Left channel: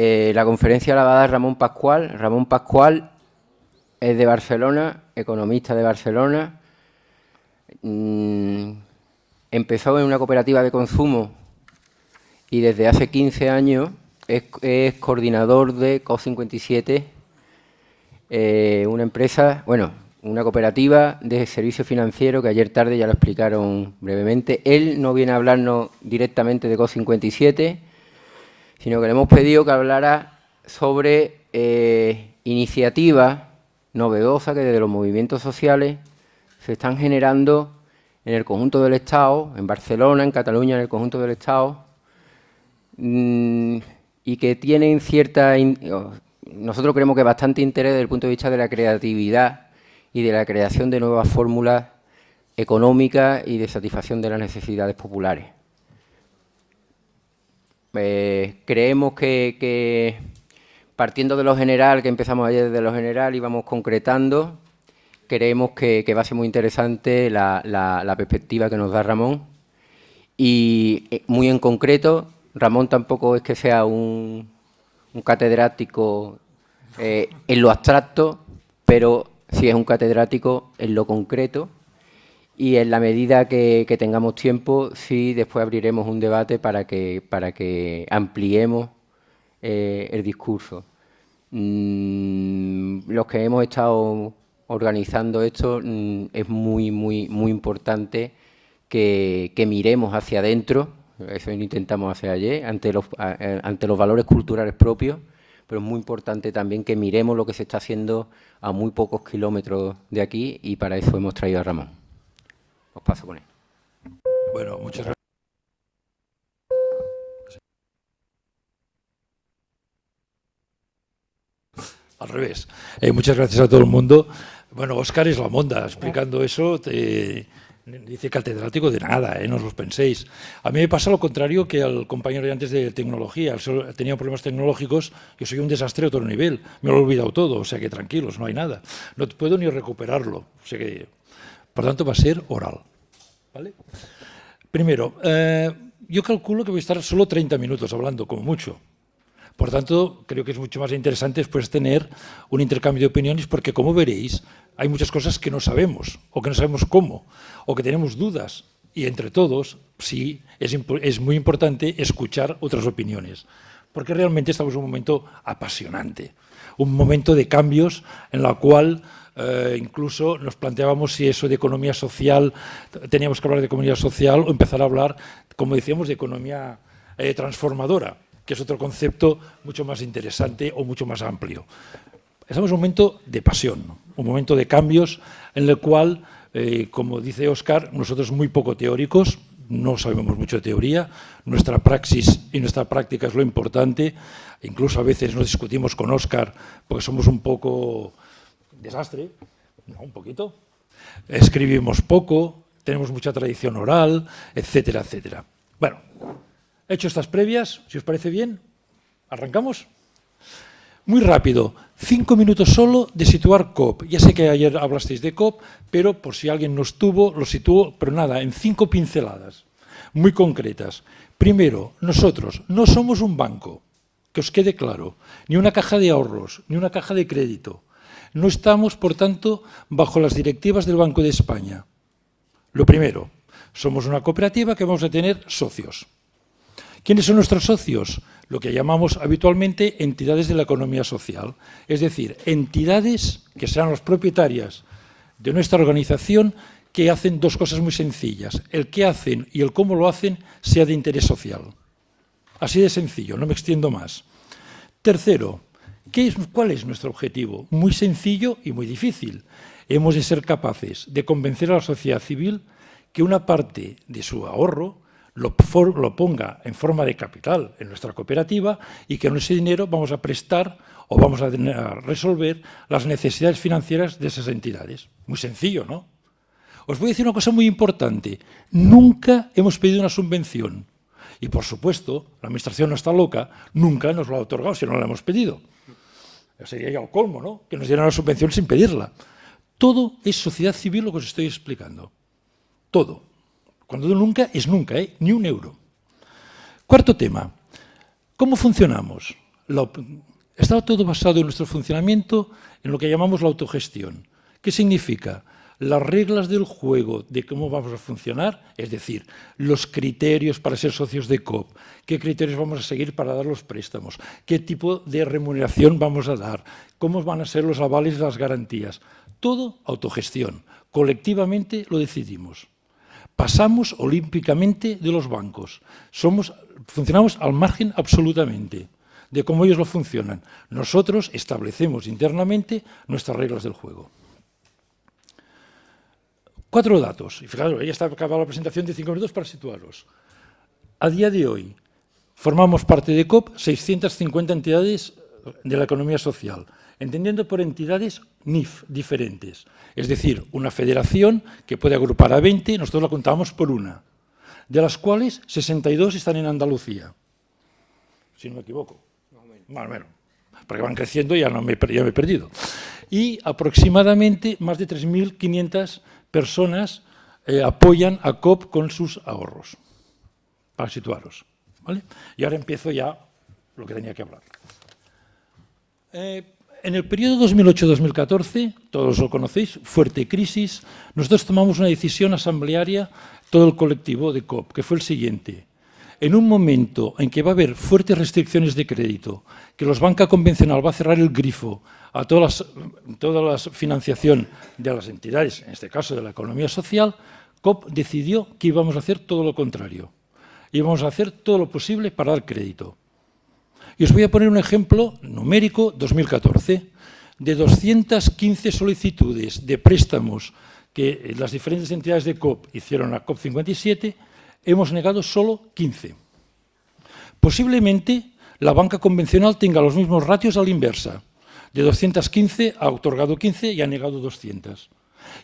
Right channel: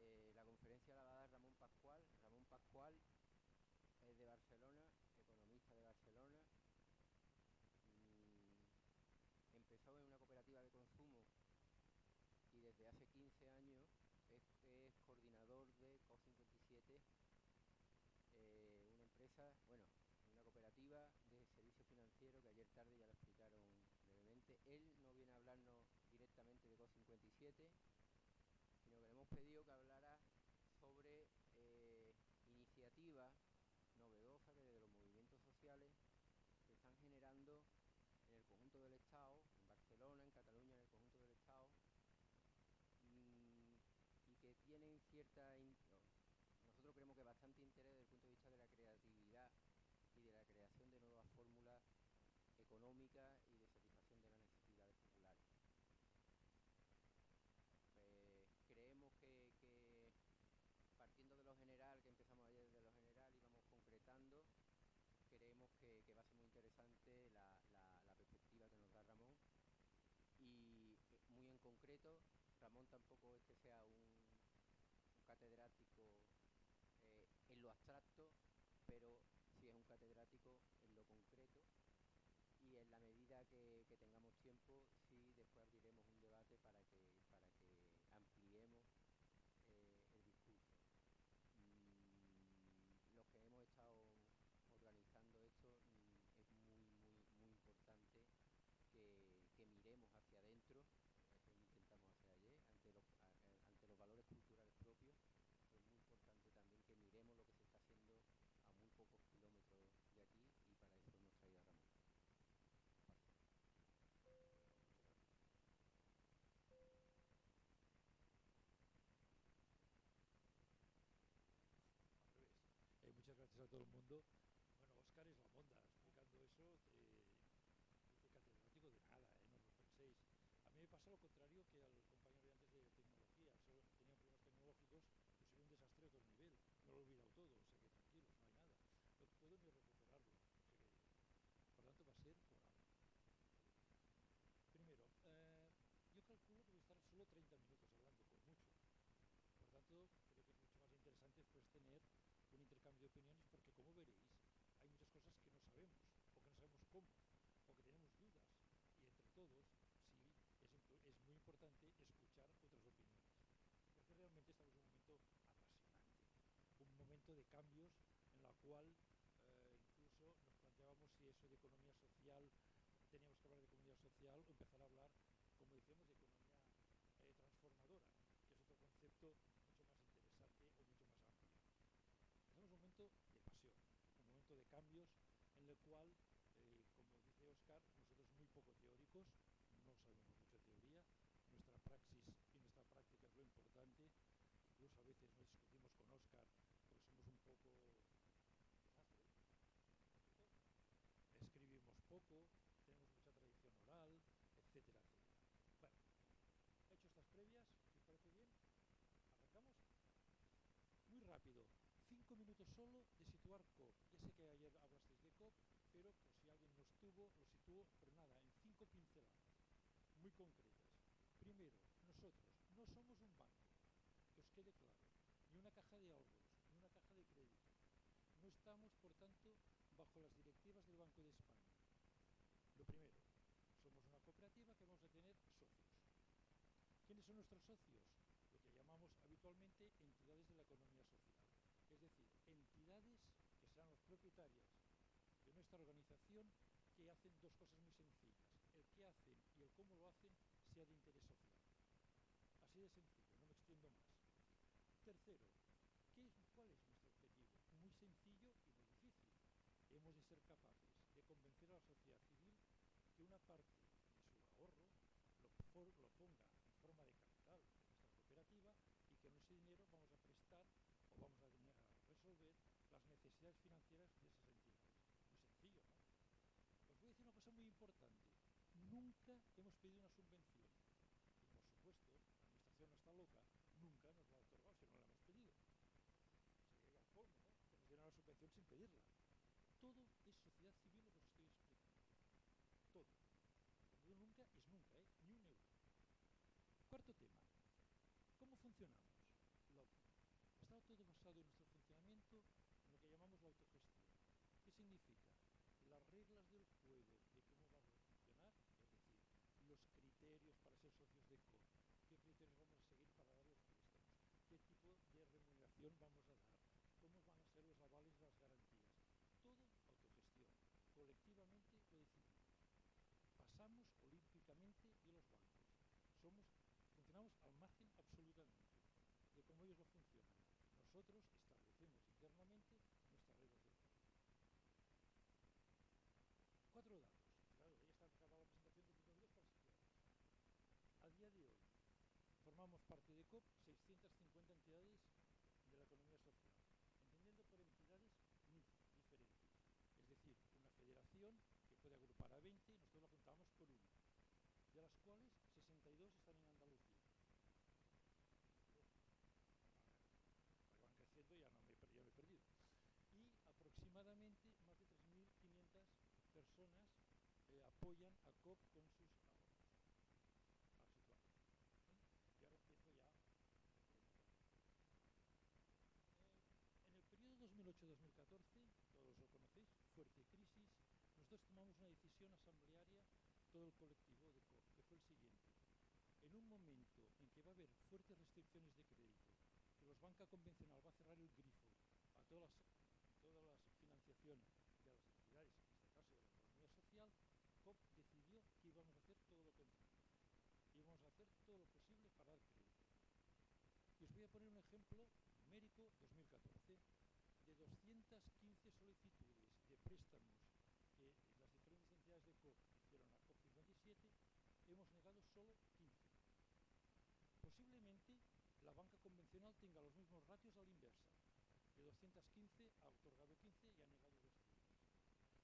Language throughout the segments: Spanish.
La conferencia la va a dar Ramón Pascual. Ramón Pascual es de Barcelona, economista de Barcelona. Empezó en una cooperativa de consumo y desde hace 15 años es coordinador de COP57, una empresa, bueno, una cooperativa de servicio financiero que ayer tarde ya lo explicaron brevemente. Él no viene a hablarnos directamente de COP57, sino que le hemos pedido que hablara sobre iniciativas novedosas que desde los movimientos sociales se están generando en el conjunto del Estado, en Barcelona, en Cataluña, en el conjunto del Estado, y que tienen cierta... Nosotros creemos que bastante interés desde el punto de vista de la creatividad y de la creación de nuevas fórmulas económicas y de satisfacción de las necesidades populares. Creemos que partiendo de lo general, que empezamos ayer desde lo general y vamos concretando, creemos que va a ser muy interesante la perspectiva que nos da Ramón. Y muy en concreto, Ramón tampoco es que sea un catedrático en lo abstracto, pero sí es un catedrático en lo concreto. Y en la medida que tengamos tiempo, sí, después abriremos un debate para que ampliemos el discurso. Los que hemos estado organizando esto, es muy importante que miremos hacia adentro. Eso intentamos hacer ayer, ante los valores culturales propios, pero es muy importante también que miremos lo que se está haciendo a muy pocos kilómetros de aquí, y para eso hemos traído a Ramón. Os paso con él. Bueno, muchas gracias. Al revés. Muchas gracias a todo el mundo. Bueno, Óscar es la monda explicando eso. Dice catedrático de nada, no os lo penséis. A mí me pasa lo contrario que al compañero de antes de tecnología. Tenía problemas tecnológicos, yo soy un desastre a otro nivel. Me lo he olvidado todo, o sea que tranquilos, no hay nada. No puedo ni recuperarlo. O sea que, por tanto, va a ser oral. ¿Vale? Primero, yo calculo que voy a estar solo 30 minutos hablando, como mucho. Por tanto, creo que es mucho más interesante después tener un intercambio de opiniones, porque, como veréis, hay muchas cosas que no sabemos, o que no sabemos cómo, o que tenemos dudas. Y entre todos, sí, es muy importante escuchar otras opiniones, porque realmente estamos en un momento apasionante, un momento de cambios en la cual incluso nos planteábamos si eso de economía social, teníamos que hablar de economía social o empezar a hablar, como decíamos, de economía transformadora, que es otro concepto mucho más interesante o mucho más amplio. Estamos en un momento de pasión, un momento de cambios en el cual, como dice Óscar, nosotros muy poco teóricos, no sabemos mucho de teoría, nuestra praxis y nuestra práctica es lo importante, incluso a veces nos discutimos con Óscar porque somos un poco desastre, no, un poquito, escribimos poco, tenemos mucha tradición oral, etcétera, etcétera. Bueno, hecho estas previas, si os parece bien, ¿arrancamos? Muy rápido, 5 minutos solo de situar COP. Ya sé que ayer hablasteis de COP, pero por si alguien no estuvo, lo sitúo, pero nada, en 5 pinceladas, muy concretas. Primero, nosotros no somos un banco, que os quede claro, ni una caja de ahorros, ni una caja de crédito. No estamos, por tanto, bajo las directivas del Banco de España. Lo primero, somos una cooperativa que vamos a tener socios. ¿Quiénes son nuestros socios? Lo que llamamos habitualmente entidades de la economía social, es decir, entidades que serán las propietarias de nuestra organización, que hacen dos cosas muy sencillas. El qué hacen y el cómo lo hacen sea de interés social. Así de sencillo, no me extiendo más. Tercero, ¿cuál es nuestro objetivo? Muy sencillo y muy difícil. Hemos de ser capaces de convencer a la sociedad civil que una parte de su ahorro lo ponga en forma de capital en nuestra cooperativa, y que con ese dinero vamos a prestar o vamos a resolver las necesidades financieras de esas entidades. Muy sencillo, ¿no? Os voy a decir una cosa muy importante. Nunca hemos pedido una subvención. Y, por supuesto, la Administración no está loca, nunca nos lo ha otorgado si no la hemos pedido. Sería ya el colmo, ¿no?, que nos dieran la subvención sin pedirla. Todo es sociedad civil lo que os estoy explicando. Todo. Cuando digo nunca, es nunca, ni un euro. Cuarto tema. ¿Cómo funcionamos? Está todo basado en nuestro funcionamiento en lo que llamamos la autogestión. ¿Qué significa? Las reglas del juego de cómo vamos a funcionar, es decir, los criterios para ser socios de COP, qué criterios vamos a seguir para dar los préstamos, qué tipo de remuneración vamos a dar, cómo van a ser los avales y las garantías. Todo autogestión. Colectivamente lo decidimos. Pasamos olímpicamente de los bancos. Funcionamos al margen absolutamente de cómo ellos lo funcionan. Nosotros establecemos internamente nuestras reglas del juego. 4 datos. Y fijaros, ya está acabada la presentación de 5 minutos para situarlos. A día de hoy, formamos parte de COP 650 entidades de la economía social, entendiendo por entidades NIF diferentes. Es decir, una federación que puede agrupar a 20, nosotros la contamos por una, de las cuales 62 están en Andalucía, si no me equivoco. Más o menos, porque van creciendo y ya me he perdido. Y aproximadamente más de 3.500 personas apoyan a COP con sus ahorros, para situaros. ¿Vale? Y ahora empiezo ya lo que tenía que hablar. En el periodo 2008-2014, todos lo conocéis, fuerte crisis, nosotros tomamos una decisión asamblearia, todo el colectivo de COP, que fue el siguiente. En un momento en que va a haber fuertes restricciones de crédito, que los banca convencional va a cerrar el grifo a toda la financiación de las entidades, en este caso de la economía social, COP decidió que íbamos a hacer todo lo contrario. Íbamos a hacer todo lo posible para dar crédito. Y os voy a poner un ejemplo numérico, 2014, de 215 solicitudes de préstamos que las diferentes entidades de COP hicieron a COP 57, hemos negado solo 15. Posiblemente la banca convencional tenga los mismos ratios a la inversa. De 215 ha otorgado 15 y ha negado 200.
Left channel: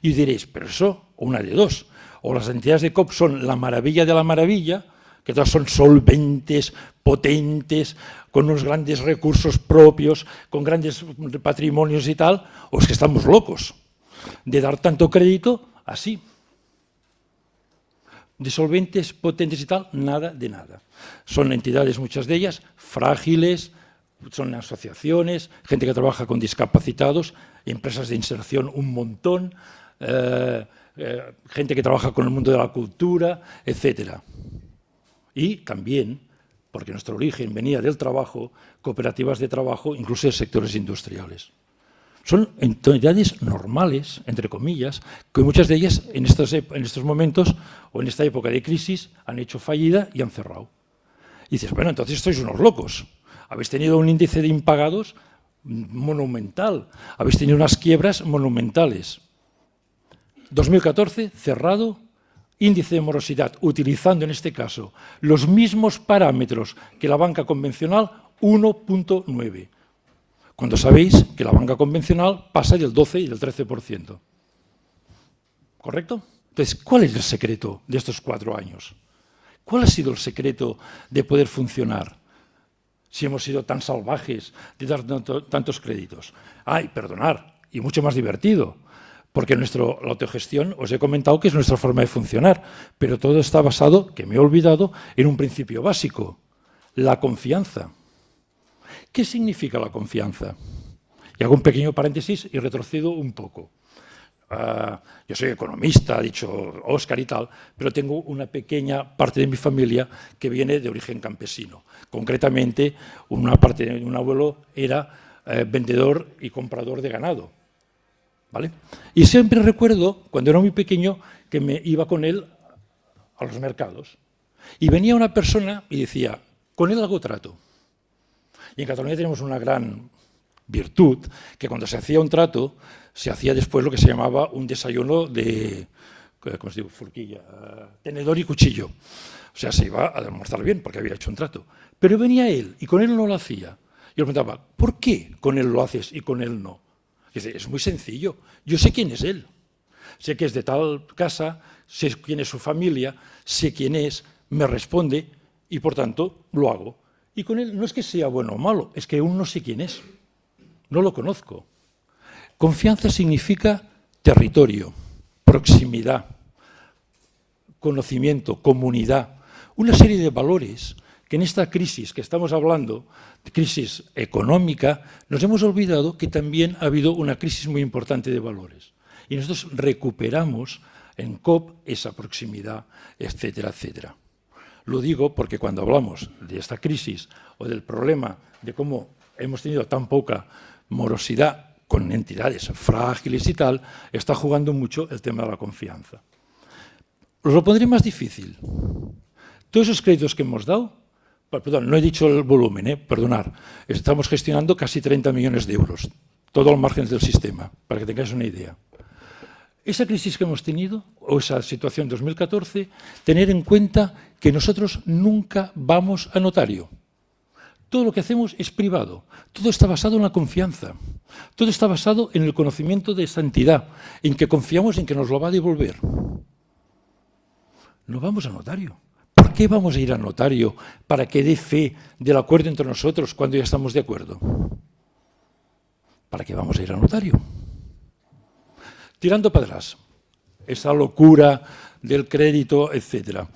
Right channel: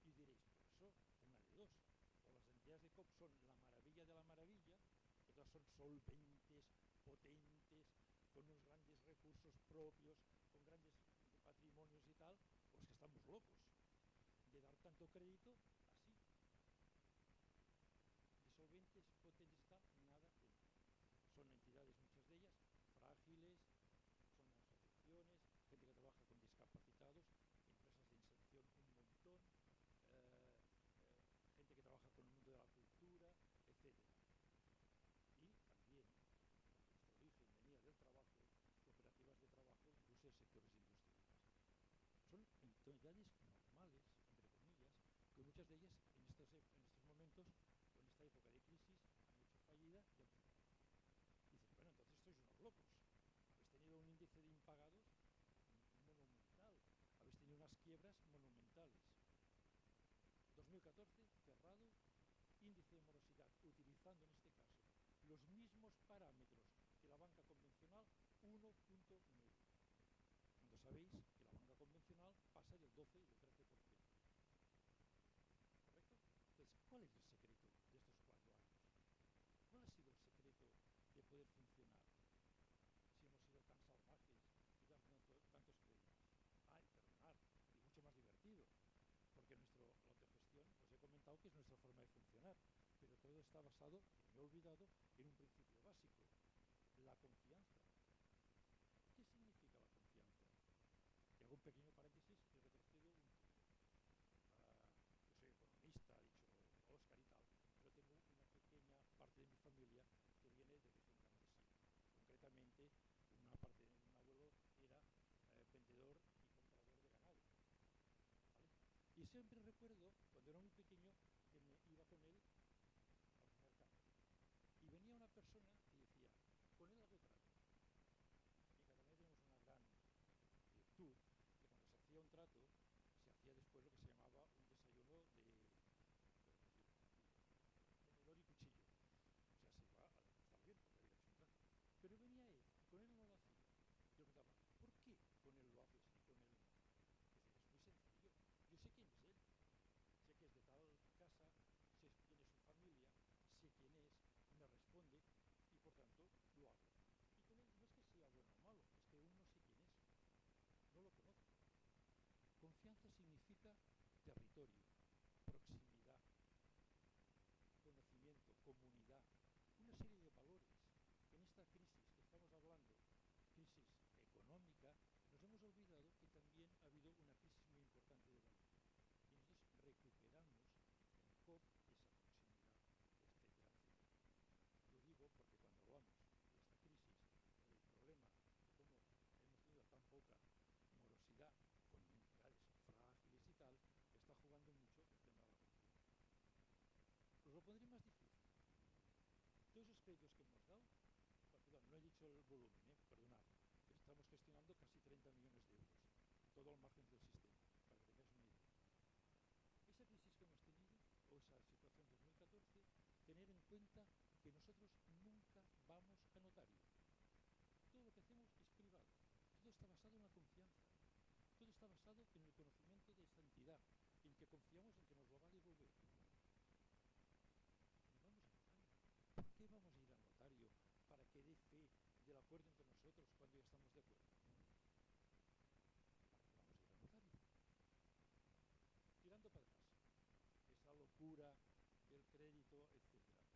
Y diréis, pero eso, una de dos. O las entidades de COP son la maravilla de la maravilla, que todas son solventes, potentes, con unos grandes recursos propios, con grandes patrimonios y tal, o es que estamos locos de dar tanto crédito así. De solventes, potentes y tal, nada de nada. Son entidades, muchas de ellas, frágiles, son asociaciones, gente que trabaja con discapacitados, empresas de inserción un montón, gente que trabaja con el mundo de la cultura, etc. Y también, porque nuestro origen venía del trabajo, cooperativas de trabajo, incluso de sectores industriales. Son entidades normales, entre comillas, que muchas de ellas en estos momentos o en esta época de crisis han hecho fallida y han cerrado. Y dices, bueno, entonces sois unos locos. Habéis tenido un índice de impagados monumental, habéis tenido unas quiebras monumentales. 2014, cerrado, índice de morosidad, utilizando en este caso los mismos parámetros que la banca convencional, 1,9. Cuando sabéis que la banca convencional pasa del 12 y del 13%. ¿Correcto? Entonces, ¿cuál es el secreto de estos 4 años? ¿Cuál ha sido el secreto de poder funcionar si hemos sido tan salvajes de dar tantos créditos? Y perdonar, y mucho más divertido, porque la autogestión, os he comentado que es nuestra forma de funcionar, pero todo está basado, que me he olvidado, en un principio básico, la confianza. ¿Qué significa la confianza? Y hago un pequeño paréntesis y retrocedo un poco. Yo soy economista, ha dicho Óscar y tal, pero tengo una pequeña parte de mi familia que viene de origen campesino. Concretamente, una parte de un abuelo era vendedor y comprador de ganado. ¿Vale? Y siempre recuerdo, cuando era muy pequeño, que me iba con él a los mercados. Y venía una persona y decía, con él hago trato. Y en Cataluña tenemos una gran virtud, que cuando se hacía un trato, se hacía después lo que se llamaba un desayuno de, ¿cómo se dice? Forquilla, tenedor y cuchillo. O sea, se iba a almorzar bien porque había hecho un trato. Pero venía él y con él no lo hacía. Yo le preguntaba, ¿por qué con él lo haces y con él no? Y dice, es muy sencillo. Yo sé quién es él. Sé que es de tal casa, sé quién es su familia, sé quién es, me responde y por tanto lo hago. Y con él no es que sea bueno o malo, es que aún no sé quién es. No lo conozco. Confianza significa territorio, proximidad, conocimiento, comunidad, una serie de valores que en esta crisis que estamos hablando crisis económica, nos hemos olvidado que también ha habido una crisis muy importante de valores. Y nosotros recuperamos en COP esa proximidad, etcétera, etcétera. Lo digo porque cuando hablamos de esta crisis o del problema de cómo hemos tenido tan poca morosidad con entidades frágiles y tal, está jugando mucho el tema de la confianza. Os lo pondré más difícil. Todos esos créditos que hemos dado, perdón, no he dicho el volumen, perdonad, estamos gestionando casi 30 millones de euros, todo al margen del sistema, para que tengáis una idea. Esa crisis que hemos tenido, o esa situación 2014, tener en cuenta que nosotros nunca vamos a notario. Todo lo que hacemos es privado, todo está basado en la confianza, todo está basado en el conocimiento de esa entidad, en que confiamos en que nos lo va a devolver. No vamos a notario. ¿Por qué vamos a ir al notario para que dé fe del acuerdo entre nosotros cuando ya estamos de acuerdo? ¿Para qué vamos a ir al notario? Tirando para atrás, esa locura del crédito, etcétera.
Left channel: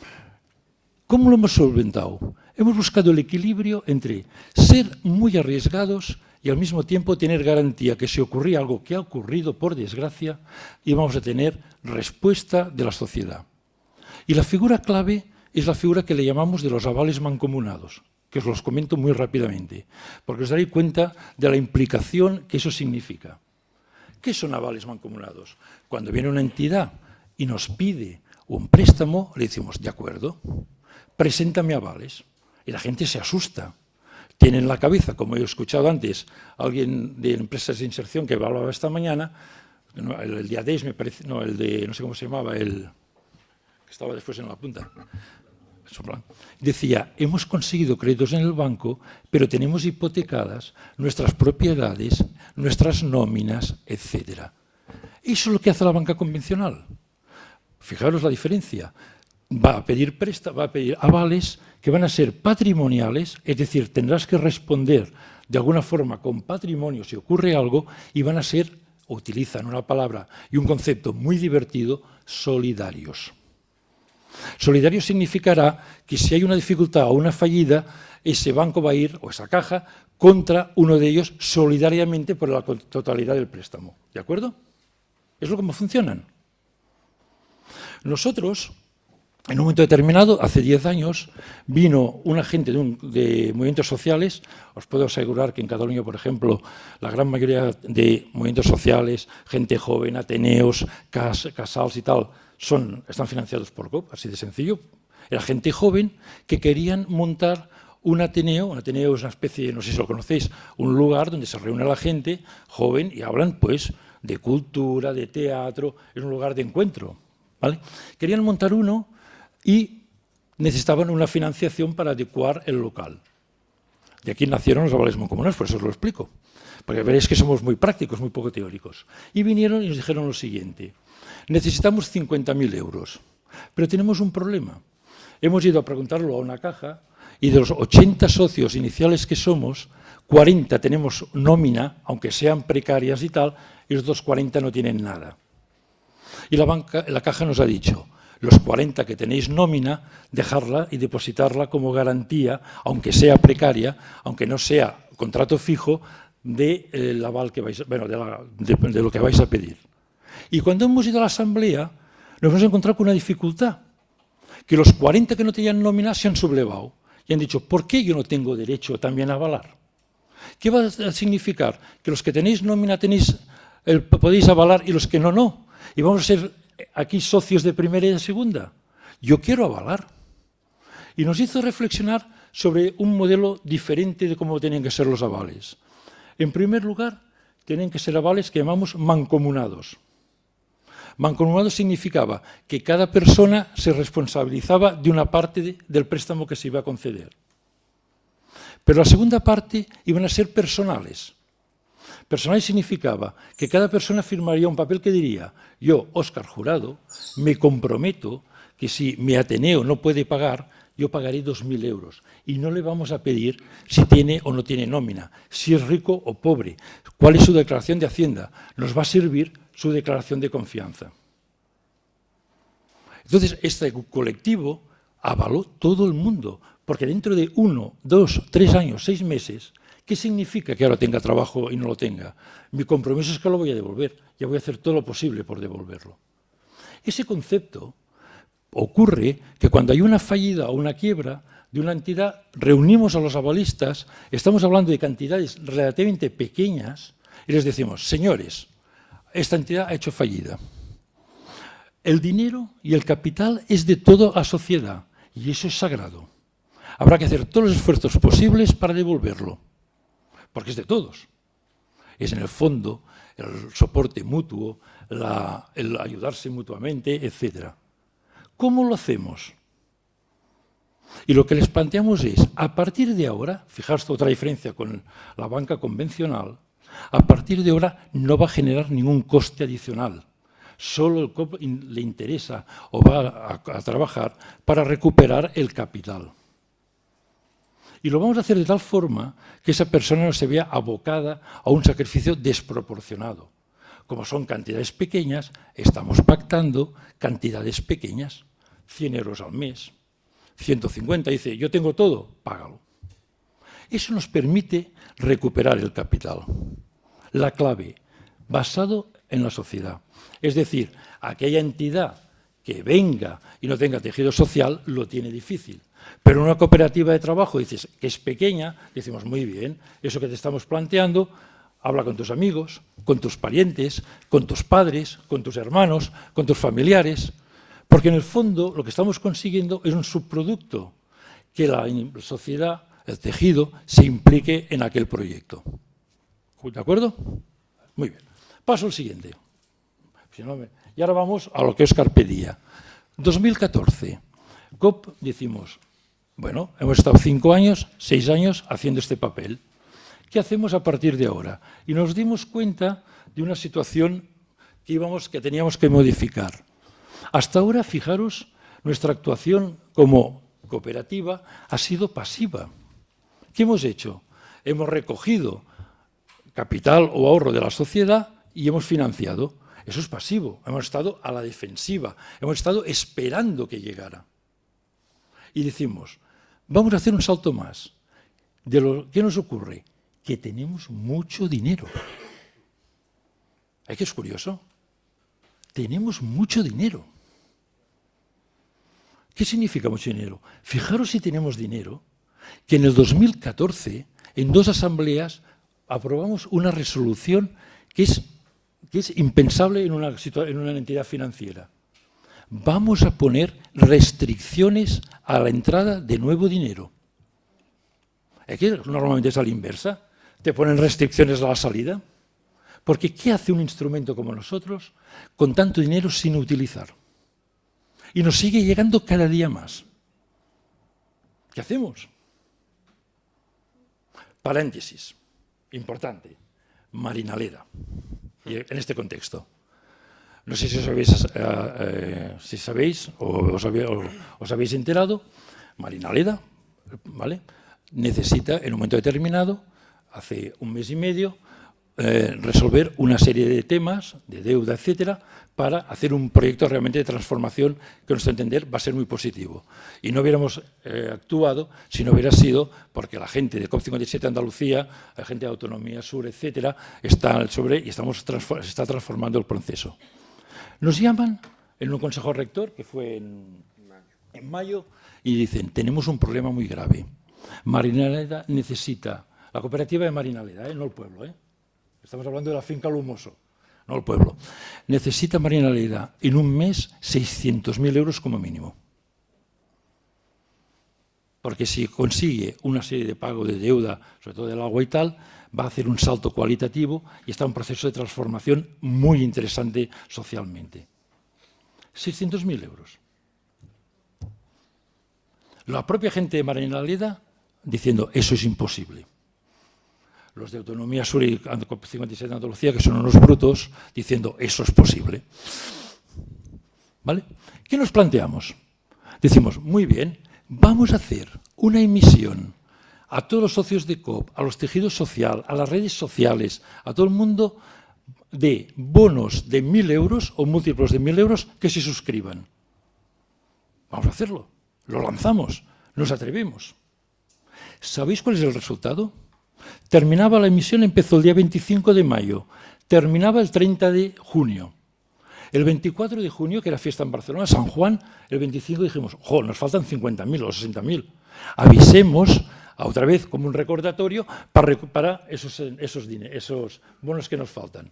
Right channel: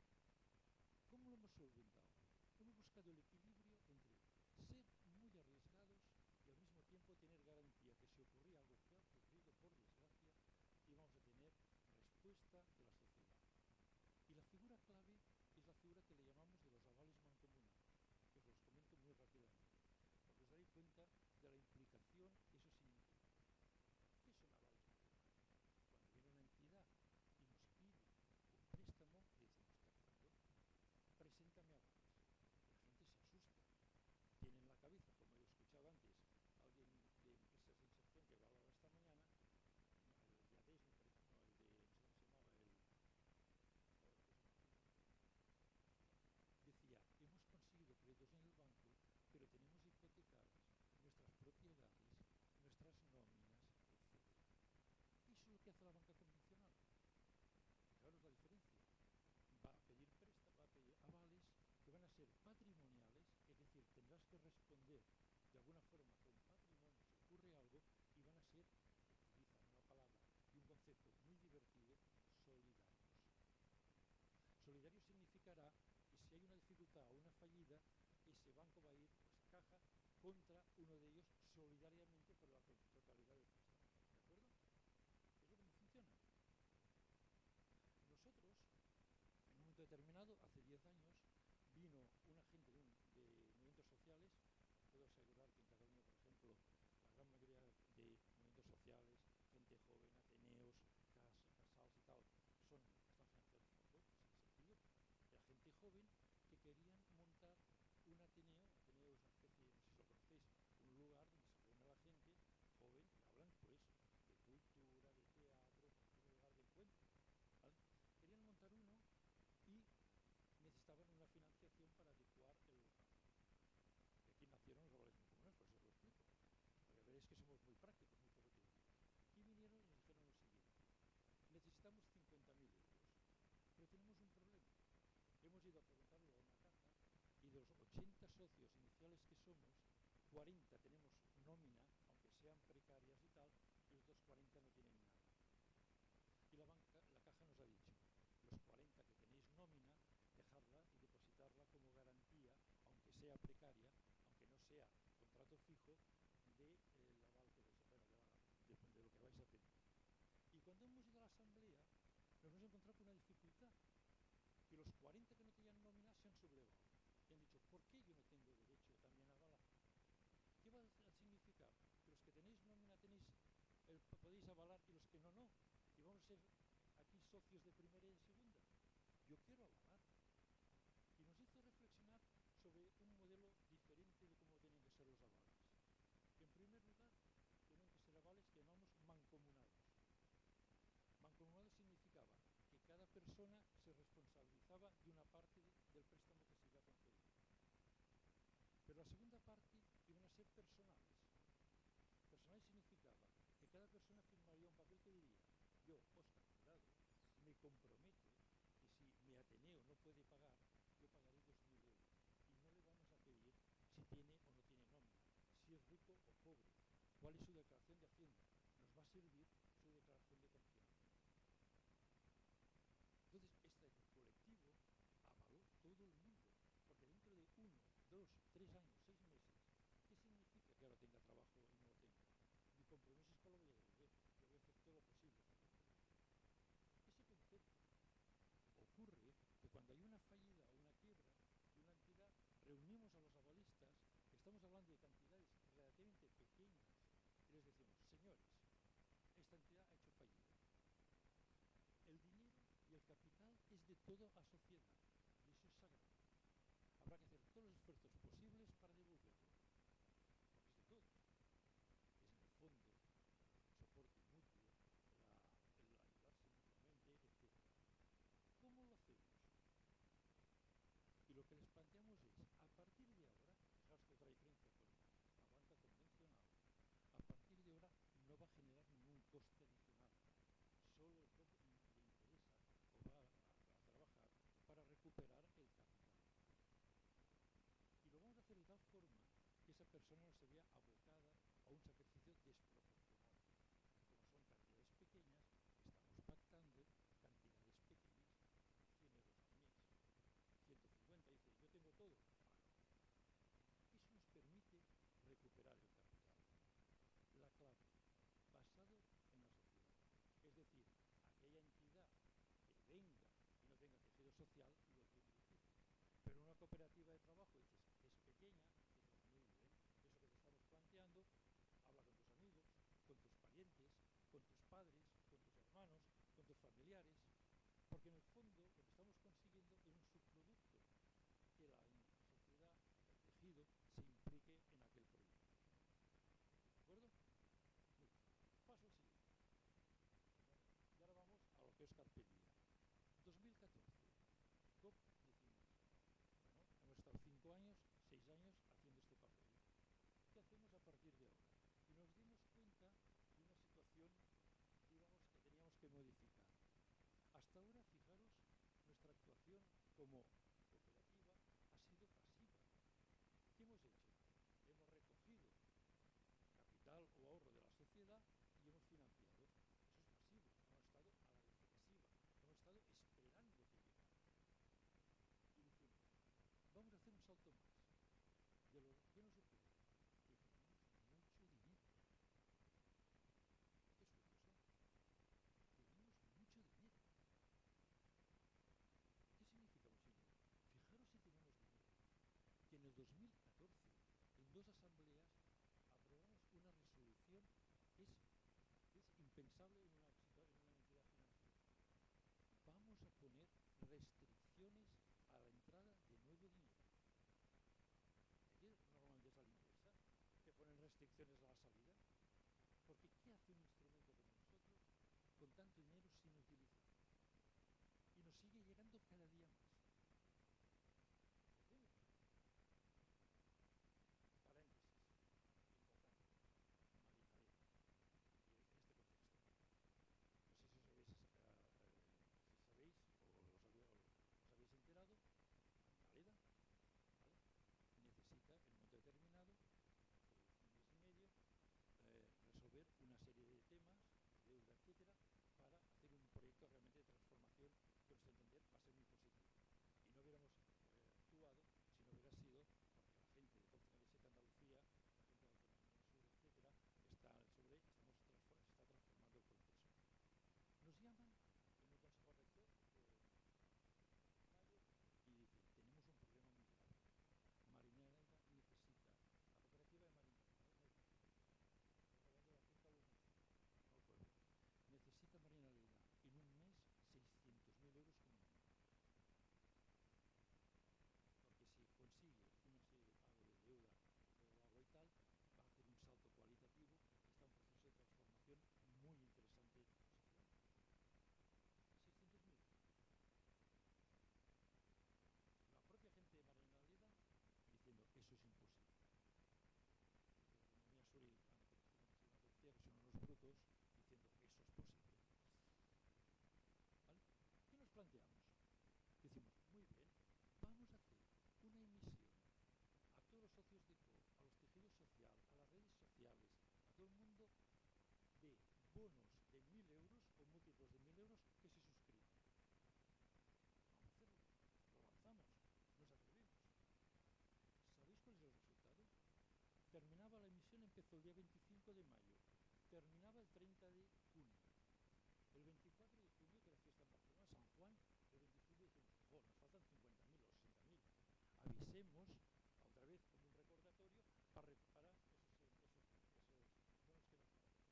¿Cómo lo hemos solventado? Hemos buscado el equilibrio entre ser muy arriesgados y al mismo tiempo tener garantía que si ocurría algo que ha ocurrido por desgracia, íbamos a tener respuesta de la sociedad. Y la figura clave es la figura que le llamamos de los avales mancomunados, que os los comento muy rápidamente, porque os daréis cuenta de la implicación que eso significa. ¿Qué son avales mancomunados? Cuando viene una entidad y nos pide un préstamo, le decimos, de acuerdo, preséntame avales. Y la gente se asusta. Tiene en la cabeza, como he escuchado antes, alguien de empresas de inserción que hablaba esta mañana, el de ADES me parece, no, el de, no sé cómo se llamaba, el que estaba después en la punta. Decía, hemos conseguido créditos en el banco, pero tenemos hipotecadas nuestras propiedades, nuestras nóminas, etc. Eso es lo que hace la banca convencional. Fijaros la diferencia. Va a pedir avales que van a ser patrimoniales, es decir, tendrás que responder de alguna forma con patrimonio si ocurre algo, y van a ser, utilizan una palabra y un concepto muy divertido, solidarios. Solidario significará que si hay una dificultad o una fallida, ese banco va a ir, o esa caja, contra uno de ellos solidariamente por la totalidad del préstamo. ¿De acuerdo? Es lo como funcionan. Nosotros, en un momento determinado, hace 10 años, vino un agente de movimientos sociales. Os puedo asegurar que en Cataluña, por ejemplo, la gran mayoría de movimientos sociales, gente joven, ateneos, casals y tal, están financiados por COP, así de sencillo. Era gente joven que querían montar un ateneo. Un ateneo es una especie, no sé si lo conocéis, un lugar donde se reúne la gente joven y hablan pues de cultura, de teatro, es un lugar de encuentro, ¿vale? Querían montar uno y necesitaban una financiación para adecuar el local. De aquí nacieron los avales mancomunados, por eso os lo explico. Porque veréis que somos muy prácticos, muy poco teóricos. Y vinieron y nos dijeron lo siguiente: necesitamos 50.000 euros, pero tenemos un problema. Hemos ido a preguntarlo a una caja y de los 80 socios iniciales que somos, 40 tenemos nómina, aunque sean precarias y tal, y los otros 40 no tienen nada. Y la caja nos ha dicho, los 40 que tenéis nómina, dejarla y depositarla como garantía, aunque sea precaria, aunque no sea contrato fijo, del aval que vais, bueno, de lo que vais a pedir. Y cuando hemos ido a la asamblea, nos hemos encontrado con una dificultad, que los 40 que no tenían nómina se han sublevado y han dicho, ¿por qué yo no tengo derecho también a avalar? ¿Qué va a significar? Que los que tenéis nómina podéis avalar y los que no, no. Y vamos a ser aquí socios de primera y de segunda. Yo quiero avalar. Y nos hizo reflexionar sobre un modelo diferente de cómo tienen que ser los avales. En primer lugar, tienen que ser avales que llamamos mancomunados. Mancomunados significaba que cada persona se responsabilizaba de una parte del préstamo que se iba a conceder. Pero la segunda parte iban a ser personales. Personal significaba que cada persona firmaría un papel que diría, yo, Óscar Jurado, me comprometo que si mi Ateneo no puede pagar, yo pagaré 2.000 euros. Y no le vamos a pedir si tiene o no tiene nómina, si es rico o pobre, cuál es su declaración de Hacienda. Nos va a servir su declaración de confianza. Entonces, este colectivo avaló todo el mundo, porque dentro de 1, 2, 3 años, 6 meses, ¿Qué significa que ahora tenga trabajo y no lo tenga? Mi compromiso es que lo voy a devolver. Ya voy a hacer todo lo posible por devolverlo. Ese concepto ocurre que cuando hay una fallida o una quiebra de una entidad, reunimos a los avalistas, estamos hablando de cantidades relativamente pequeñas y les decimos, señores, esta entidad ha hecho fallida. El dinero y el capital es de toda la sociedad y eso es sagrado. Habrá que hacer todos los esfuerzos posibles para devolverlo, porque es de todos. Es en el fondo el soporte mutuo, el ayudarse mutuamente, etc. ¿Cómo lo hacemos? Y lo que les planteamos es, a partir de ahora, fijaos otra diferencia con la banca convencional, a partir de ahora no va a generar ningún coste adicional. Solo el COP le interesa o va a trabajar para recuperar el capital. Y lo vamos a hacer de tal forma que esa persona no se vea abocada a un sacrificio desproporcionado. Como son cantidades pequeñas, estamos pactando cantidades pequeñas, 100 euros al mes, 150, dice, yo tengo todo, págalo. Eso nos permite recuperar el capital. La clave, basado en la sociedad. Es decir, aquella entidad que venga y no tenga tejido social lo tiene difícil. Pero una cooperativa de trabajo, dices, que es pequeña, decimos, muy bien, eso que te estamos planteando, habla con tus amigos, con tus parientes, con tus padres, con tus hermanos, con tus familiares, porque en el fondo lo que estamos consiguiendo es un subproducto, que la sociedad, el tejido, se implique en aquel proyecto. ¿De acuerdo? Muy bien. Paso al siguiente. Y ahora vamos a lo que Óscar pedía. 2014. COP, decimos, bueno, hemos estado 5 años, 6 años haciendo este papel. ¿Qué hacemos a partir de ahora? Y nos dimos cuenta de una situación que teníamos que modificar. Hasta ahora, fijaros, nuestra actuación como cooperativa ha sido pasiva. ¿Qué hemos hecho? Hemos recogido capital o ahorro de la sociedad y hemos financiado. Eso es pasivo. Hemos estado a la defensiva. Hemos estado esperando que llegara. Y decimos, vamos a hacer un salto más. ¿Qué nos ocurre? Que tenemos mucho dinero. ¿Es que es curioso? Tenemos mucho dinero. ¿Qué significa mucho dinero? Fijaros si tenemos dinero, que en el 2014, en 2 asambleas, aprobamos una resolución que es impensable en una entidad financiera. Vamos a poner restricciones a la entrada de nuevo dinero. Aquí normalmente es a la inversa. Te ponen restricciones a la salida. Porque ¿qué hace un instrumento como nosotros con tanto dinero sin utilizar? Y nos sigue llegando cada día más. ¿Qué hacemos? Paréntesis, importante, Marinaleda, y en este contexto. No sé si sabéis o os habéis enterado, Marinaleda, ¿vale? Necesita en un momento determinado, hace 1 mes y medio, resolver una serie de temas, de deuda, etcétera, para hacer un proyecto realmente de transformación que, a nuestro entender, va a ser muy positivo. Y no hubiéramos actuado si no hubiera sido porque la gente de COP57 Andalucía, la gente de Autonomía Sur, etcétera, está sobre y se está transformando el proceso. Nos llaman en un consejo rector, que fue en mayo, y dicen, tenemos un problema muy grave. Marinaleda necesita, la cooperativa de Marinaleda, no el pueblo, estamos hablando de la finca Lumoso, no el pueblo. Necesita Marinaleda en un mes 600.000 euros como mínimo. Porque si consigue una serie de pago de deuda, sobre todo del agua y tal, va a hacer un salto cualitativo y está en un proceso de transformación muy interesante socialmente. 600.000 euros. La propia gente de Marinaleda diciendo, eso es imposible. Los de Autonomía Sur y COP57 de Andalucía, que son unos brutos, diciendo, eso es posible. ¿Vale? ¿Qué nos planteamos? Decimos, muy bien, vamos a hacer una emisión a todos los socios de COP, a los tejidos sociales, a las redes sociales, a todo el mundo, de bonos de 1.000 euros o múltiplos de 1.000 euros que se suscriban. Vamos a hacerlo. Lo lanzamos. Nos atrevemos. ¿Sabéis cuál es el resultado? Terminaba la emisión, empezó el día 25 de mayo, terminaba el 30 de junio. El 24 de junio, que era fiesta en Barcelona, San Juan, el 25 dijimos, ¡jo, nos faltan 50.000 o 60.000! Avisemos, otra vez como un recordatorio, para recuperar esos bonos que nos faltan.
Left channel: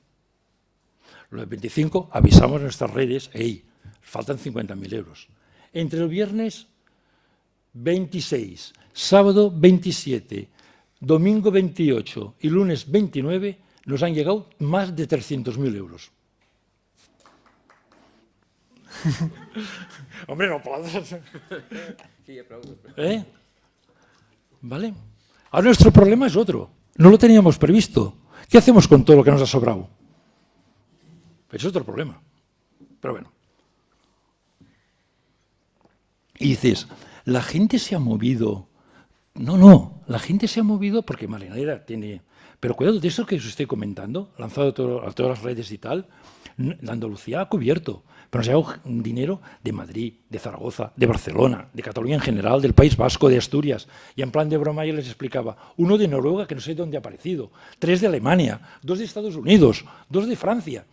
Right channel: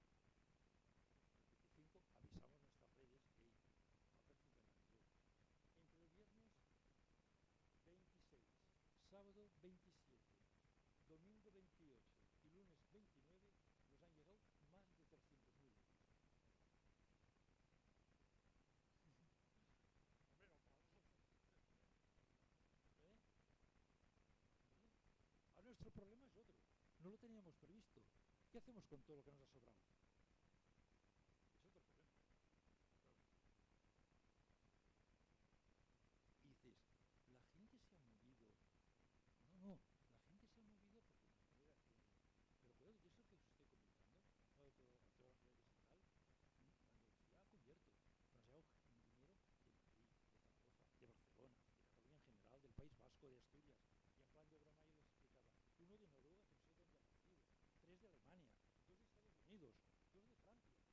Los 25 avisamos en nuestras redes, ¡hey, faltan 50.000 euros! Entre el viernes 26, sábado 27, domingo 28 y lunes 29 nos han llegado más de 300.000 euros. Hombre, no aplaudas. Sí, aplaudo. ¿Vale? Ahora nuestro problema es otro. No lo teníamos previsto. ¿Qué hacemos con todo lo que nos ha sobrado? Es otro problema. Pero bueno. Y dices, la gente se ha movido. No, la gente se ha movido porque Marinadera tiene... Pero cuidado, de eso que os estoy comentando, lanzado a todas las redes y tal, la Andalucía ha cubierto, pero nos ha llegado dinero de Madrid, de Zaragoza, de Barcelona, de Cataluña en general, del País Vasco, de Asturias. Y en plan de broma yo les explicaba, uno de Noruega, que no sé dónde ha aparecido, 3 de Alemania, 2 de Estados Unidos, 2 de Francia.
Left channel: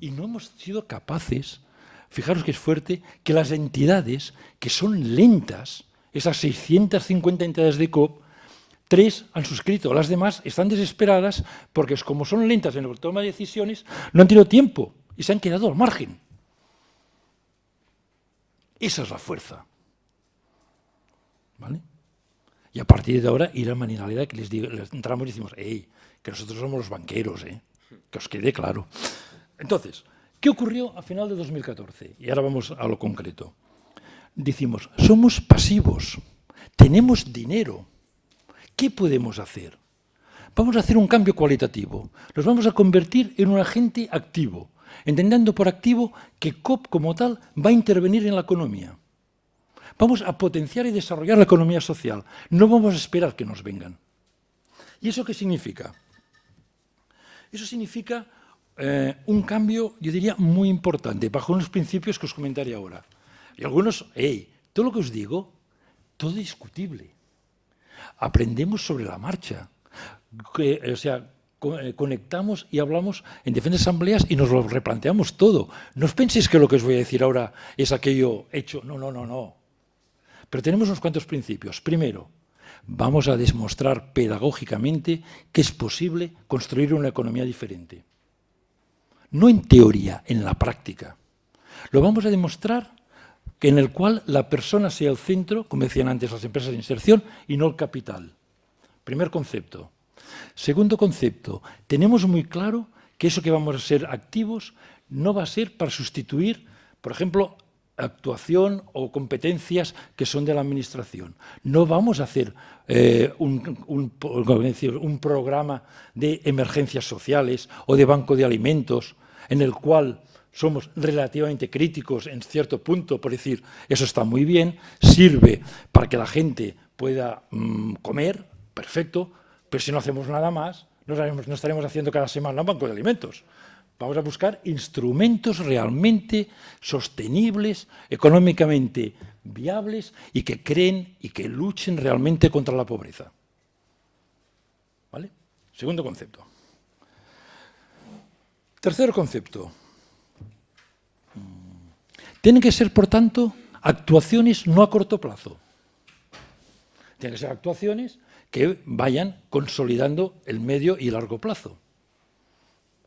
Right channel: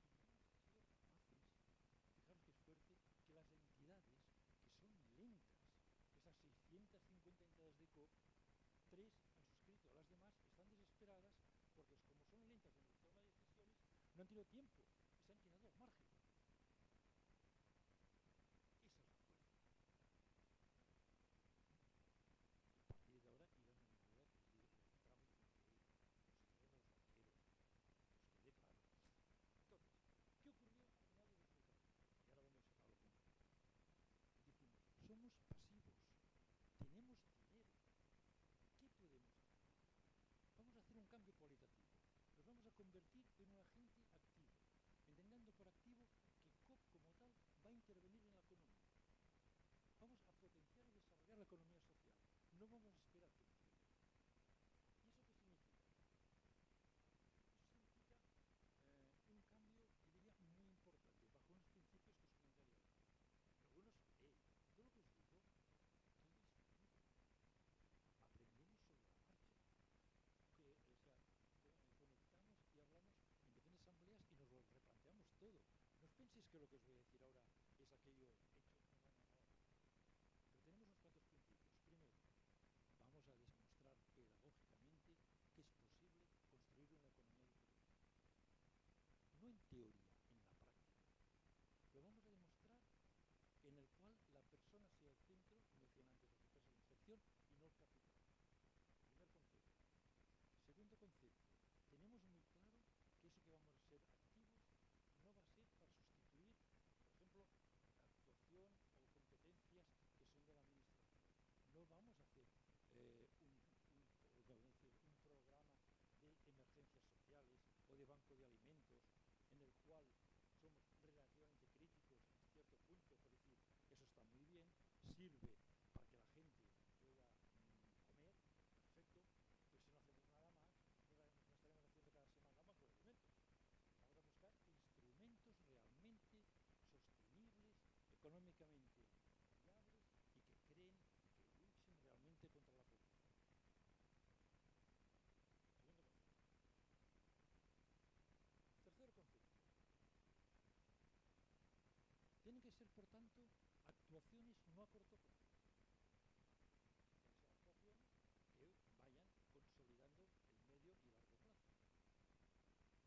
Y no hemos sido capaces, fijaros que es fuerte, que las entidades que son lentas, esas 650 entidades de COP, 3 han suscrito, las demás están desesperadas porque como son lentas en la toma de decisiones, no han tenido tiempo y se han quedado al margen. Esa es la fuerza. ¿Vale? Y a partir de ahora ir a Marinaleda, que les entramos y decimos, hey, que nosotros somos los banqueros, que os quede claro. Entonces, ¿qué ocurrió a final de 2014? Y ahora vamos a lo concreto. Decimos, somos pasivos, tenemos dinero. ¿Qué podemos hacer? Vamos a hacer un cambio cualitativo. Nos vamos a convertir en un agente activo, entendiendo por activo que COP como tal va a intervenir en la economía. Vamos a potenciar y desarrollar la economía social. No vamos a esperar que nos vengan. ¿Y eso qué significa? Eso significa un cambio, yo diría, muy importante, bajo unos principios que os comentaré ahora. Y algunos, todo lo que os digo, todo es discutible. Aprendemos sobre la marcha. Conectamos y hablamos en diferentes asambleas y nos lo replanteamos todo. No os penséis que lo que os voy a decir ahora es aquello hecho. No. Pero tenemos unos cuantos principios. Primero, vamos a demostrar pedagógicamente que es posible construir una economía diferente. No en teoría, en la práctica. Lo vamos a demostrar en el cual la persona sea el centro, como decían antes las empresas de inserción, y no el capital. Primer concepto. Segundo concepto, tenemos muy claro que eso que vamos a ser activos no va a ser para sustituir, por ejemplo, actuación o competencias que son de la administración. No vamos a hacer un programa de emergencias sociales o de banco de alimentos en el cual somos relativamente críticos en cierto punto, por decir, eso está muy bien, sirve para que la gente pueda comer, perfecto, pero si no hacemos nada más, no estaremos haciendo cada semana un banco de alimentos. Vamos a buscar instrumentos realmente sostenibles, económicamente viables y que creen y que luchen realmente contra la pobreza. ¿Vale? Segundo concepto. Tercer concepto. Tienen que ser, por tanto, actuaciones no a corto plazo. Tienen que ser actuaciones que vayan consolidando el medio y largo plazo.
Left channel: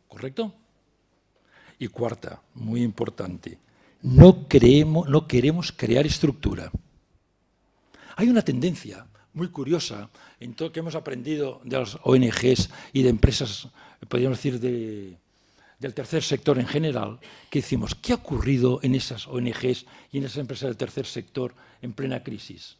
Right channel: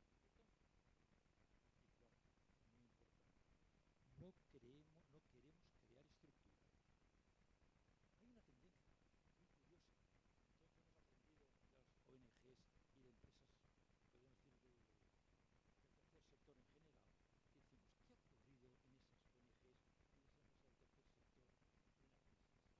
¿Correcto? Y cuarta, muy importante, no queremos crear estructura. Hay una tendencia muy curiosa en todo lo que hemos aprendido de las ONGs y de empresas, podríamos decir, del tercer sector en general, que decimos, ¿qué ha ocurrido en esas ONGs y en esas empresas del tercer sector en plena crisis?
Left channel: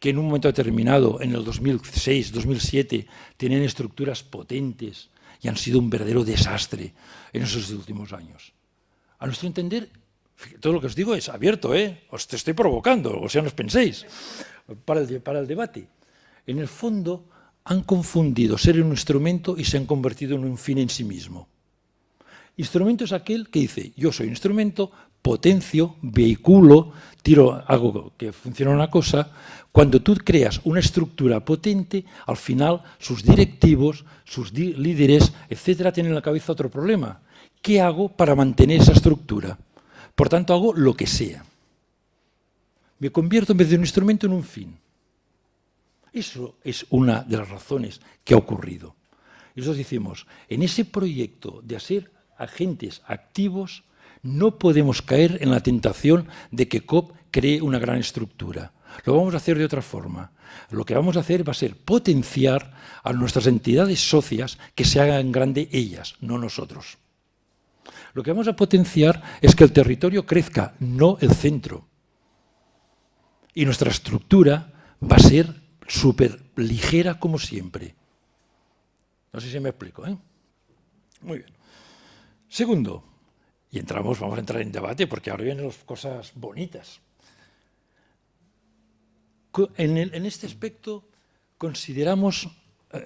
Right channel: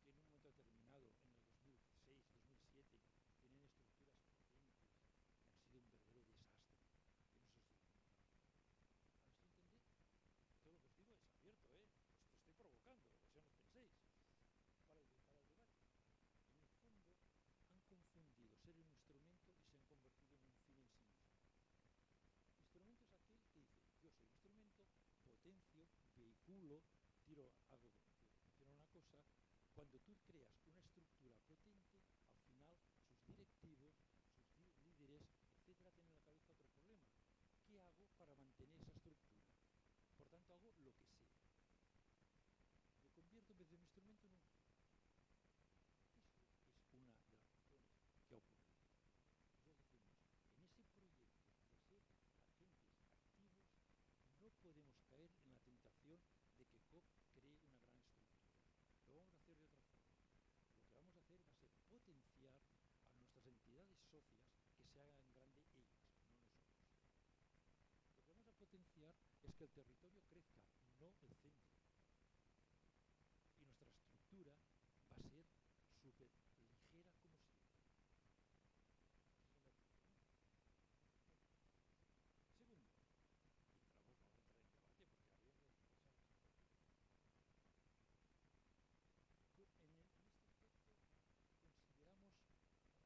Que en un momento determinado, en el 2006, 2007, tenían estructuras potentes y han sido un verdadero desastre en esos últimos años. A nuestro entender, todo lo que os digo es abierto, os te estoy provocando, o sea, no os penséis, para el debate. En el fondo, han confundido ser un instrumento y se han convertido en un fin en sí mismo. Instrumento es aquel que dice, yo soy un instrumento potencio, vehiculo, tiro algo que funciona una cosa. Cuando tú creas una estructura potente, al final sus directivos, sus líderes, etcétera, tienen en la cabeza otro problema. ¿Qué hago para mantener esa estructura? Por tanto, hago lo que sea. Me convierto en vez de un instrumento en un fin. Eso es una de las razones que ha ocurrido. Y nosotros decimos, en ese proyecto de ser agentes activos, no podemos caer en la tentación de que COP cree una gran estructura. Lo vamos a hacer de otra forma. Lo que vamos a hacer va a ser potenciar a nuestras entidades socias que se hagan grande ellas, no nosotros. Lo que vamos a potenciar es que el territorio crezca, no el centro. Y nuestra estructura va a ser súper ligera como siempre. No sé si me explico, ¿eh? Muy bien. Segundo, y vamos a entrar en debate porque ahora vienen las cosas bonitas. En este aspecto consideramos,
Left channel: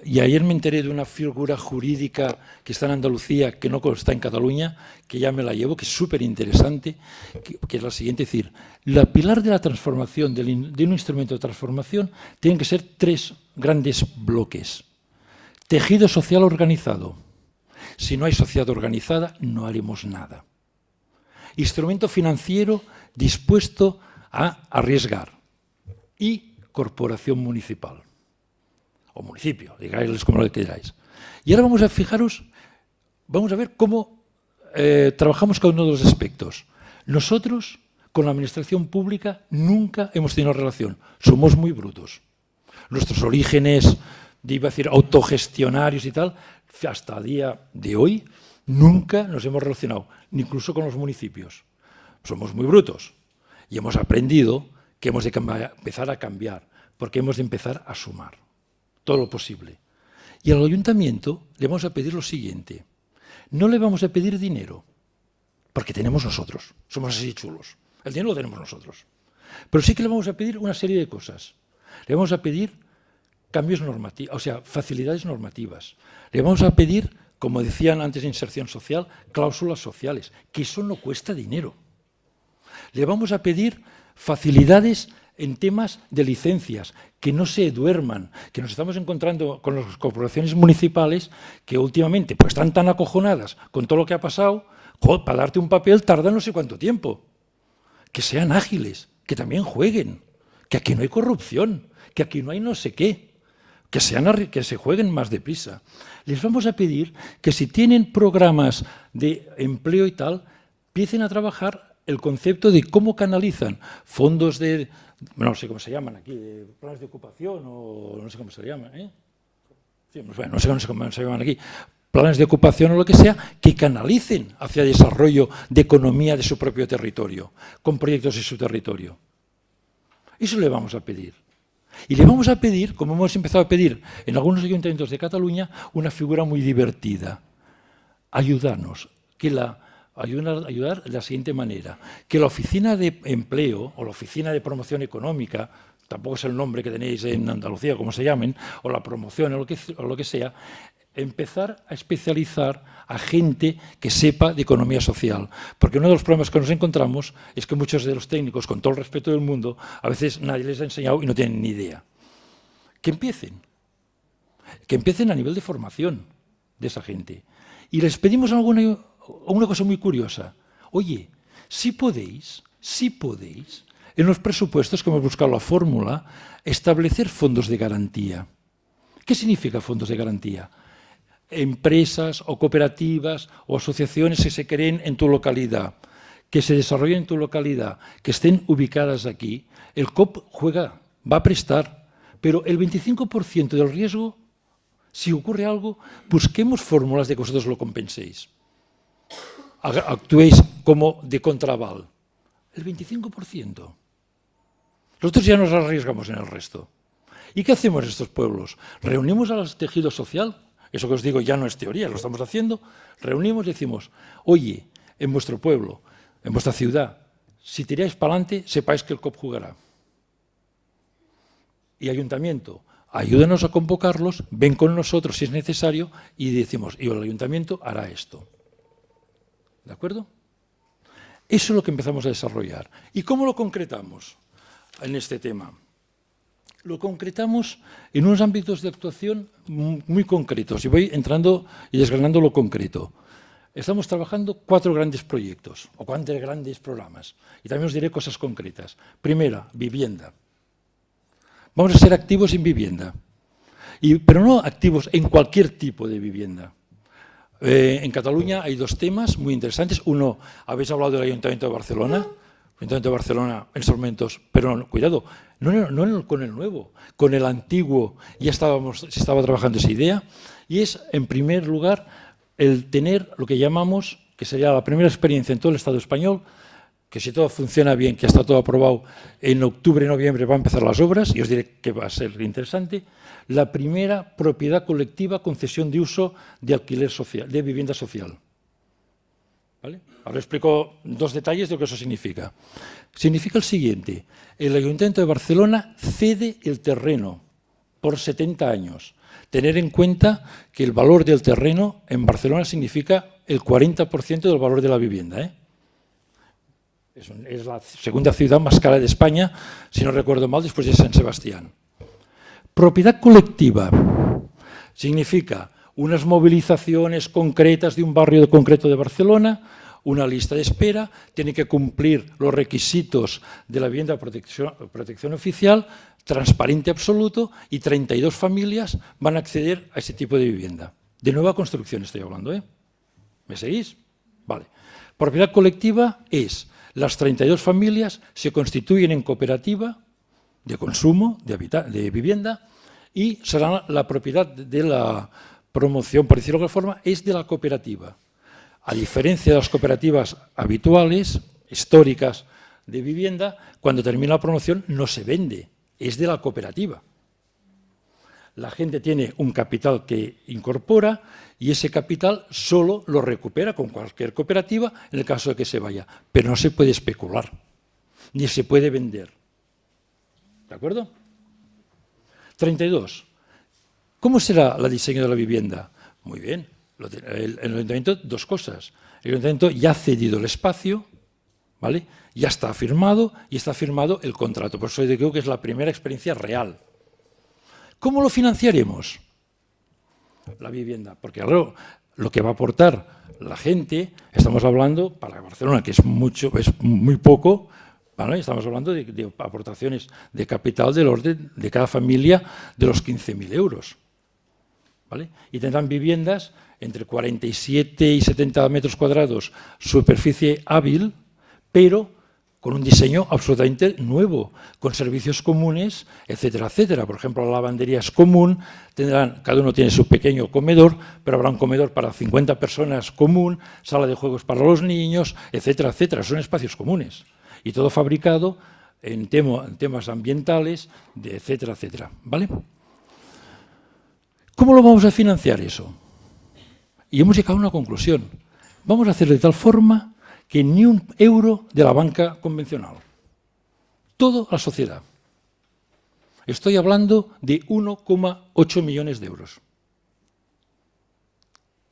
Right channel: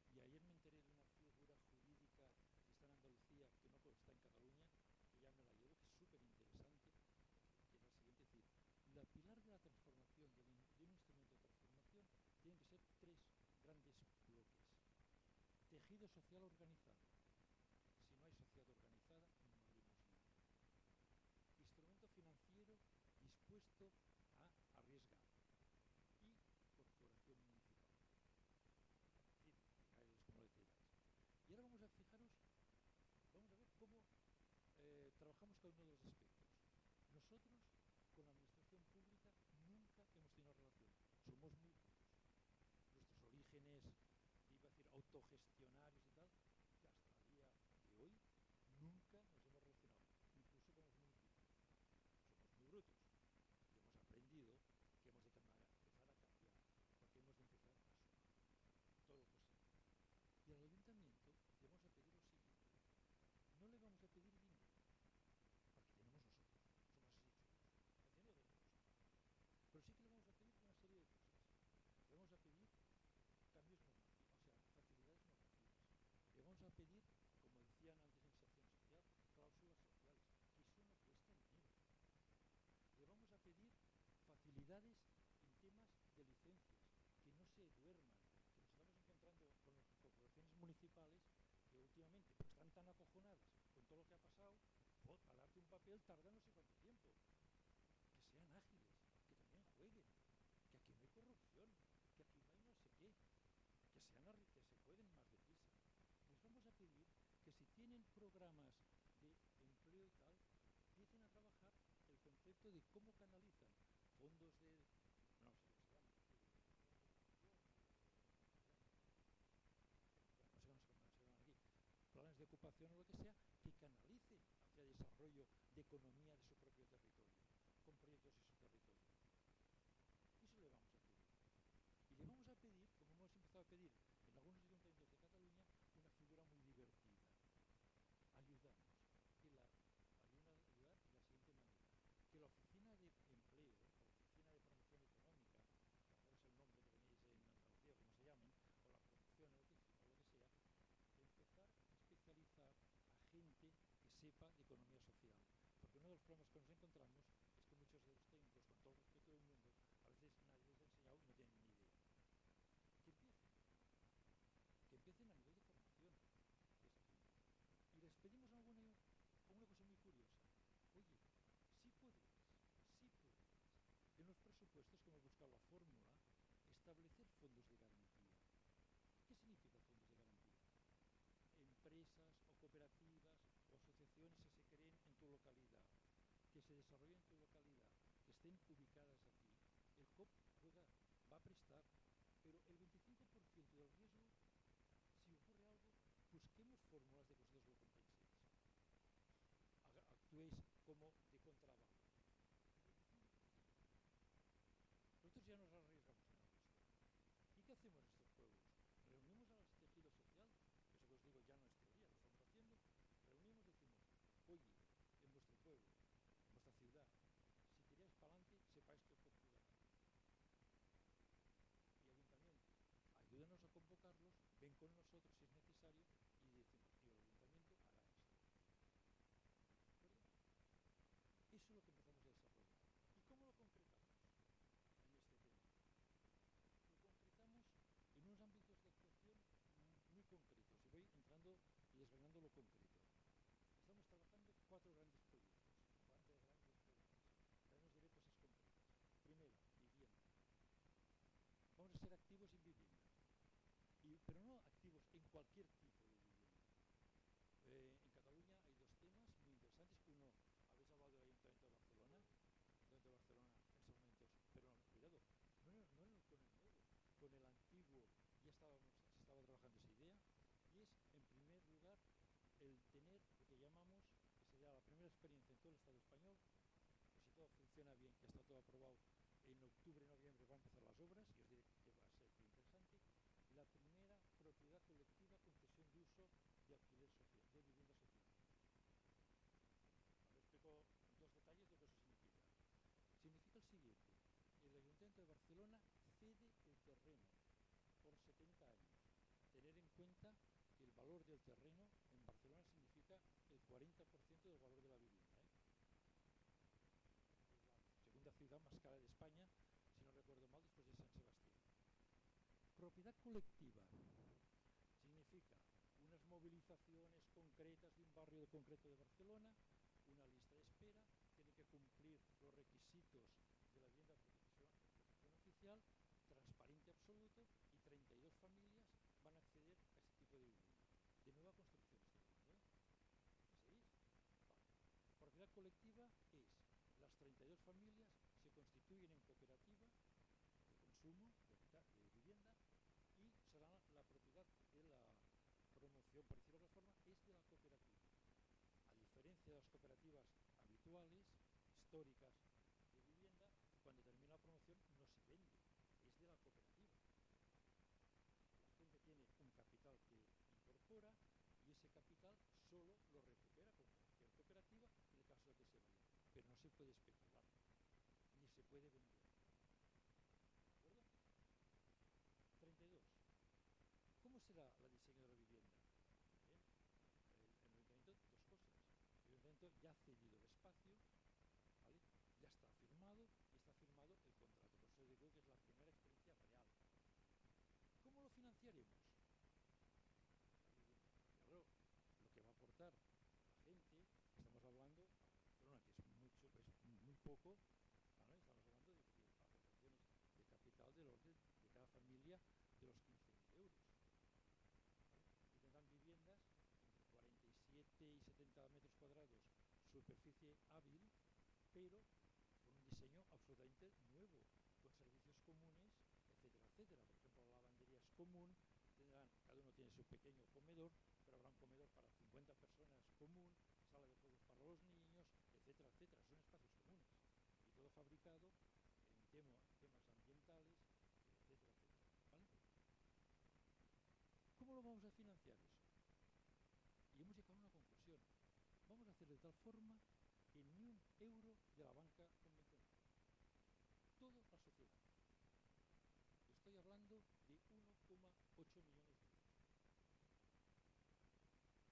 y ayer me enteré de una figura jurídica que está en Andalucía, que no está en Cataluña, que ya me la llevo, que es súper interesante, que es la siguiente, es decir, la pilar de la transformación, de un instrumento de transformación, tienen que ser 3 grandes bloques. Tejido social organizado. Si no hay sociedad organizada, no haremos nada. Instrumento financiero dispuesto a arriesgar. Y corporación municipal. O municipio, digáis como lo queráis. Y ahora vamos a fijaros, vamos a ver cómo trabajamos cada uno de los aspectos. Nosotros, con la administración pública, nunca hemos tenido relación. Somos muy brutos. Nuestros orígenes, iba a decir, autogestionarios y tal, hasta el día de hoy, nunca nos hemos relacionado, ni incluso con los municipios. Somos muy brutos. Y hemos aprendido que hemos de empezar a cambiar, porque hemos de empezar a sumar todo lo posible. Y al ayuntamiento le vamos a pedir lo siguiente. No le vamos a pedir dinero, porque tenemos nosotros, somos así chulos. El dinero lo tenemos nosotros. Pero sí que le vamos a pedir una serie de cosas. Le vamos a pedir cambios normativos, o sea, facilidades normativas. Le vamos a pedir, como decían antes de inserción social, cláusulas sociales, que eso no cuesta dinero. Le vamos a pedir facilidades en temas de licencias, que no se duerman, que nos estamos encontrando con las corporaciones municipales que últimamente pues, están tan acojonadas con todo lo que ha pasado, para darte un papel tarda no sé cuánto tiempo. Que sean ágiles, que también jueguen, que aquí no hay corrupción, que aquí no hay no sé qué, que se jueguen más deprisa. Les vamos a pedir que si tienen programas de empleo y tal, empiecen a trabajar el concepto de cómo canalizan fondos de, no sé cómo se llaman aquí, planes de ocupación o no sé cómo se llaman, ¿eh? Sí, bueno, no sé cómo se llaman aquí, planes de ocupación o lo que sea, que canalicen hacia desarrollo de economía de su propio territorio, con proyectos en su territorio. Eso le vamos a pedir. Y le vamos a pedir, como hemos empezado a pedir en algunos ayuntamientos de Cataluña, una figura muy divertida. Ayudarnos, ayudar de la siguiente manera, que la oficina de empleo o la oficina de promoción económica, tampoco es el nombre que tenéis en Andalucía, como se llamen, o la promoción o lo que sea, empezar a especializar a gente que sepa de economía social. Porque uno de los problemas que nos encontramos es que muchos de los técnicos, con todo el respeto del mundo, a veces nadie les ha enseñado y no tienen ni idea. Que empiecen a nivel de formación de esa gente. Y les pedimos una cosa muy curiosa. Oye, si podéis, en los presupuestos que hemos buscado la fórmula, establecer fondos de garantía. ¿Qué significa fondos de garantía? Empresas o cooperativas o asociaciones que se creen en tu localidad, que se desarrollen en tu localidad, que estén ubicadas aquí. El COP va a prestar, pero el 25% del riesgo, si ocurre algo, busquemos fórmulas de que vosotros lo compenséis. Actuéis como de contraval. El 25%. Nosotros ya nos arriesgamos en el resto. ¿Y qué hacemos en estos pueblos? Reunimos al tejido social, eso que os digo ya no es teoría, lo estamos haciendo, reunimos y decimos, oye, en vuestro pueblo, en vuestra ciudad, si tiráis para adelante, sepáis que el COP jugará. Y ayuntamiento, ayúdanos a convocarlos, ven con nosotros si es necesario y decimos, y el ayuntamiento hará esto. ¿De acuerdo? Eso es lo que empezamos a desarrollar. ¿Y cómo lo concretamos en este tema? Lo concretamos en unos ámbitos de actuación muy concretos. Y voy entrando y desgranando lo concreto. Estamos trabajando 4 grandes proyectos o 4 grandes programas. Y también os diré cosas concretas. Primera, vivienda. Vamos a ser activos en vivienda. Pero no activos en cualquier tipo de vivienda. En Cataluña hay 2 temas muy interesantes. Uno, habéis hablado del Ayuntamiento de Barcelona. El Ayuntamiento de Barcelona en estos momentos, pero no, cuidado, no con el nuevo, con el antiguo ya se estaba trabajando esa idea. Y es, en primer lugar, el tener lo que llamamos, que sería la primera experiencia en todo el Estado español, que si todo funciona bien, que está todo aprobado, en octubre, noviembre van a empezar las obras, y os diré que va a ser interesante, la primera propiedad colectiva, concesión de uso de alquiler social, de vivienda social. ¿Vale? Ahora explico 2 detalles de lo que eso significa. Significa el siguiente: el Ayuntamiento de Barcelona cede el terreno por 70 años. Tener en cuenta que el valor del terreno en Barcelona significa el 40% del valor de la vivienda, ¿eh? Es la segunda ciudad más cara de España, si no recuerdo mal, después de San Sebastián. Propiedad colectiva significa unas movilizaciones concretas de un barrio concreto de Barcelona, una lista de espera, tiene que cumplir los requisitos de la vivienda de protección oficial, transparente absoluto, y 32 familias van a acceder a ese tipo de vivienda. De nueva construcción estoy hablando, ¿eh? ¿Me seguís? Vale. Propiedad colectiva es: las 32 familias se constituyen en cooperativa de consumo, de vivienda, y será la propiedad de la promoción, por decirlo de alguna forma, es de la cooperativa. A diferencia de las cooperativas habituales, históricas de vivienda, cuando termina la promoción no se vende, es de la cooperativa. La gente tiene un capital que incorpora y ese capital solo lo recupera con cualquier cooperativa en el caso de que se vaya. Pero no se puede especular, ni se puede vender. ¿De acuerdo? 32. ¿Cómo será el diseño de la vivienda? Muy bien. El Ayuntamiento, 2 cosas. El Ayuntamiento ya ha cedido el espacio, ¿vale? Ya está firmado y está firmado el contrato. Por eso digo que es la primera experiencia real. ¿Cómo lo financiaremos? La vivienda. Porque claro, lo que va a aportar la gente, estamos hablando, para Barcelona, que es muy poco, ¿vale? Estamos hablando de aportaciones de capital del orden de cada familia de los 15.000 euros. ¿Vale? Y tendrán viviendas entre 47 y 70 metros cuadrados, superficie hábil, pero con un diseño absolutamente nuevo, con servicios comunes, etcétera, etcétera. Por ejemplo, la lavandería es común, cada uno tiene su pequeño comedor, pero habrá un comedor para 50 personas común, sala de juegos para los niños, etcétera, etcétera. Son espacios comunes. Y todo fabricado en temas ambientales, etcétera, etcétera. ¿Vale? ¿Cómo lo vamos a financiar eso? Y hemos llegado a una conclusión. Vamos a hacer de tal forma que ni un euro de la banca convencional. Todo a la sociedad. Estoy hablando de 1,8 millones de euros.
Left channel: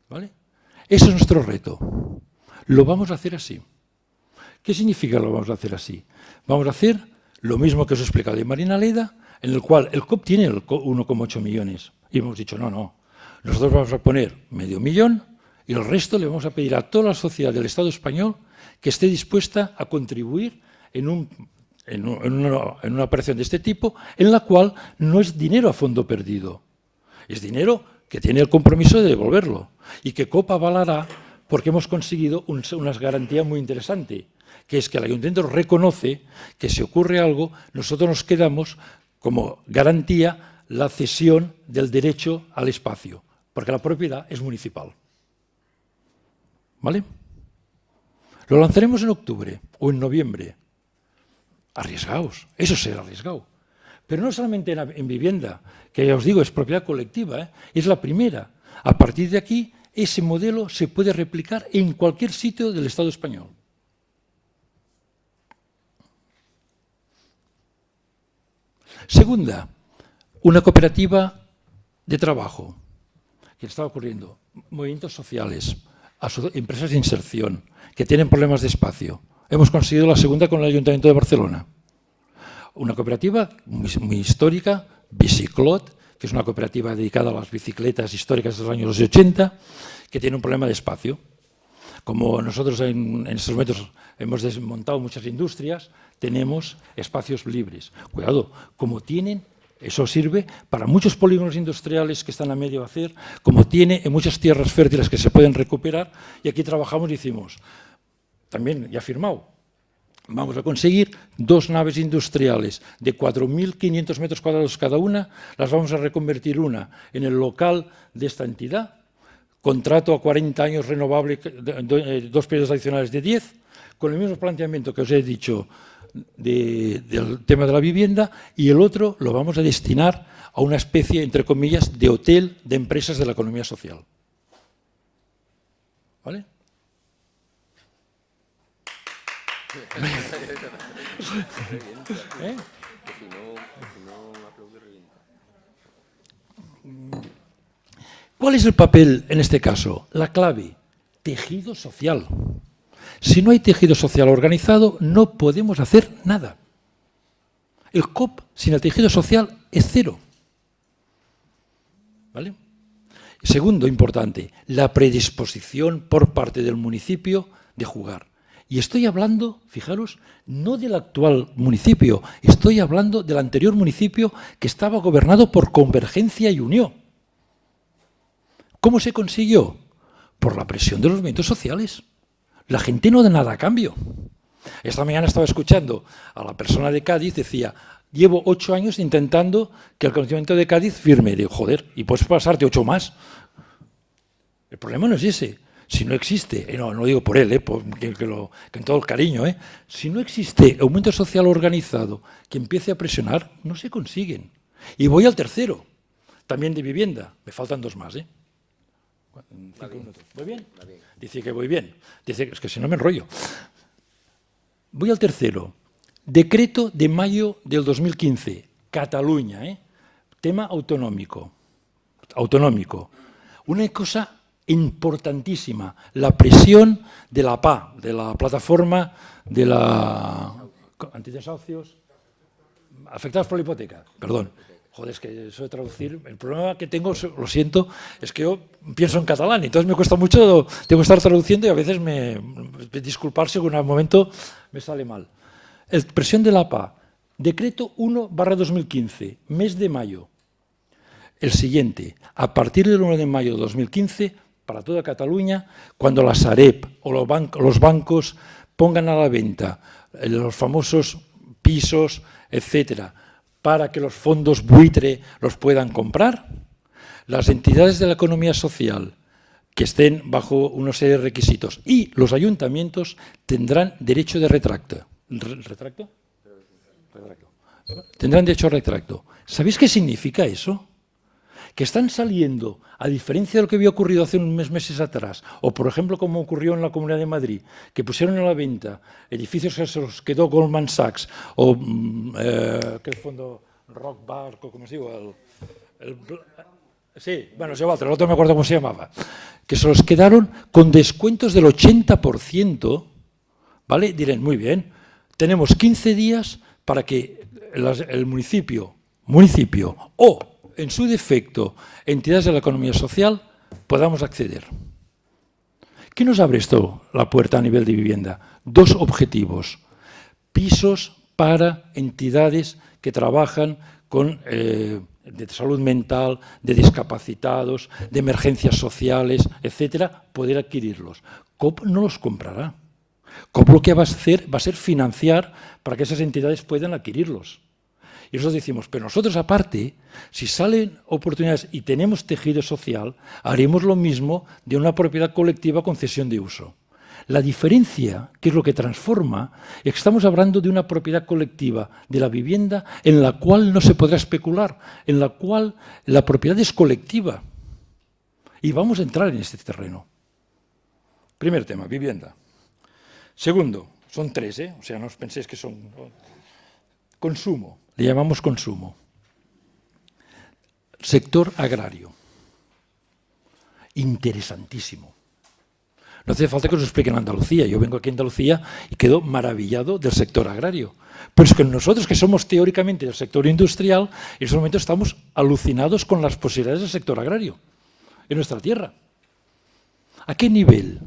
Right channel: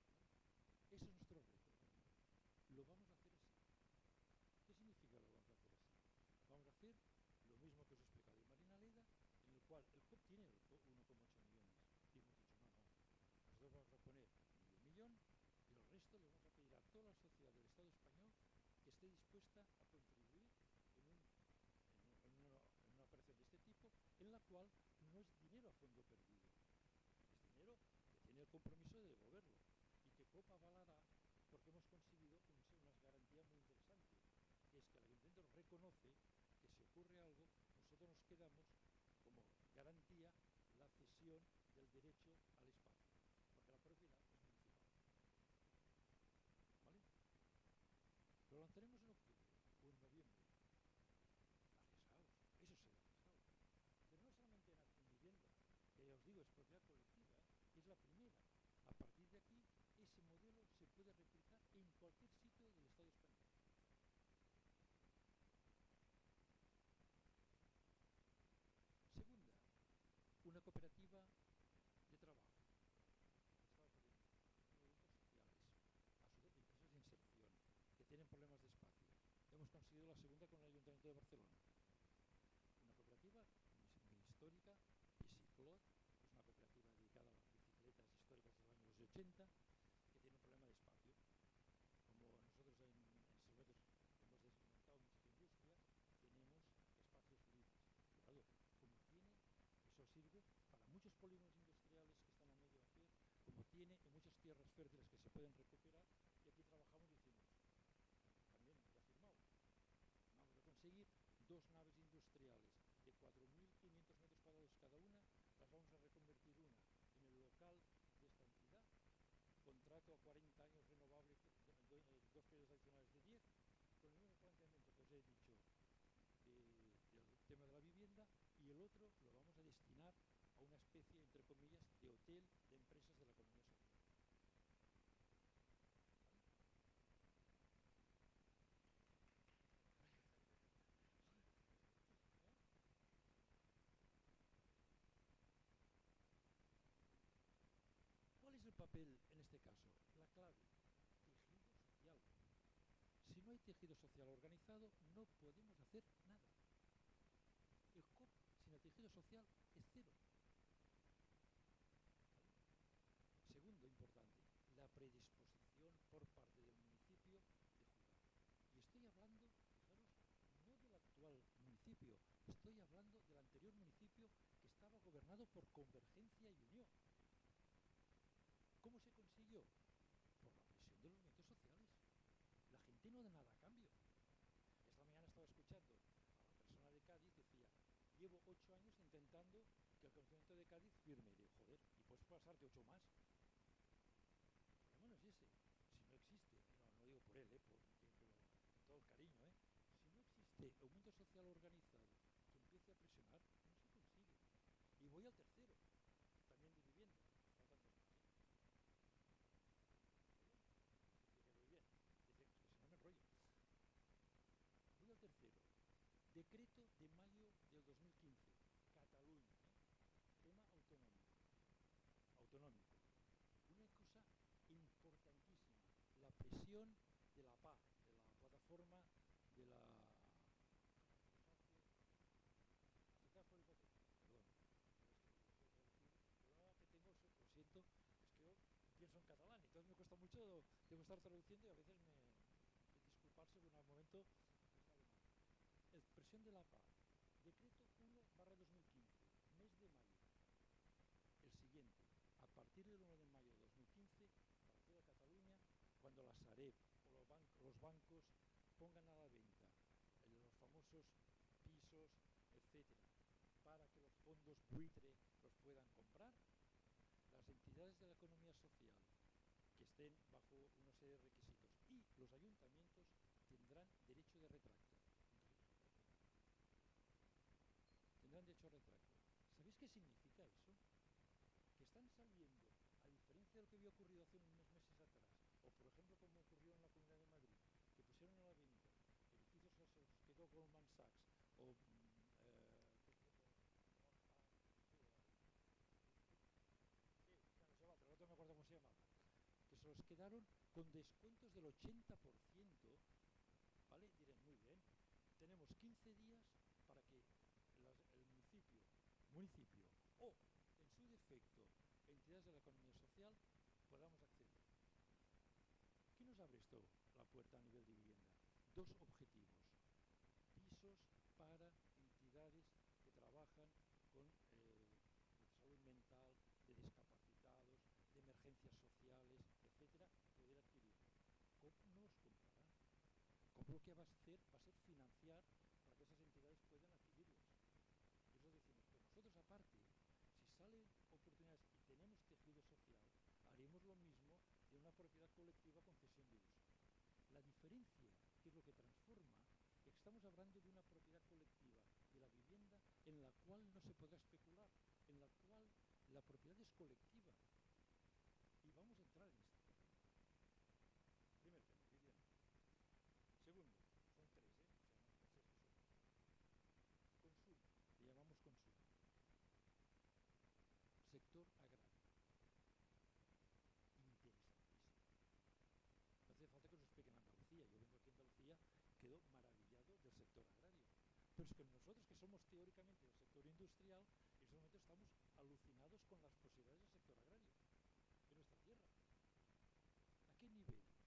¿Vale? Ese es nuestro reto. Lo vamos a hacer así. ¿Qué significa lo vamos a hacer así? Vamos a hacer lo mismo que os he explicado de Marina Leda, en el cual el COP tiene 1,8 millones. Y hemos dicho, no, nosotros vamos a poner $500.000 y el resto le vamos a pedir a toda la sociedad del Estado español que esté dispuesta a contribuir en una operación de este tipo, en la cual no es dinero a fondo perdido, es dinero que tiene el compromiso de devolverlo y que COP avalará porque hemos conseguido una garantía muy interesante, que es que el Ayuntamiento reconoce que si ocurre algo, nosotros nos quedamos como garantía la cesión del derecho al espacio, porque la propiedad es municipal. ¿Vale? Lo lanzaremos en octubre o en noviembre. Arriesgaos, eso será arriesgado. Pero no solamente en vivienda, que ya os digo, es propiedad colectiva, ¿eh? Es la primera. A partir de aquí, ese modelo se puede replicar en cualquier sitio del Estado español. Segunda, una cooperativa de trabajo. ¿Qué está ocurriendo? Movimientos sociales, empresas de inserción, que tienen problemas de espacio. hemos conseguido la segunda con el Ayuntamiento de Barcelona. Una cooperativa muy histórica, Biciclot, que es una cooperativa dedicada a las bicicletas históricas de los años 80, que tiene un problema de espacio. Como nosotros en estos momentos hemos desmontado muchas industrias, tenemos espacios libres. Cuidado, como tienen, eso sirve para muchos polígonos industriales que están a medio hacer, como tiene en muchas tierras fértiles que se pueden recuperar, y aquí trabajamos y decimos, también ya firmado, vamos a conseguir 2 naves industriales de 4.500 metros cuadrados cada una, las vamos a reconvertir una en el local de esta entidad, contrato a 40 años renovable, 2 periodos adicionales de 10, con el mismo planteamiento que os he dicho del tema de la vivienda, y el otro lo vamos a destinar a una especie, entre comillas, de hotel de empresas de la economía social. ¿Vale? ¿Eh? ¿Cuál es el papel en este caso? La clave, tejido social. Si no hay tejido social organizado, no podemos hacer nada. El COP sin el tejido social es cero. ¿Vale? Segundo, importante, la predisposición por parte del municipio de jugar. Y estoy hablando, fijaros, no del actual municipio, estoy hablando del anterior municipio que estaba gobernado por Convergencia y Unió. ¿Cómo se consiguió? Por la presión de los movimientos sociales. La gente no da nada a cambio. Esta mañana estaba escuchando a la persona de Cádiz, decía, llevo 8 años intentando que el Ayuntamiento de Cádiz firme. Digo, joder, y puedes pasarte 8 más. El problema no es ese. Si no existe, no lo digo por él, que en todo el cariño, si no existe aumento social organizado que empiece a presionar, no se consiguen. Y voy al tercero, también de vivienda. Me faltan 2 más. ¿Voy bien? Dice que voy bien. Dice que es que si no me enrollo. Voy al tercero. Decreto de mayo del 2015. Cataluña. Tema autonómico. Una cosa importantísima. La presión de la PA, de la plataforma de la antidesahucios afectados por la hipoteca. Perdón. Joder, es que eso de traducir, el problema que tengo, lo siento, es que yo pienso en catalán, entonces me cuesta mucho, tengo que estar traduciendo y a veces disculpar si en algún momento me sale mal. Presión de la APA, decreto 1/2015, mes de mayo. El siguiente, a partir del 1 de mayo de 2015, para toda Cataluña, cuando la Sareb o los bancos pongan a la venta los famosos pisos, etcétera, para que los fondos buitre los puedan comprar, las entidades de la economía social que estén bajo una serie de requisitos y los ayuntamientos tendrán derecho de retracto. ¿Retracto? Tendrán derecho a retracto. ¿Sabéis qué significa eso? Que están saliendo, a diferencia de lo que había ocurrido hace unos meses atrás, o por ejemplo como ocurrió en la Comunidad de Madrid, que pusieron a la venta edificios que se los quedó Goldman Sachs, o ¿qué fondo? Rockbar, ¿cómo se digo? Sí, bueno, es igual, el otro me acuerdo cómo se llamaba, que se los quedaron con descuentos del 80%, ¿vale? Dirán, muy bien, tenemos 15 días para que el municipio o, en su defecto, entidades de la economía social, podamos acceder. ¿Qué nos abre esto la puerta a nivel de vivienda? 2 objetivos. Pisos para entidades que trabajan con de salud mental, de discapacitados, de emergencias sociales, etcétera, poder adquirirlos. COP no los comprará. COP lo que va a hacer va a ser financiar para que esas entidades puedan adquirirlos. Y nosotros decimos, pero nosotros aparte, si salen oportunidades y tenemos tejido social, haremos lo mismo de una propiedad colectiva con cesión de uso. La diferencia, que es lo que transforma, es que estamos hablando de una propiedad colectiva de la vivienda en la cual no se podrá especular, en la cual la propiedad es colectiva. Y vamos a entrar en este terreno. Primer tema, vivienda. Segundo, son 3, o sea, no os penséis que son... Consumo, le llamamos consumo. Sector agrario. Interesantísimo. No hace falta que os expliquen Andalucía. Yo vengo aquí a Andalucía y quedo maravillado del sector agrario. Pero es que nosotros, que somos teóricamente del sector industrial, en este momento estamos alucinados con las posibilidades del sector agrario en nuestra tierra. ¿A qué nivel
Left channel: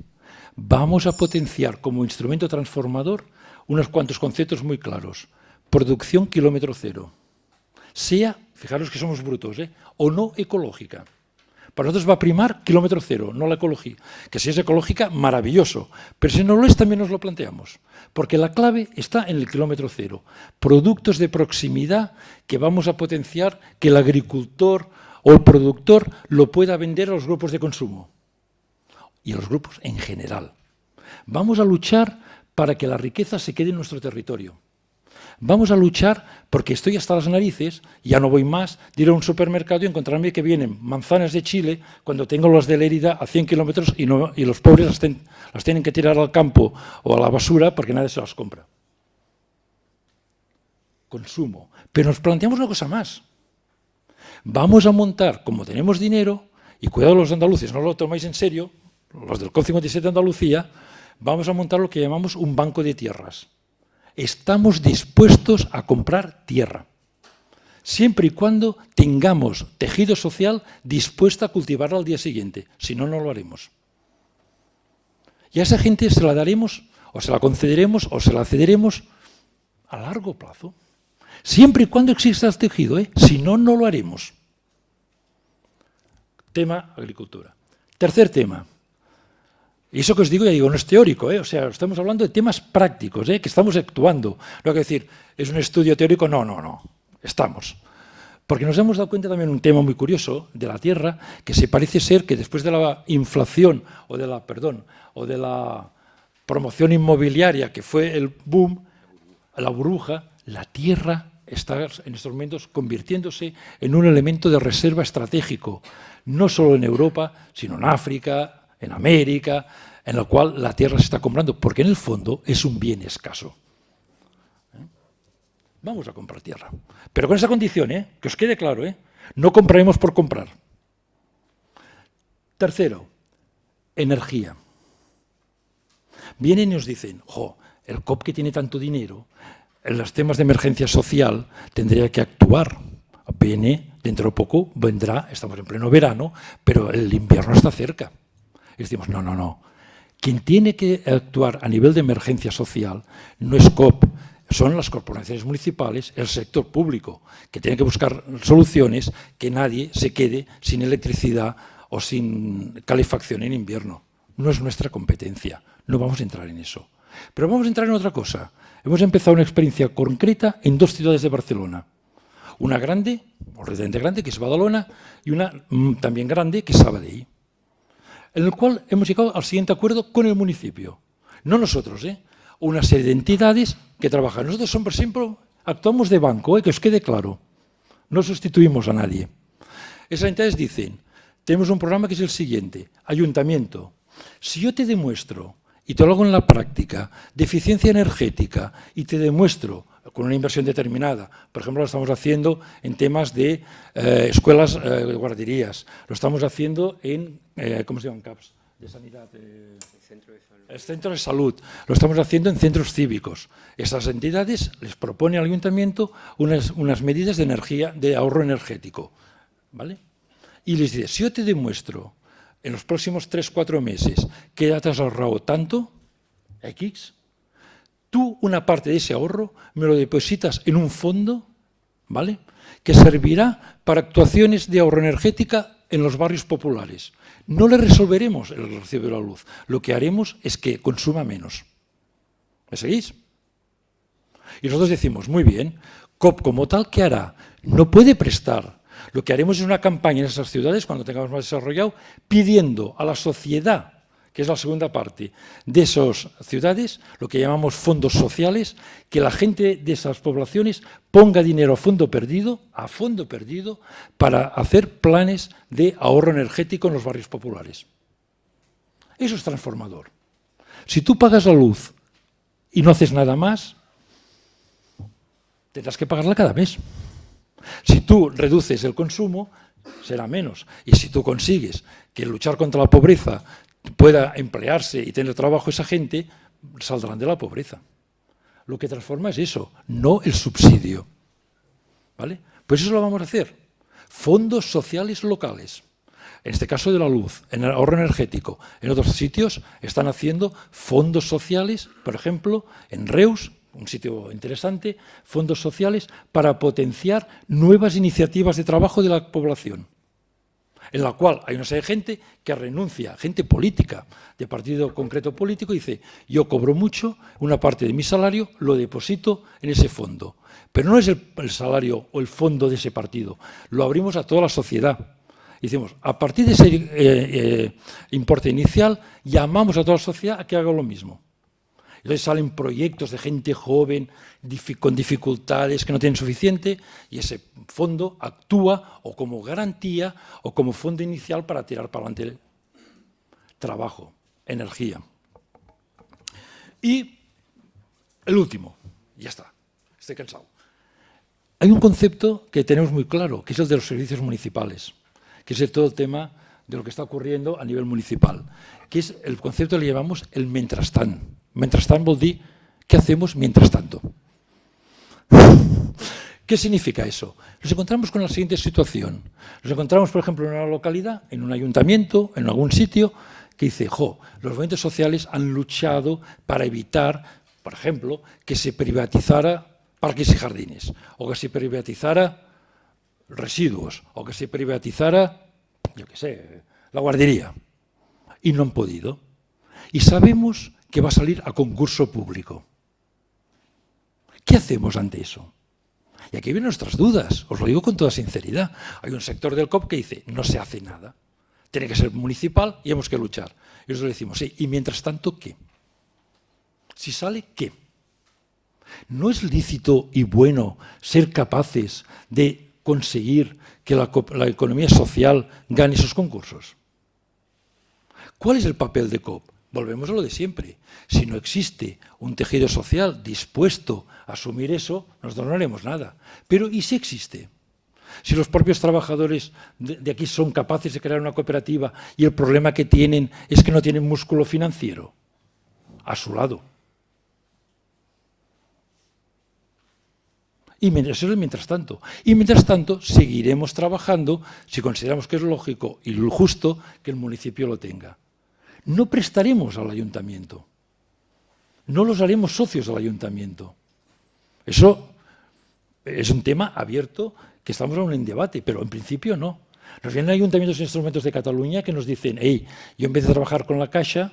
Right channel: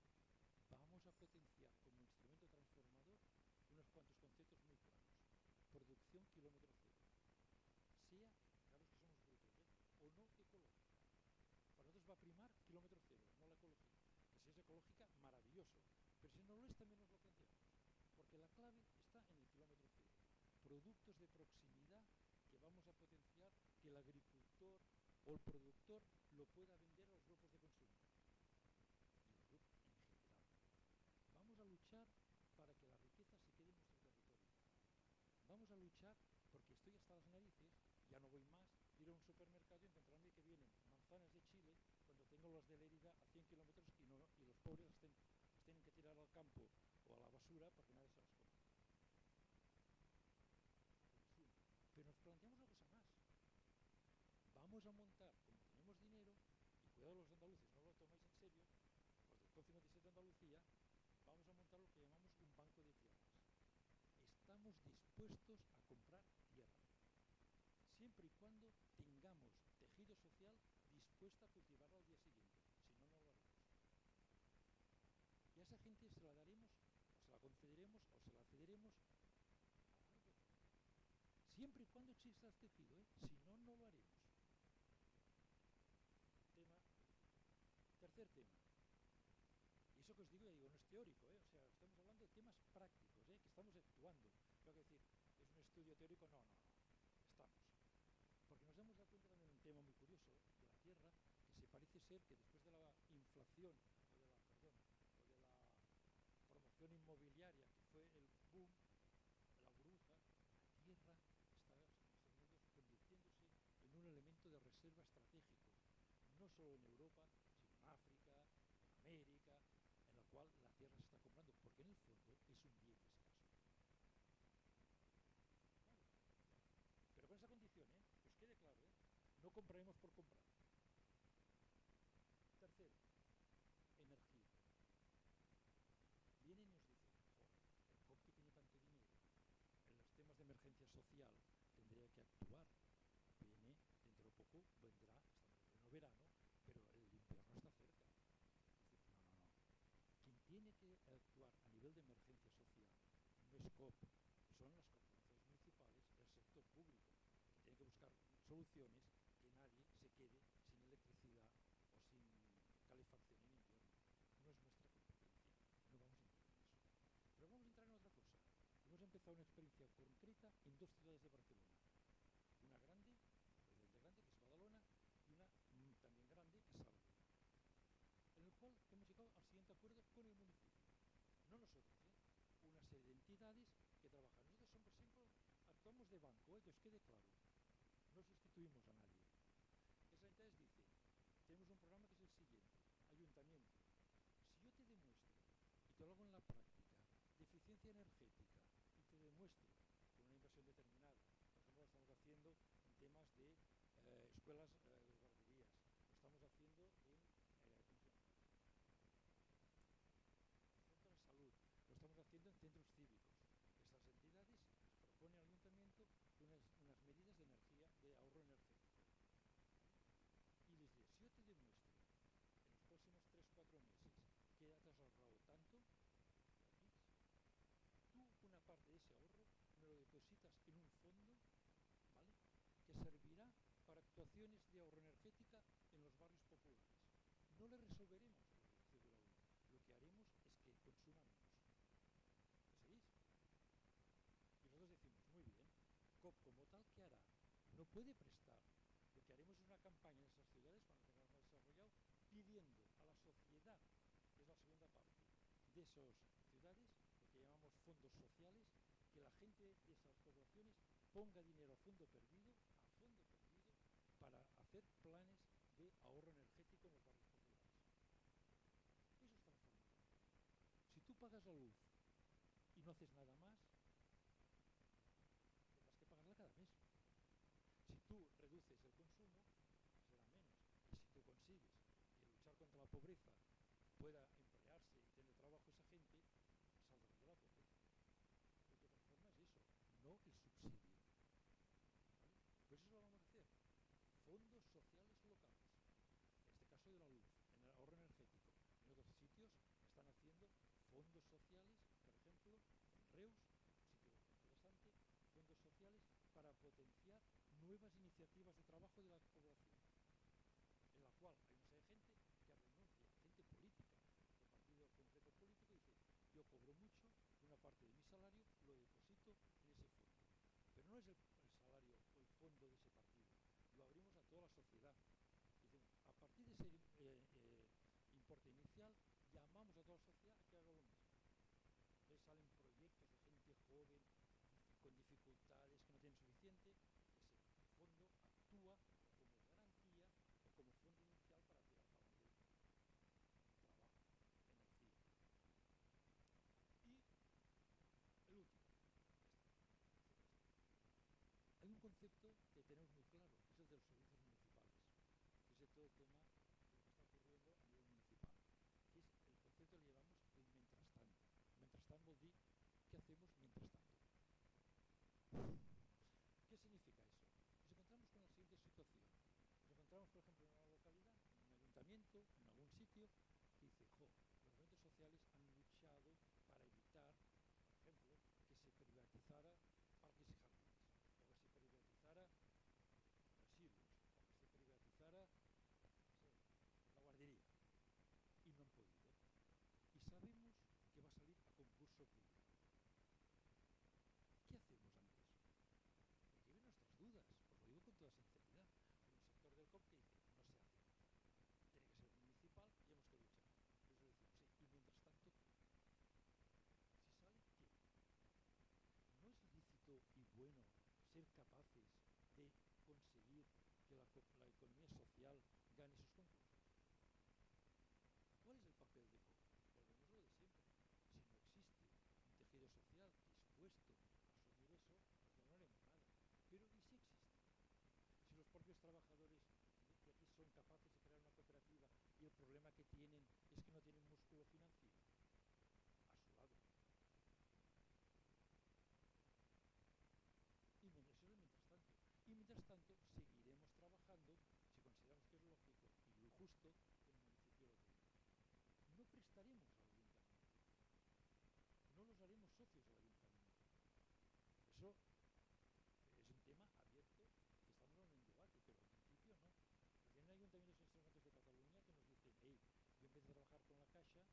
vamos a potenciar como instrumento transformador unos cuantos conceptos muy claros? Producción kilómetro cero. Sea, fijaros que somos brutos, o no ecológica. Para nosotros va a primar kilómetro cero, no la ecología. Que si es ecológica, maravilloso. Pero si no lo es, también nos lo planteamos. Porque la clave está en el kilómetro cero. Productos de proximidad que vamos a potenciar, que el agricultor o el productor lo pueda vender a los grupos de consumo. Y a los grupos en general. Vamos a luchar para que la riqueza se quede en nuestro territorio. Vamos a luchar porque estoy hasta las narices, ya no voy más, de ir a un supermercado y encontrarme que vienen manzanas de Chile cuando tengo las de Lérida a 100 kilómetros y los pobres las tienen que tirar al campo o a la basura porque nadie se las compra. Consumo. Pero nos planteamos una cosa más. Vamos a montar, como tenemos dinero, y cuidado los andaluces, no lo tomáis en serio, los del COP57 de Andalucía, vamos a montar lo que llamamos un banco de tierras. Estamos dispuestos a comprar tierra, siempre y cuando tengamos tejido social dispuesto a cultivarla al día siguiente. Si no, no lo haremos. Y a esa gente se la daremos, o se la concederemos, o se la cederemos a largo plazo. Siempre y cuando exista el tejido, si no, no lo haremos. Tema agricultura. Tercer tema. Y eso que os digo, ya digo, no es teórico, o sea, estamos hablando de temas prácticos, que estamos actuando. No hay que decir, es un estudio teórico, no, estamos. Porque nos hemos dado cuenta también de un tema muy curioso de la tierra, que se parece ser que después de la inflación o de la promoción inmobiliaria, que fue el boom, la burbuja, la tierra está en estos momentos convirtiéndose en un elemento de reserva estratégico, no solo en Europa, sino en África, en América, en la cual la tierra se está comprando, porque en el fondo es un bien escaso. Vamos a comprar tierra. Pero con esa condición, que os quede claro, no compraremos por comprar. Tercero, energía. Vienen y nos dicen, el COP que tiene tanto dinero, en los temas de emergencia social tendría que actuar. Viene, dentro de poco vendrá, estamos en pleno verano, pero el invierno está cerca. Y decimos, no. Quien tiene que actuar a nivel de emergencia social no es COP, son las corporaciones municipales, el sector público, que tiene que buscar soluciones que nadie se quede sin electricidad o sin calefacción en invierno. No es nuestra competencia, no vamos a entrar en eso. Pero vamos a entrar en otra cosa. Hemos empezado una experiencia concreta en 2 ciudades de Barcelona. Una grande, o relativamente grande, que es Badalona, y una también grande, que es Sabadell, en el cual hemos llegado al siguiente acuerdo con el municipio. No nosotros, una serie de entidades que trabajan. Nosotros siempre actuamos de banco, que os quede claro. No sustituimos a nadie. Esas entidades dicen, tenemos un programa que es el siguiente, ayuntamiento, si yo te demuestro, y te lo hago en la práctica, de eficiencia energética, y te demuestro con una inversión determinada. Por ejemplo, lo estamos haciendo en temas de escuelas, guarderías. Lo estamos haciendo en, ¿cómo se llaman CAPS? De sanidad. El centro de salud. Lo estamos haciendo en centros cívicos. Esas entidades les propone al ayuntamiento unas medidas de energía, de ahorro energético. ¿Vale? Y les dice, si yo te demuestro en los próximos 3-4 meses que ya te has ahorrado tanto, X, tú una parte de ese ahorro me lo depositas en un fondo, ¿vale?, que servirá para actuaciones de ahorro energética en los barrios populares. No le resolveremos el recibo de la luz. Lo que haremos es que consuma menos. ¿Me seguís? Y nosotros decimos, muy bien, COP como tal, ¿qué hará? No puede prestar. Lo que haremos es una campaña en esas ciudades, cuando tengamos más desarrollado, pidiendo a la sociedad, que es la segunda parte de esas ciudades, lo que llamamos fondos sociales, que la gente de esas poblaciones ponga dinero a fondo perdido, para hacer planes de ahorro energético en los barrios populares. Eso es transformador. Si tú pagas la luz y no haces nada más, tendrás que pagarla cada mes. Si tú reduces el consumo, será menos. Y si tú consigues que luchar contra la pobreza pueda emplearse y tener trabajo esa gente, saldrán de la pobreza. Lo que transforma es eso, no el subsidio. ¿Vale? Pues eso lo vamos a hacer. Fondos sociales locales. En este caso de la luz, en el ahorro energético. En otros sitios están haciendo fondos sociales, por ejemplo, en Reus, un sitio interesante, fondos sociales para potenciar nuevas iniciativas de trabajo de la población, en la cual hay una serie de gente que renuncia, gente política, de partido concreto político, y dice, yo cobro mucho, una parte de mi salario lo deposito en ese fondo. Pero no es el salario o el fondo de ese partido, lo abrimos a toda la sociedad. Y decimos, a partir de ese importe inicial, llamamos a toda la sociedad a que haga lo mismo. Entonces salen proyectos de gente joven, con dificultades, que no tienen suficiente, y ese fondo actúa o como garantía o como fondo inicial para tirar para adelante el trabajo, energía. Y el último, ya está, estoy cansado. Hay un concepto que tenemos muy claro, que es el de los servicios municipales, que es todo el tema de lo que está ocurriendo a nivel municipal, que es el concepto que le llamamos el mentrestant. Mentrestant vol dir, ¿qué hacemos mientras tanto? ¿Qué significa eso? Nos encontramos con la siguiente situación. Nos encontramos, por ejemplo, en una localidad, en un ayuntamiento, en algún sitio, que dice, los movimientos sociales han luchado para evitar, por ejemplo, que se privatizara parques y jardines, o que se privatizara residuos, o que se privatizara, yo qué sé, la guardería. Y no han podido. Y sabemos que va a salir a concurso público. ¿Qué hacemos ante eso? Y aquí vienen nuestras dudas, os lo digo con toda sinceridad. Hay un sector del COP que dice, no se hace nada, tiene que ser municipal y hemos que luchar. Y nosotros le decimos, sí, y mientras tanto, ¿qué? Si sale, ¿qué? ¿No es lícito y bueno ser capaces de conseguir que la economía social gane esos concursos? ¿Cuál es el papel de COP? Volvemos a lo de siempre. Si no existe un tejido social dispuesto a asumir eso, nosotros no haremos nada. Pero ¿y si existe? Si los propios trabajadores de aquí son capaces de crear una cooperativa y el problema que tienen es que no tienen músculo financiero a su lado. Y eso es mientras tanto. Y mientras tanto seguiremos trabajando si consideramos que es lógico y justo que el municipio lo tenga. No prestaremos al ayuntamiento. No los haremos socios del ayuntamiento. Eso es un tema abierto que estamos aún en debate, pero en principio no. Nos vienen ayuntamientos e instrumentos de Cataluña que nos dicen, hey, yo en vez de trabajar con la Caixa,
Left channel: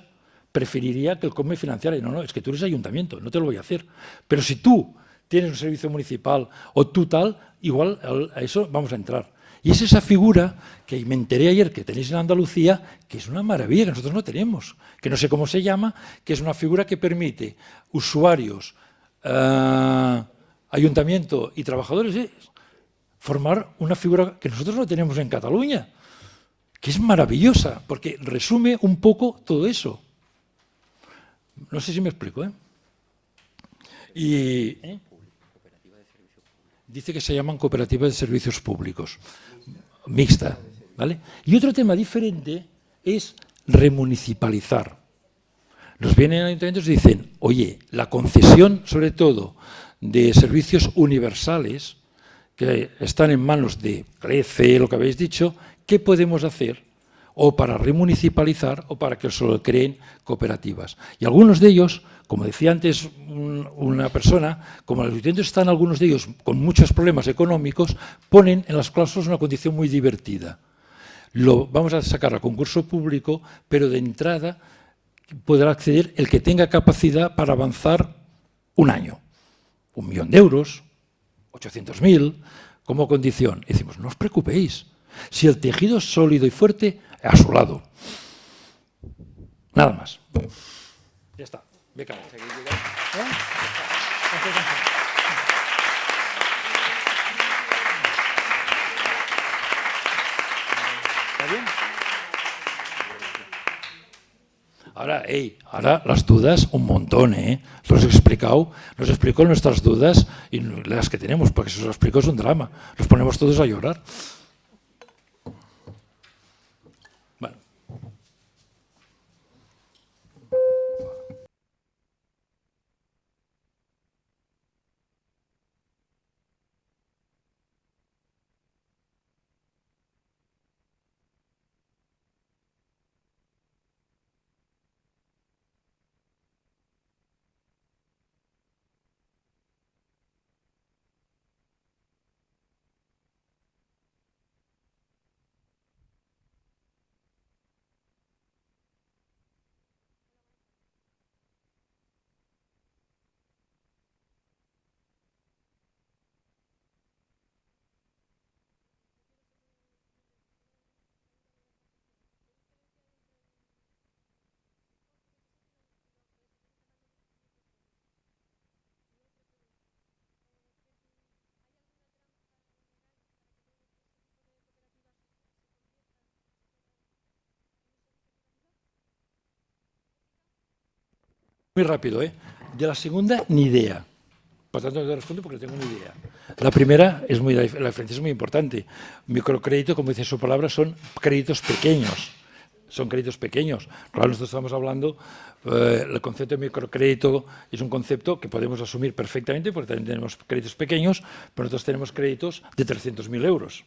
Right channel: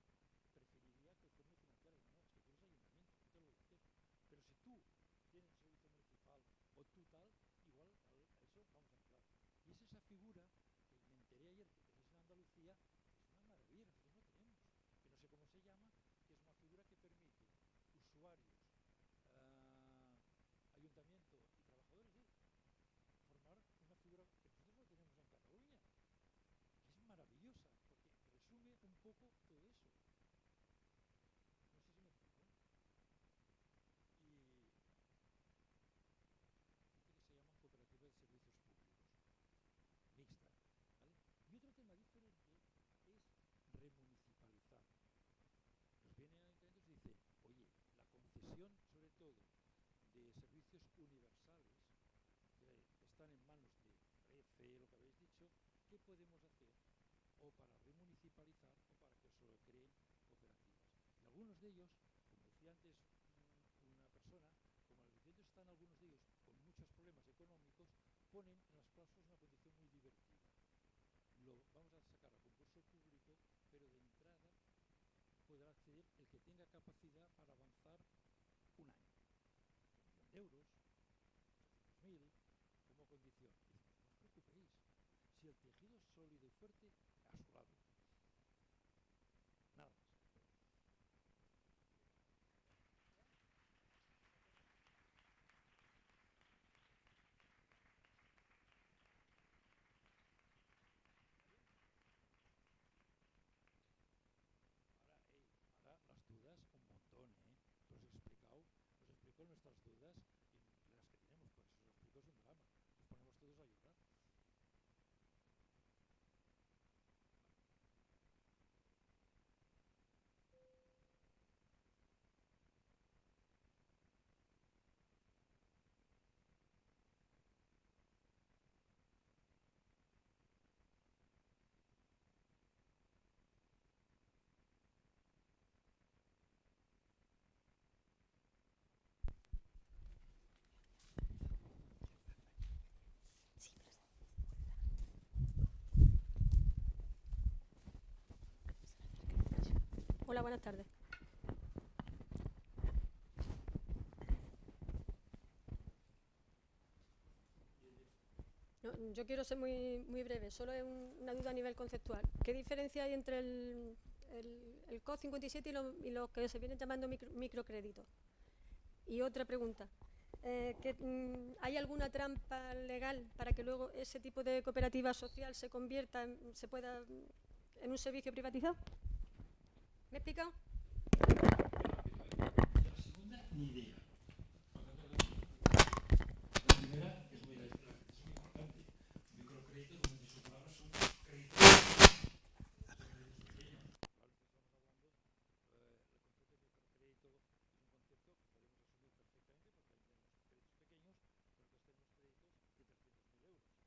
preferiría que el COP me financiara. Y no, es que tú eres ayuntamiento, no te lo voy a hacer. Pero si tú tienes un servicio municipal o tú tal, igual a eso vamos a entrar. Y es esa figura que me enteré ayer que tenéis en Andalucía, que es una maravilla, que nosotros no tenemos, que no sé cómo se llama, que es una figura que permite usuarios, ayuntamiento y trabajadores formar una figura que nosotros no tenemos en Cataluña, que es maravillosa, porque resume un poco todo eso. No sé si me explico, ¿eh? Y dice que se llaman cooperativas de servicios públicos, mixta, ¿vale? Y otro tema diferente es remunicipalizar. Nos vienen ayuntamientos y dicen, oye, la concesión, sobre todo, de servicios universales, que están en manos de CRECE, lo que habéis dicho, ¿qué podemos hacer? O para remunicipalizar o para que solo creen cooperativas. Y algunos de ellos, como decía antes una persona, como los ayuntamientos están algunos de ellos con muchos problemas económicos, ponen en las cláusulas una condición muy divertida. Lo vamos a sacar a concurso público, pero de entrada podrá acceder el que tenga capacidad para avanzar un año. 1 millón de euros, 800.000, como condición. Y decimos, no os preocupéis, si el tejido es sólido y fuerte, a su lado. Nada más. Ya está. Beca. ¿Está bien? Ahora las dudas un montón, ¿eh? Nos explicó nuestras dudas y las que tenemos, porque si os lo explico es un drama. Nos ponemos todos a llorar. Bueno. buenas tardes. No, yo quiero ser muy breve, solo es una duda a nivel conceptual. ¿Qué diferencia hay entre el COD 57 y lo que se viene llamando microcrédito? Y otra pregunta, ¿hay alguna trampa legal para que luego ese tipo de cooperativa social se convierta, pueda en un servicio privatizado? ¿Me he explicado? Muy rápido, ¿eh? De la segunda, ni idea. Por tanto, no te respondo porque no tengo ni idea. La primera, la diferencia es muy importante. Microcrédito, como dice su palabra, son créditos pequeños. Son créditos pequeños. Claro, nosotros estamos hablando, el concepto de microcrédito es un concepto que podemos asumir perfectamente porque también tenemos créditos pequeños, pero nosotros tenemos créditos de 300.000 euros.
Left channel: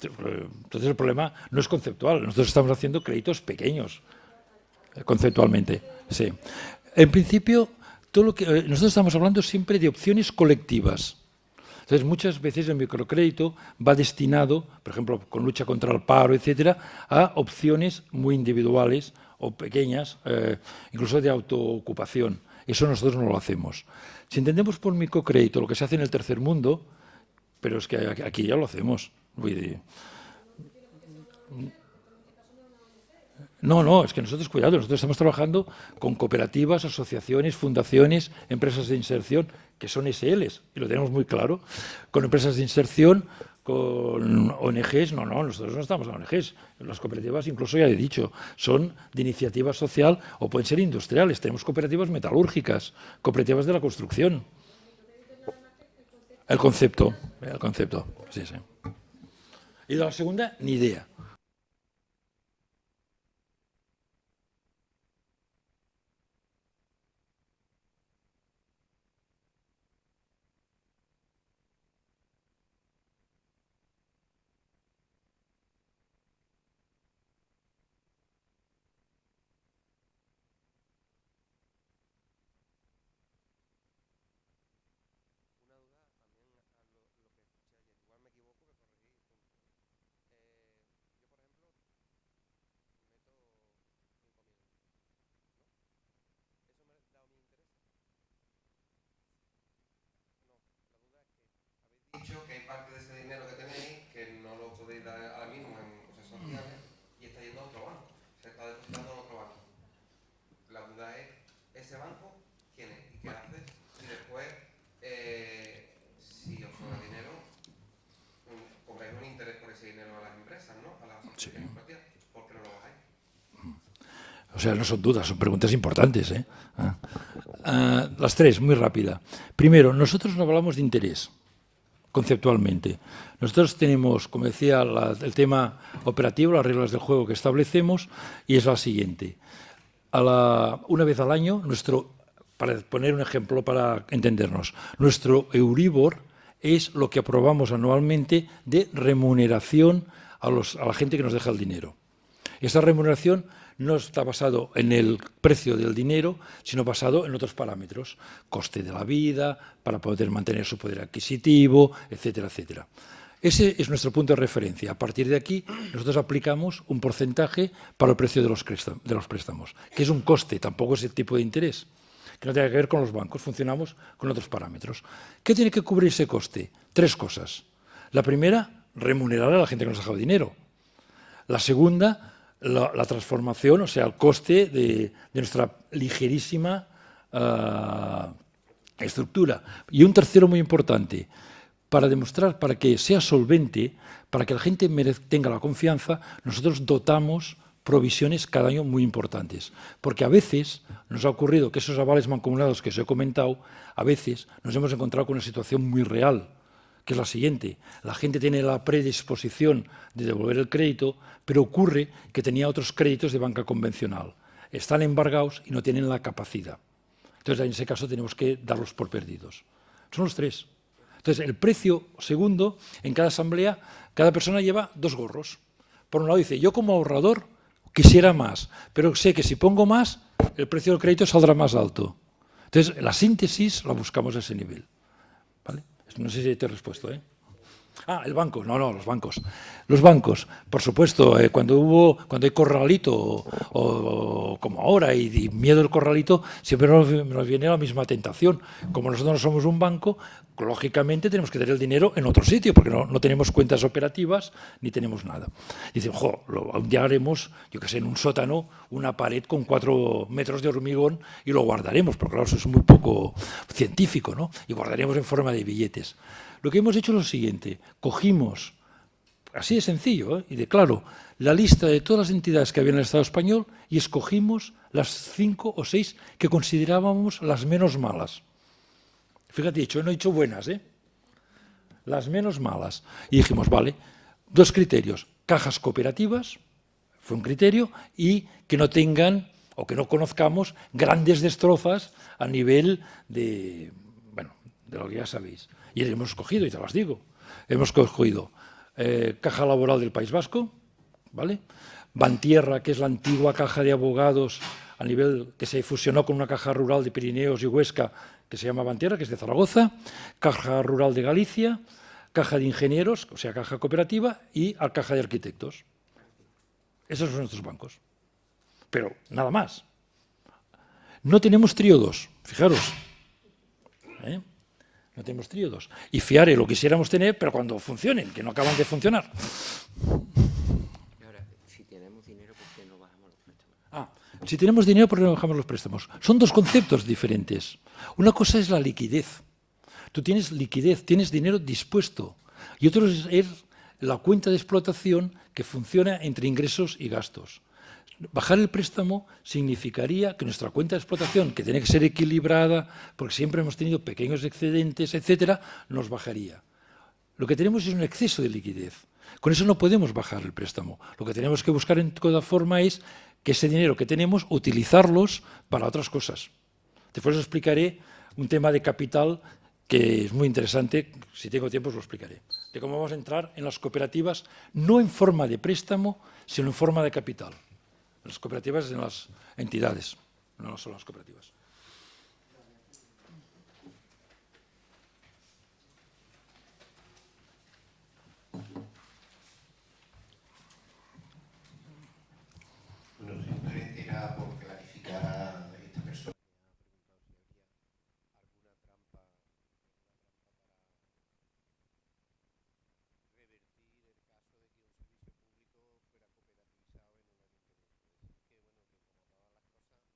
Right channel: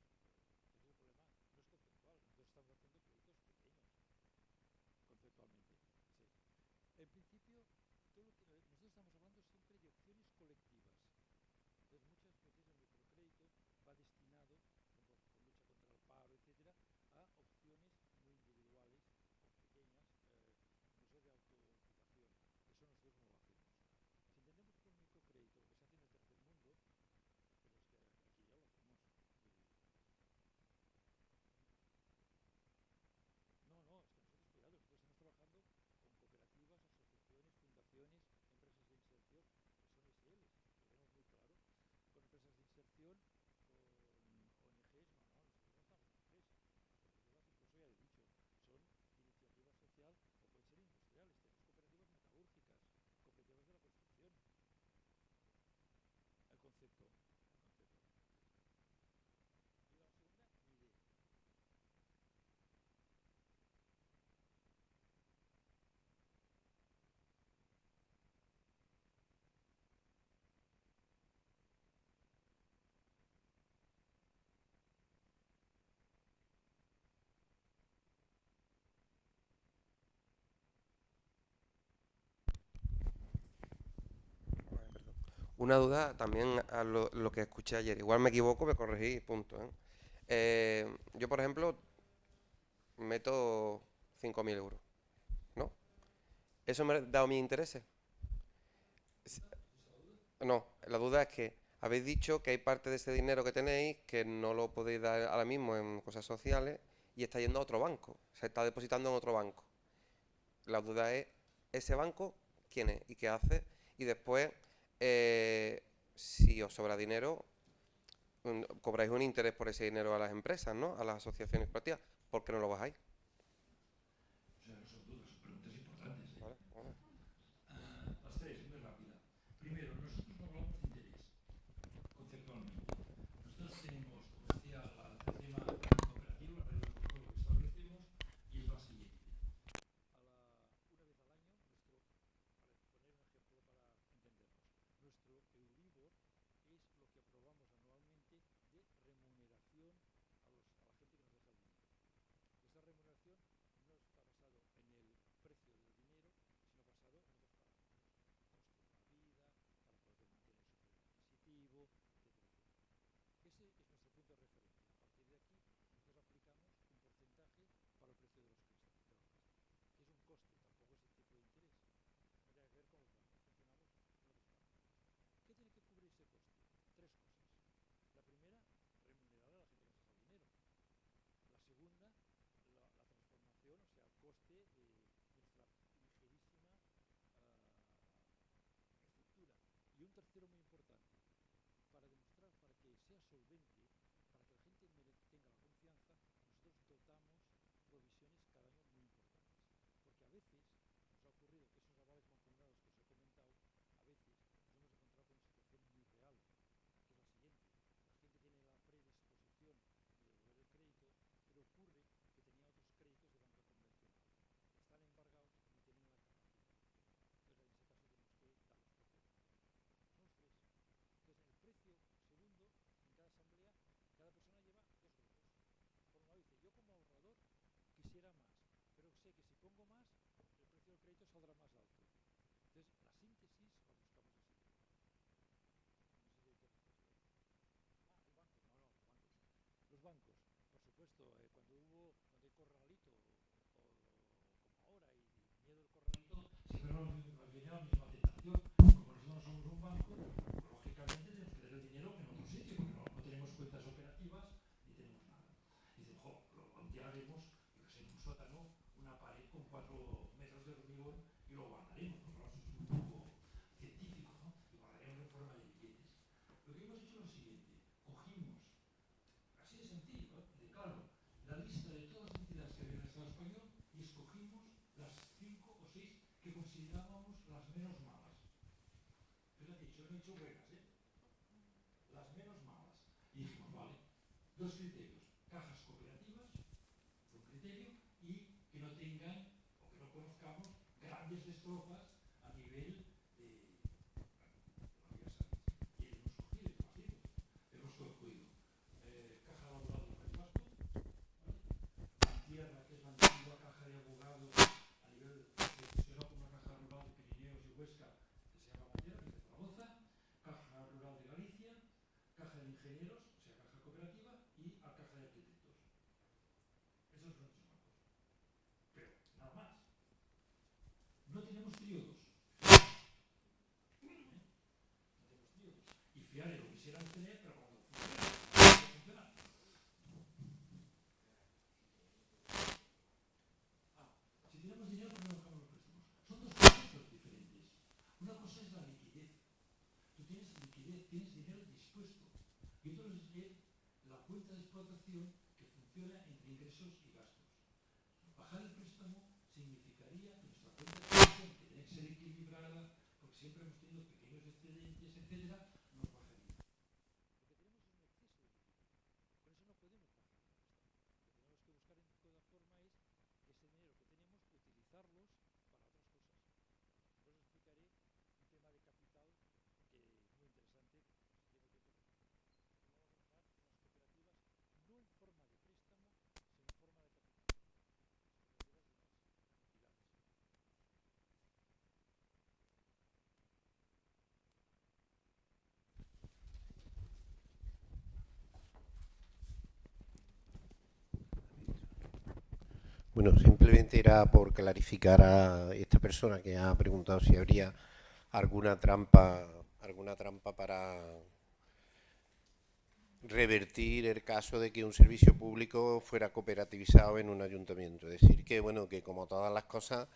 Entonces el problema no es conceptual, nosotros estamos haciendo créditos pequeños, conceptualmente. Sí. En principio, todo lo que nosotros estamos hablando siempre de opciones colectivas. Entonces, muchas veces el microcrédito va destinado, por ejemplo, con lucha contra el paro, etcétera, a opciones muy individuales o pequeñas, incluso de autoocupación. Eso nosotros no lo hacemos. Si entendemos por microcrédito lo que se hace en el tercer mundo, pero es que aquí ya lo hacemos. No, es que nosotros, cuidado, nosotros estamos trabajando con cooperativas, asociaciones, fundaciones, empresas de inserción, que son SLs, y lo tenemos muy claro, con empresas de inserción, con ONGs, no, nosotros no estamos en ONGs, las cooperativas, incluso ya he dicho, son de iniciativa social o pueden ser industriales, tenemos cooperativas metalúrgicas, cooperativas de la construcción. El concepto, sí. Y de la segunda, ni idea. Una duda también a lo que escuché ayer. Igual me equivoco, me corregí, punto. Yo, por ejemplo, meto 5.000 euros, ¿no? ¿Eso me da mis intereses? No, la duda es que habéis dicho que hay parte de ese dinero que tenéis que no lo podéis dar ahora mismo en cosas sociales y está yendo a otro banco. Se está depositando en otro banco. La duda es, ¿ese banco quién es y qué hace? Y después, si os sobra dinero, cobráis un interés por ese dinero a las empresas, ¿no? A las asociaciones cooperativas. ¿Por qué no lo bajáis? O sea, no son dudas, son preguntas importantes, ¿eh? Las tres, muy rápida. Primero, nosotros no hablamos de interés, conceptualmente. Nosotros tenemos, como decía, el tema operativo, las reglas del juego que establecemos, y es la siguiente. Una vez al año, para poner un ejemplo para entendernos, nuestro Euribor es lo que aprobamos anualmente de remuneración a la gente que nos deja el dinero. Esa remuneración no está basado en el precio del dinero, sino basado en otros parámetros, coste de la vida, para poder mantener su poder adquisitivo, etcétera, etcétera. Ese es nuestro punto de referencia. A partir de aquí, nosotros aplicamos un porcentaje para el precio de los préstamos, que es un coste, tampoco es el tipo de interés, que no tiene que ver con los bancos, funcionamos con otros parámetros. ¿Qué tiene que cubrir ese coste? Tres cosas. La primera, remunerar a la gente que nos ha dejado dinero. La segunda, la transformación, o sea, el coste de nuestra ligerísima estructura. Y un tercero muy importante, para demostrar, para que sea solvente, para que la gente tenga la confianza, nosotros dotamos provisiones cada año muy importantes. Porque a veces nos ha ocurrido que esos avales mancomunados que os he comentado, a veces nos hemos encontrado con una situación muy real, que es la siguiente. La gente tiene la predisposición de devolver el crédito, pero ocurre que tenía otros créditos de banca convencional. Están embargados y no tienen la capacidad. Entonces, en ese caso, tenemos que darlos por perdidos. Son los tres. Entonces, el precio segundo, en cada asamblea, cada persona lleva dos gorros. Por un lado dice, yo como ahorrador quisiera más, pero sé que si pongo más, el precio del crédito saldrá más alto. Entonces, la síntesis la buscamos a ese nivel. ¿Vale? No sé si te he respuesto, ¿eh? Ah, el banco. No, los bancos. Los bancos, por supuesto, cuando hay corralito o como ahora y miedo al corralito, siempre nos viene la misma tentación. Como nosotros no somos un banco, lógicamente tenemos que tener el dinero en otro sitio, porque no tenemos cuentas operativas ni tenemos nada. Y dicen, un día haremos, yo qué sé, en un sótano, una pared con 4 metros de hormigón y lo guardaremos, pero claro, eso es muy poco científico, ¿no? Y guardaremos en forma de billetes. Lo que hemos hecho es lo siguiente, cogimos, así de sencillo, y de claro, la lista de todas las entidades que había en el Estado español y escogimos las 5 o 6 que considerábamos las menos malas. Fíjate, no he dicho buenas, las menos malas. Y dijimos, vale, 2 criterios, cajas cooperativas, fue un criterio, y que no tengan o que no conozcamos grandes destrozas a nivel de lo que ya sabéis. Y hemos escogido, y te las digo, hemos escogido Caja Laboral del País Vasco, ¿vale? Bantierra, que es la antigua caja de abogados a nivel que se fusionó con una caja rural de Pirineos y Huesca, que se llama Bantierra, que es de Zaragoza, Caja Rural de Galicia, Caja de Ingenieros, o sea, caja cooperativa, y Caja de Arquitectos. Esos son nuestros bancos. Pero nada más. No tenemos tríodos, fijaros. No tenemos tríodos. Y FIARE lo quisiéramos tener, pero cuando funcionen, que no acaben de funcionar. Si tenemos dinero, ¿por qué no bajamos los préstamos? Si tenemos dinero, ¿por qué no bajamos los préstamos? Son 2 conceptos diferentes. Una cosa es la liquidez. Tú tienes liquidez, tienes dinero dispuesto. Y otro es la cuenta de explotación que funciona entre ingresos y gastos. Bajar el préstamo significaría que nuestra cuenta de explotación, que tiene que ser equilibrada, porque siempre hemos tenido pequeños excedentes, etcétera, nos bajaría. Lo que tenemos es un exceso de liquidez. Con eso no podemos bajar el préstamo. Lo que tenemos que buscar en toda forma es que ese dinero que tenemos, utilizarlos para otras cosas. Después os explicaré un tema de capital que es muy interesante, si tengo tiempo os lo explicaré, de cómo vamos a entrar en las cooperativas, no en forma de préstamo, sino en forma de capital. Las cooperativas en las entidades, no solo las cooperativas. Bueno, simplemente era por clarificar a esta persona que ha preguntado si habría alguna trampa para revertir el caso de que un servicio público fuera cooperativizado en un ayuntamiento. Es decir, que bueno, que como todas las cosas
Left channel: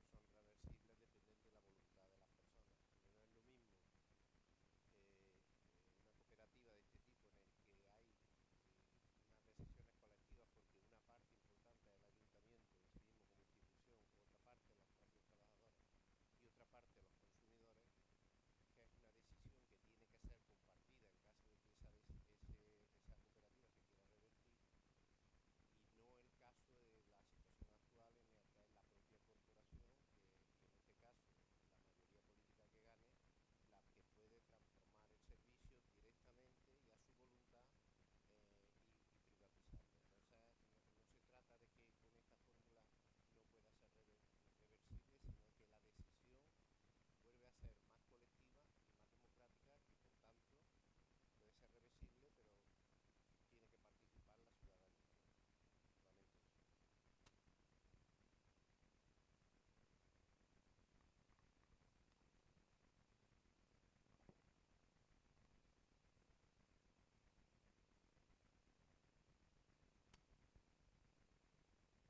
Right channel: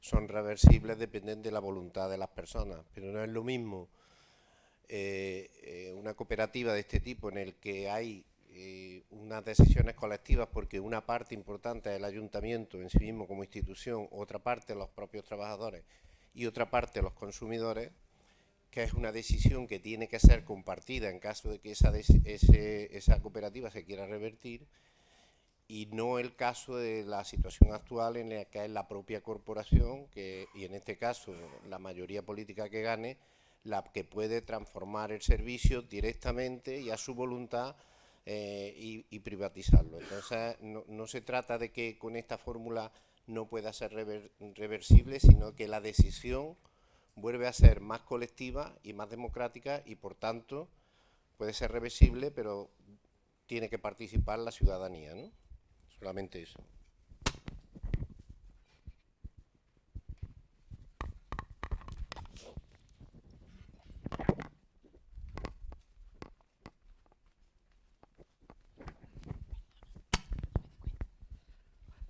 son reversibles, dependen de la voluntad de las personas, pero no es lo mismo una cooperativa de este tipo en el que hay unas decisiones colectivas porque una parte importante es el ayuntamiento en sí mismo como institución, otra parte los propios trabajadores y otra parte los consumidores, que es una decisión que tiene que ser compartida en caso de que esa cooperativa se quiera revertir, y no el caso de la situación actual en la que es la propia corporación, y en este caso la mayoría política que gane, la que puede transformar el servicio directamente y a su voluntad y privatizarlo. Entonces no se trata de que con esta fórmula no pueda ser reversible, sino que la decisión vuelve a ser más colectiva y más democrática y, por tanto, puede ser reversible, pero tiene que participar la ciudadanía, ¿no? Solamente eso.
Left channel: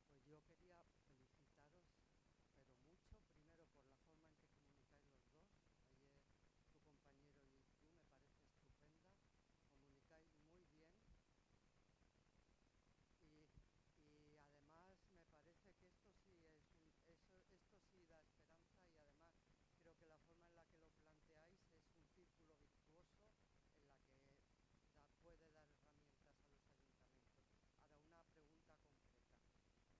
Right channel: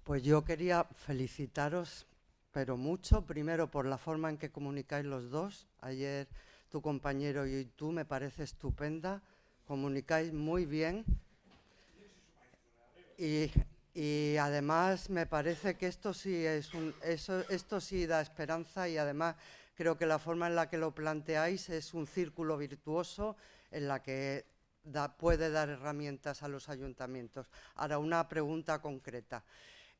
Pues yo quería felicitaros, pero mucho, primero por la forma en que comunicáis los dos. Ayer tu compañero y tú me parece estupenda, comunicáis muy bien y además me parece que esto sí esto sí da esperanza, y además creo que la forma en la que lo planteáis es un círculo virtuoso en la que puede dar herramientas a los ayuntamientos. Ahora, una pregunta concreta.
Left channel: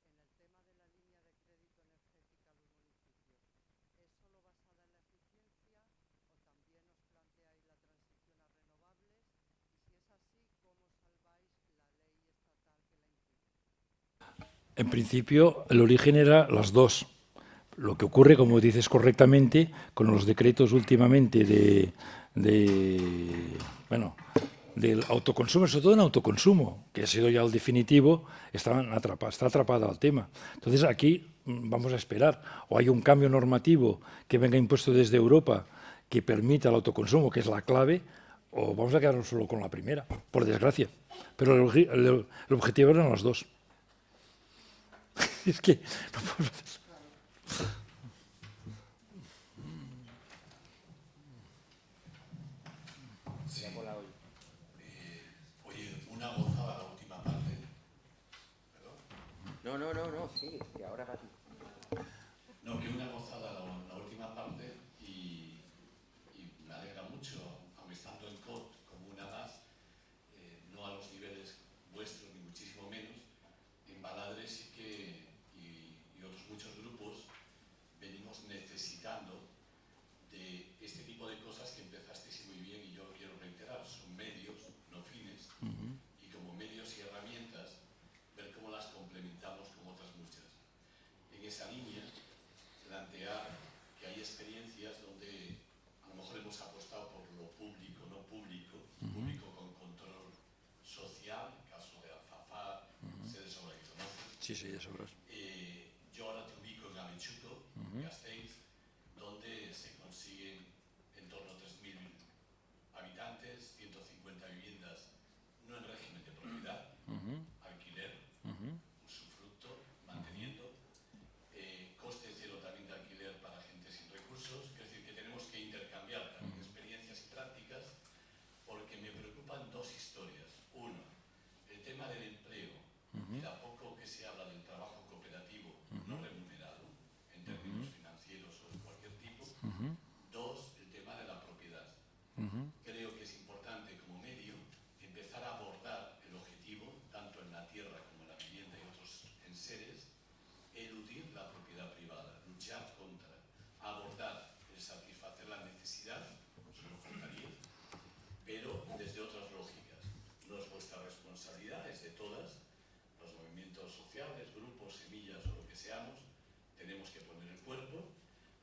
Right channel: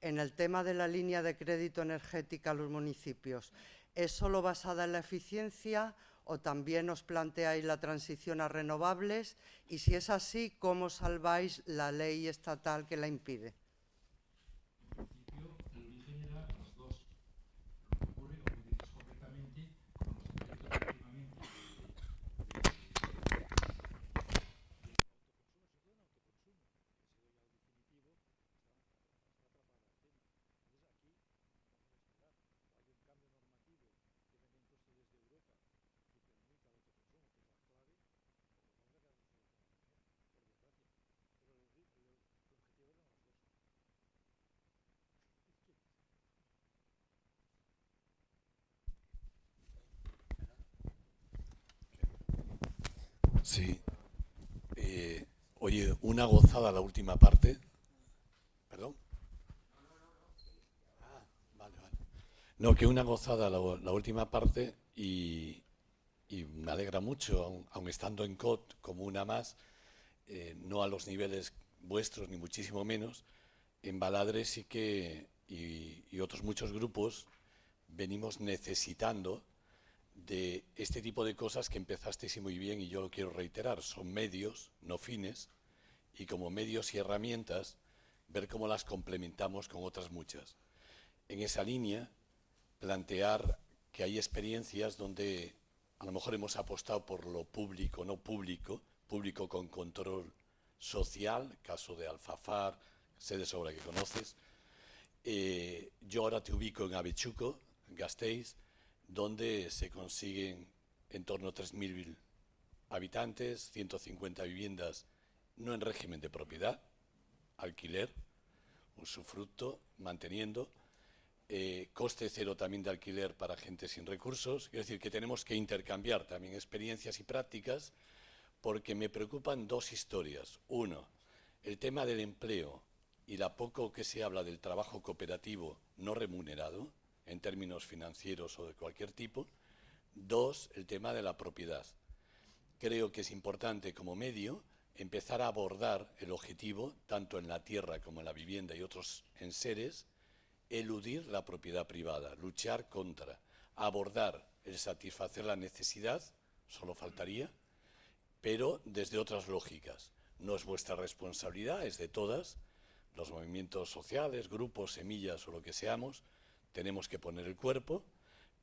En el tema de la línea de crédito energética a los municipios, ¿es solo basada en la eficiencia o también os planteáis la transición a renovables? Y si es así, ¿cómo salváis la ley estatal que la impide? En principio, el origen era las dos. Lo que ocurre, como dices correctamente, con los decretos últimamente del autoconsumo, sobre todo en autoconsumo, que ha sido ya el definitivo, está atrapada al tema. Entonces aquí vamos a esperar, o hay un cambio normativo que venga impuesto desde Europa que permita el autoconsumo, que es la clave, o vamos a quedarnos solo con la primera, por desgracia. Pero el objetivo eran los dos. Es que no puedo hacer eso. Sí. Oye, una gozada la última parte. ¿Perdón? No, sí, que ahora... No, que una gozada la última parte y me alegra mucho, aun estando en COT como una más, no a los niveles vuestros ni muchísimo menos, en Baladre sí que, y otros muchos grupos, venimos necesitando de este tipo de cosas que empezasteis muy bien, y yo lo quiero reiterar, son medios, no fines, y como medios y herramientas, ver cómo las complementamos con otras muchas. En esa línea, plantear que hay experiencias donde a lo mejor hemos apostado por lo público, no público, público con control social, caso de Alfafar, sé de sobra que conoces. Sí, de sobra. Yo ahora te ubico en Avechuco, Gasteiz, donde se consiguen en torno a 3.000 habitantes, 150 viviendas, no en régimen de propiedad, alquiler, usufructo, manteniendo, coste cero también de alquiler para gente sin recursos. Es decir, que tenemos que intercambiar también experiencias y prácticas, porque me preocupan dos historias. Uno, el tema del empleo y la poco que se habla del trabajo cooperativo no remunerado, en términos financieros o de cualquier tipo. Dos, el tema de la propiedad. Creo que es importante como medio empezar a abordar el objetivo, tanto en la tierra como en la vivienda y otros enseres, eludir la propiedad privada, luchar contra, abordar el satisfacer la necesidad, solo faltaría, pero desde otras lógicas. No es vuestra responsabilidad, es de todas, los movimientos sociales, grupos, semillas o lo que seamos, tenemos que poner el cuerpo,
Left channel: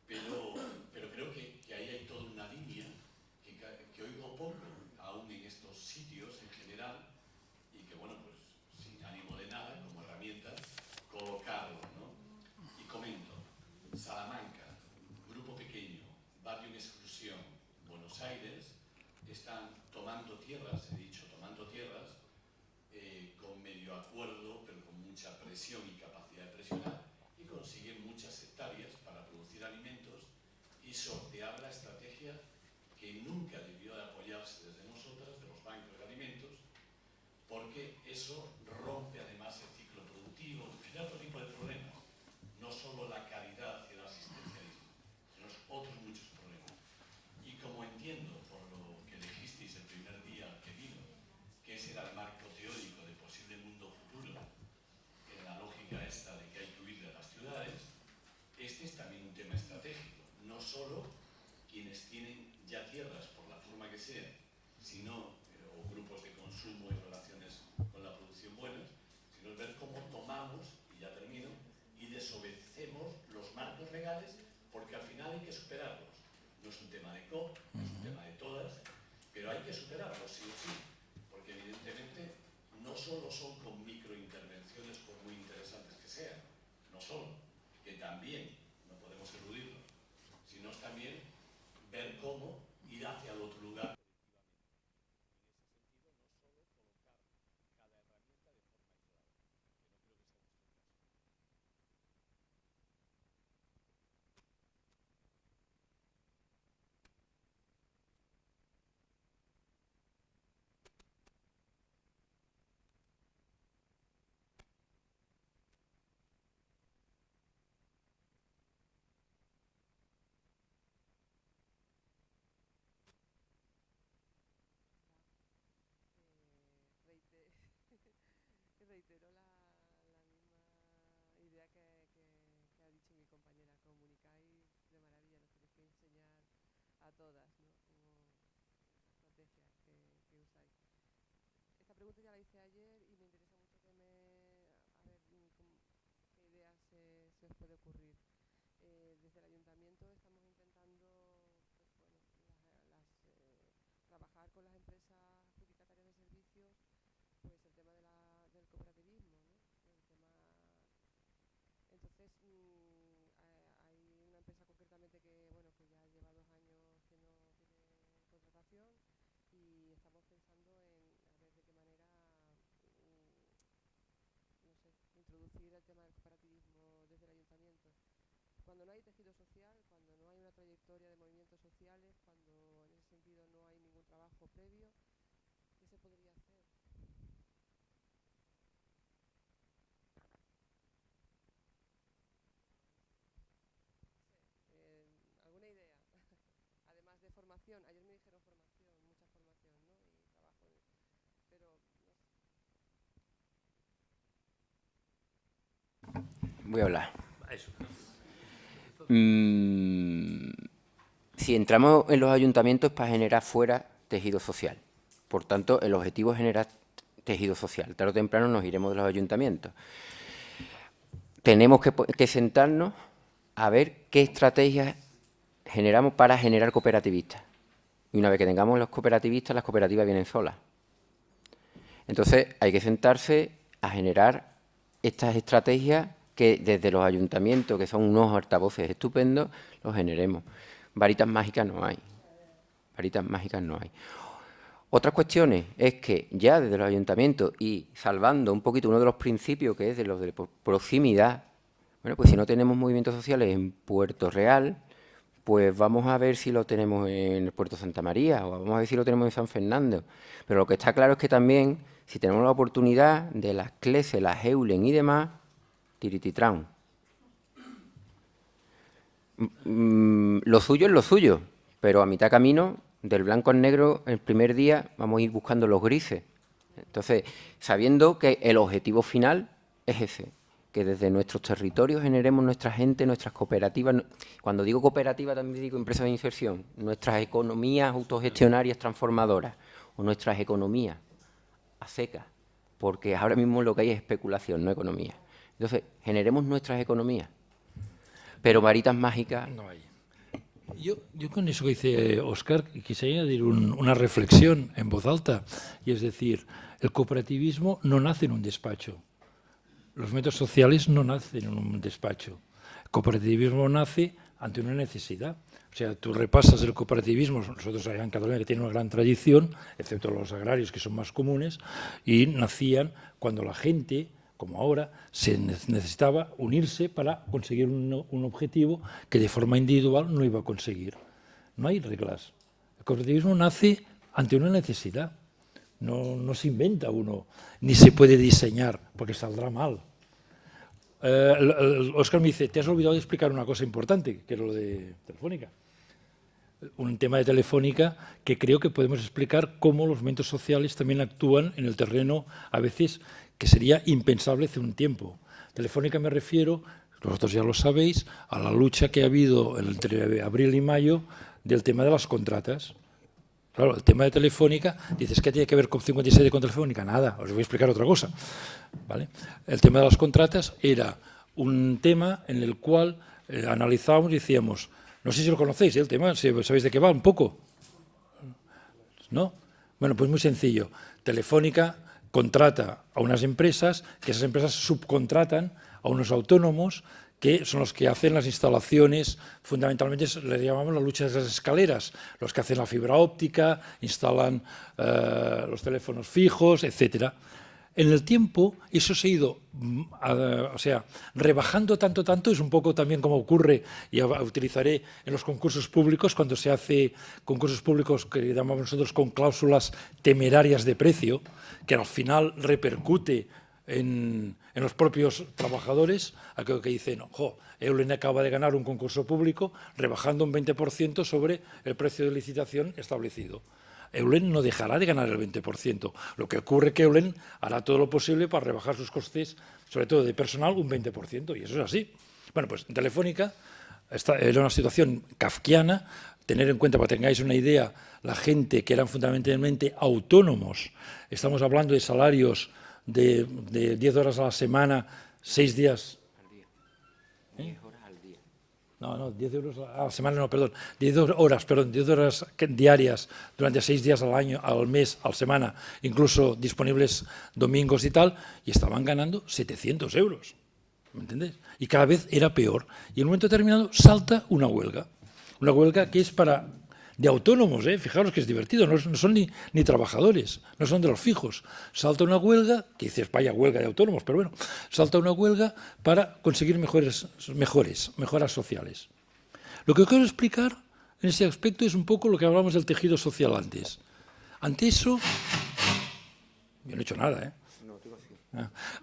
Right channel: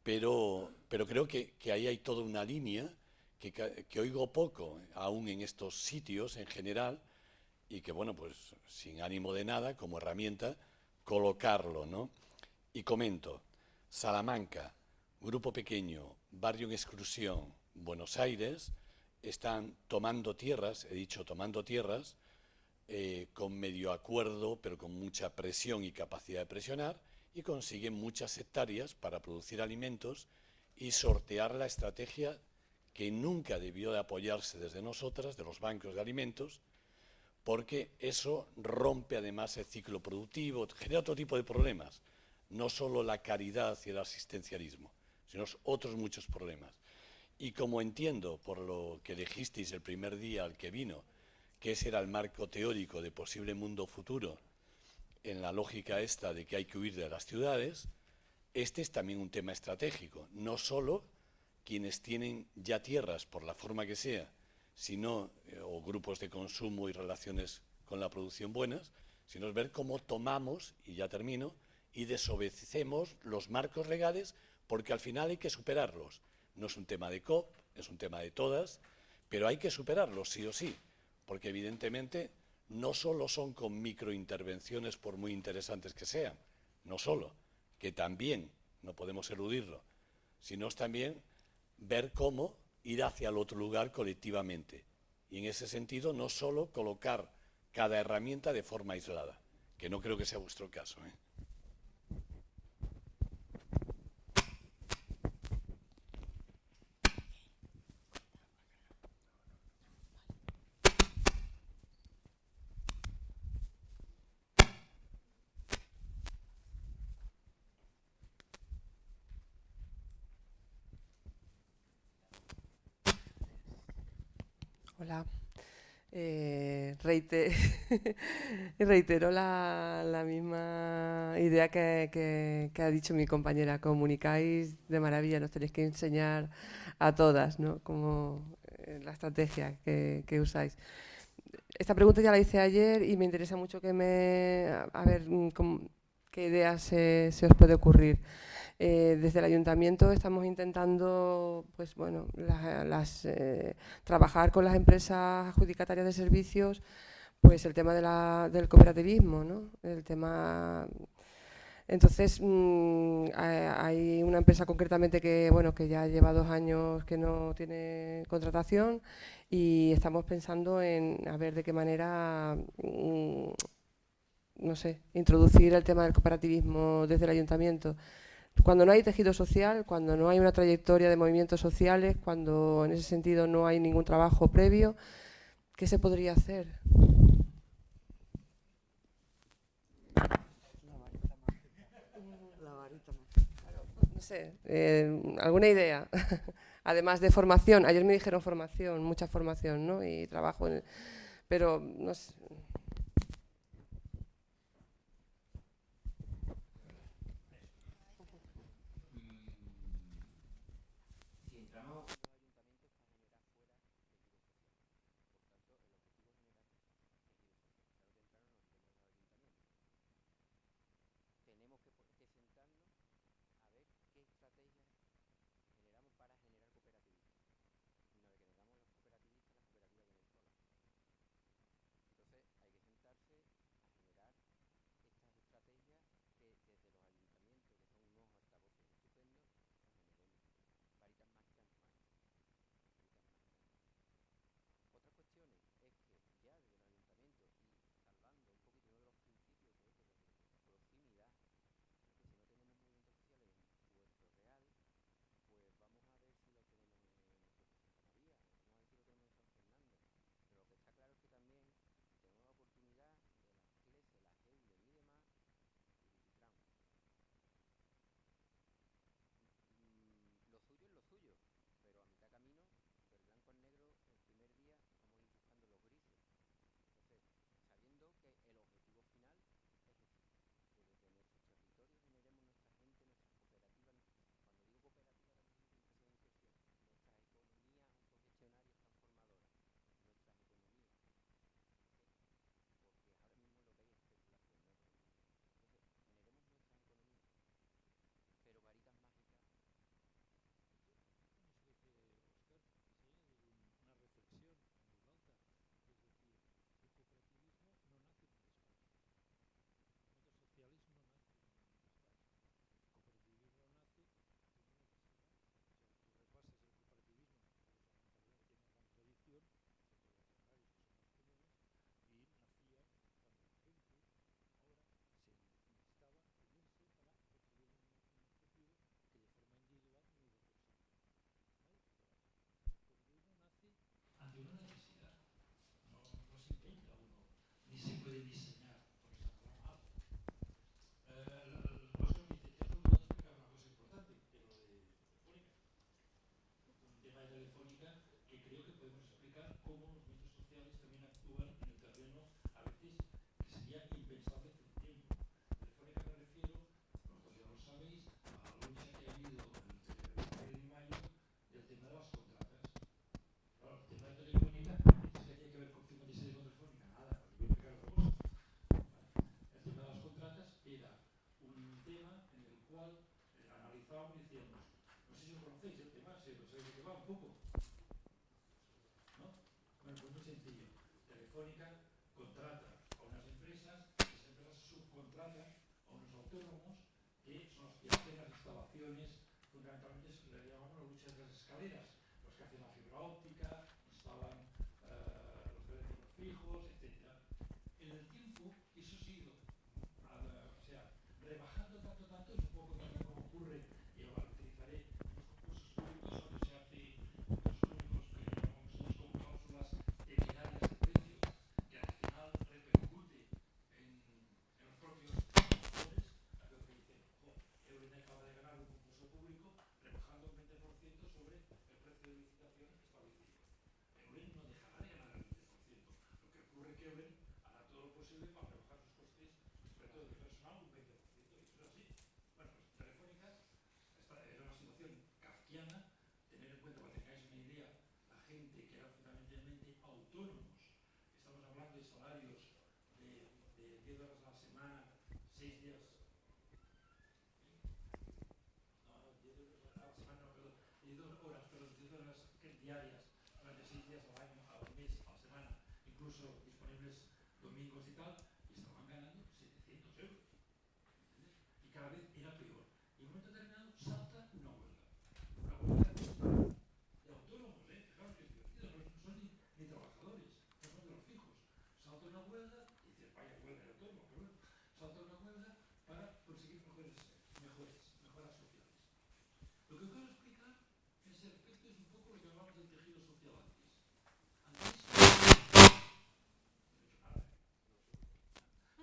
pero creo que ahí hay toda una línea que oigo poco, aún en estos sitios en general, y que, bueno, pues sin ánimo de nada, como herramienta, colocarlo, ¿no? Y comento, Salamanca, grupo pequeño, barrio en exclusión, Buenos Aires, están tomando tierras, he dicho tomando tierras, con medio acuerdo, pero con mucha presión y capacidad de presionar, y consiguen muchas hectáreas para producir alimentos y sortear la estrategia que nunca debió de apoyarse desde nosotras, de los bancos de alimentos, porque eso rompe además el ciclo productivo, genera otro tipo de problemas, no solo la caridad y el asistencialismo, sino otros muchos problemas. Y como entiendo, por lo que elegisteis el primer día al que vino, que ese era el marco teórico de posible mundo futuro, en la lógica esta de que hay que huir de las ciudades, este es también un tema estratégico. No solo quienes tienen ya tierras, por la forma que sea, sino, o grupos de consumo y relaciones con la producción buenas, sino es ver cómo tomamos, y ya termino, y desobedecemos los marcos legales, porque al final hay que superarlos. No es un tema de COP, es un tema de todas, pero hay que superarlos sí o sí, porque evidentemente no solo son con microintervenciones, por muy interesantes que sean, no solo, que también, no podemos eludirlo, sino es también ver cómo ir hacia el otro lugar colectivamente. Y en ese sentido, no solo colocar cada herramienta de forma aislada, que no creo que sea vuestro caso, ¿eh? Hola. Reitero la misma idea que ha dicho mi compañera. Comunicáis de maravilla, nos tenéis que enseñar a todas, ¿no? Como la estrategia que usáis. Esta pregunta ya la hice ayer y me interesa mucho a ver qué ideas se os puede ocurrir. Desde el ayuntamiento estamos intentando, pues bueno, trabajar con las empresas adjudicatarias de servicios, pues el tema del cooperativismo, ¿no? El tema. Entonces, hay una empresa concretamente que, bueno, que ya lleva 2 años que no tiene contratación y estamos pensando en a ver de qué manera, no sé, introducir el tema del cooperativismo desde el ayuntamiento. Cuando no hay tejido social, cuando no hay una trayectoria de movimientos sociales, cuando en ese sentido no hay ningún trabajo previo, ¿qué se podría hacer? No sé, alguna idea. Además de formación, ayer me dijeron formación, mucha formación, ¿no? Y trabajo, pero no sé. Voy a hablar. Si entramos en los ayuntamientos es para generar fuera tejido social. Por tanto, el objetivo es generar tejido social. Tarde o temprano nos iremos de los ayuntamientos. Tenemos que sentarnos a ver qué estrategias generamos para generar cooperativistas. Y una vez que tengamos los cooperativistas, las cooperativas vienen solas. Entonces, hay que sentarse a generar estas estrategias que desde los ayuntamientos, que son unos altavoces estupendos, los generemos. Varitas mágicas no hay. Varitas mágicas no hay. Otras cuestiones es que ya desde los ayuntamientos y salvando un poquito uno de los principios que es de los de proximidad, bueno, pues si no tenemos movimientos sociales en Puerto Real, pues vamos a ver si lo tenemos en el Puerto Santa María o vamos a ver si lo tenemos en San Fernando. Pero lo que está claro es que también, si tenemos la oportunidad de las CLESE, las EULEN y demás, tirititran. Lo suyo es lo suyo, pero a mitad camino, del blanco al negro, el primer día vamos a ir buscando los grises. Entonces, sabiendo que el objetivo final es ese, que desde nuestros territorios generemos nuestra gente, nuestras cooperativas. Cuando digo cooperativa también digo empresas de inserción, nuestras economías autogestionarias transformadoras o nuestras economías a secas, porque ahora mismo lo que hay es especulación, no economía. Entonces, generemos nuestras economías, pero varitas mágicas no hay. Yo con eso que dice Óscar quisiera añadir una reflexión en voz alta, y es decir, el cooperativismo no nace en un despacho. Los movimientos sociales no nacen en un despacho. El cooperativismo nace ante una necesidad. O sea, tú repasas el cooperativismo, nosotros allá en Cataluña que tiene una gran tradición, excepto los agrarios que son más comunes, y nacían cuando la gente, como ahora, se necesitaba unirse para conseguir un objetivo que de forma individual no iba a conseguir. No hay reglas. El cooperativismo nace ante una necesidad. No se inventa uno, ni se puede diseñar, porque saldrá mal. Óscar me dice, te has olvidado de explicar una cosa importante, que es lo de Telefónica. Un tema de Telefónica que creo que podemos explicar cómo los movimientos sociales también actúan en el terreno, a veces, que sería impensable hace un tiempo. Telefónica me refiero, vosotros ya lo sabéis, a la lucha que ha habido entre abril y mayo del tema de las contratas. Claro, el tema de Telefónica, dices, ¿qué tiene que ver con 57 con Telefónica? Nada, os voy a explicar otra cosa. ¿Vale? El tema de las contratas era un tema en el cual analizábamos y decíamos, no sé si lo conocéis, el tema, si sabéis de qué va un poco. ¿No? Bueno, pues muy sencillo. Telefónica contrata a unas empresas, que esas empresas subcontratan a unos autónomos que son los que hacen las instalaciones, fundamentalmente le llamamos la lucha de las escaleras, los que hacen la fibra óptica, instalan los teléfonos fijos, etcétera. En el tiempo eso se ha ido rebajando tanto, es un poco también como ocurre, y utilizaré en los concursos públicos, cuando se hace concursos públicos que llamamos nosotros con cláusulas temerarias de precio, que al final repercute en los propios trabajadores, aquello que dicen, ojo, Eulen acaba de ganar un concurso público rebajando un 20% sobre el precio de licitación establecido. Eulen no dejará de ganar el 20%. Lo que ocurre es que Eulen hará todo lo posible para rebajar sus costes, sobre todo de personal, un 20%, y eso es así. Bueno, pues en Telefónica era una situación kafkiana. Tener en cuenta, para que tengáis una idea, la gente que eran fundamentalmente autónomos, estamos hablando de salarios de 10 horas a la semana, 6 días. 10 horas al día. No, 10 euros a la semana, no, perdón. 10 horas, perdón, 10 horas diarias durante 6 días al año, al mes, a la semana, incluso disponibles domingos y tal, y estaban ganando 700 euros. ¿Me entendés? Y cada vez era peor. Y en un momento determinado salta una huelga. Una huelga que es de autónomos, fijaros que es divertido, no son ni trabajadores, no son de los fijos. Salta una huelga, que dices, vaya huelga de autónomos, pero bueno, salta una huelga para conseguir mejoras sociales. Lo que quiero explicar en ese aspecto es un poco lo que hablamos del tejido social antes. Ante eso, yo no he hecho nada,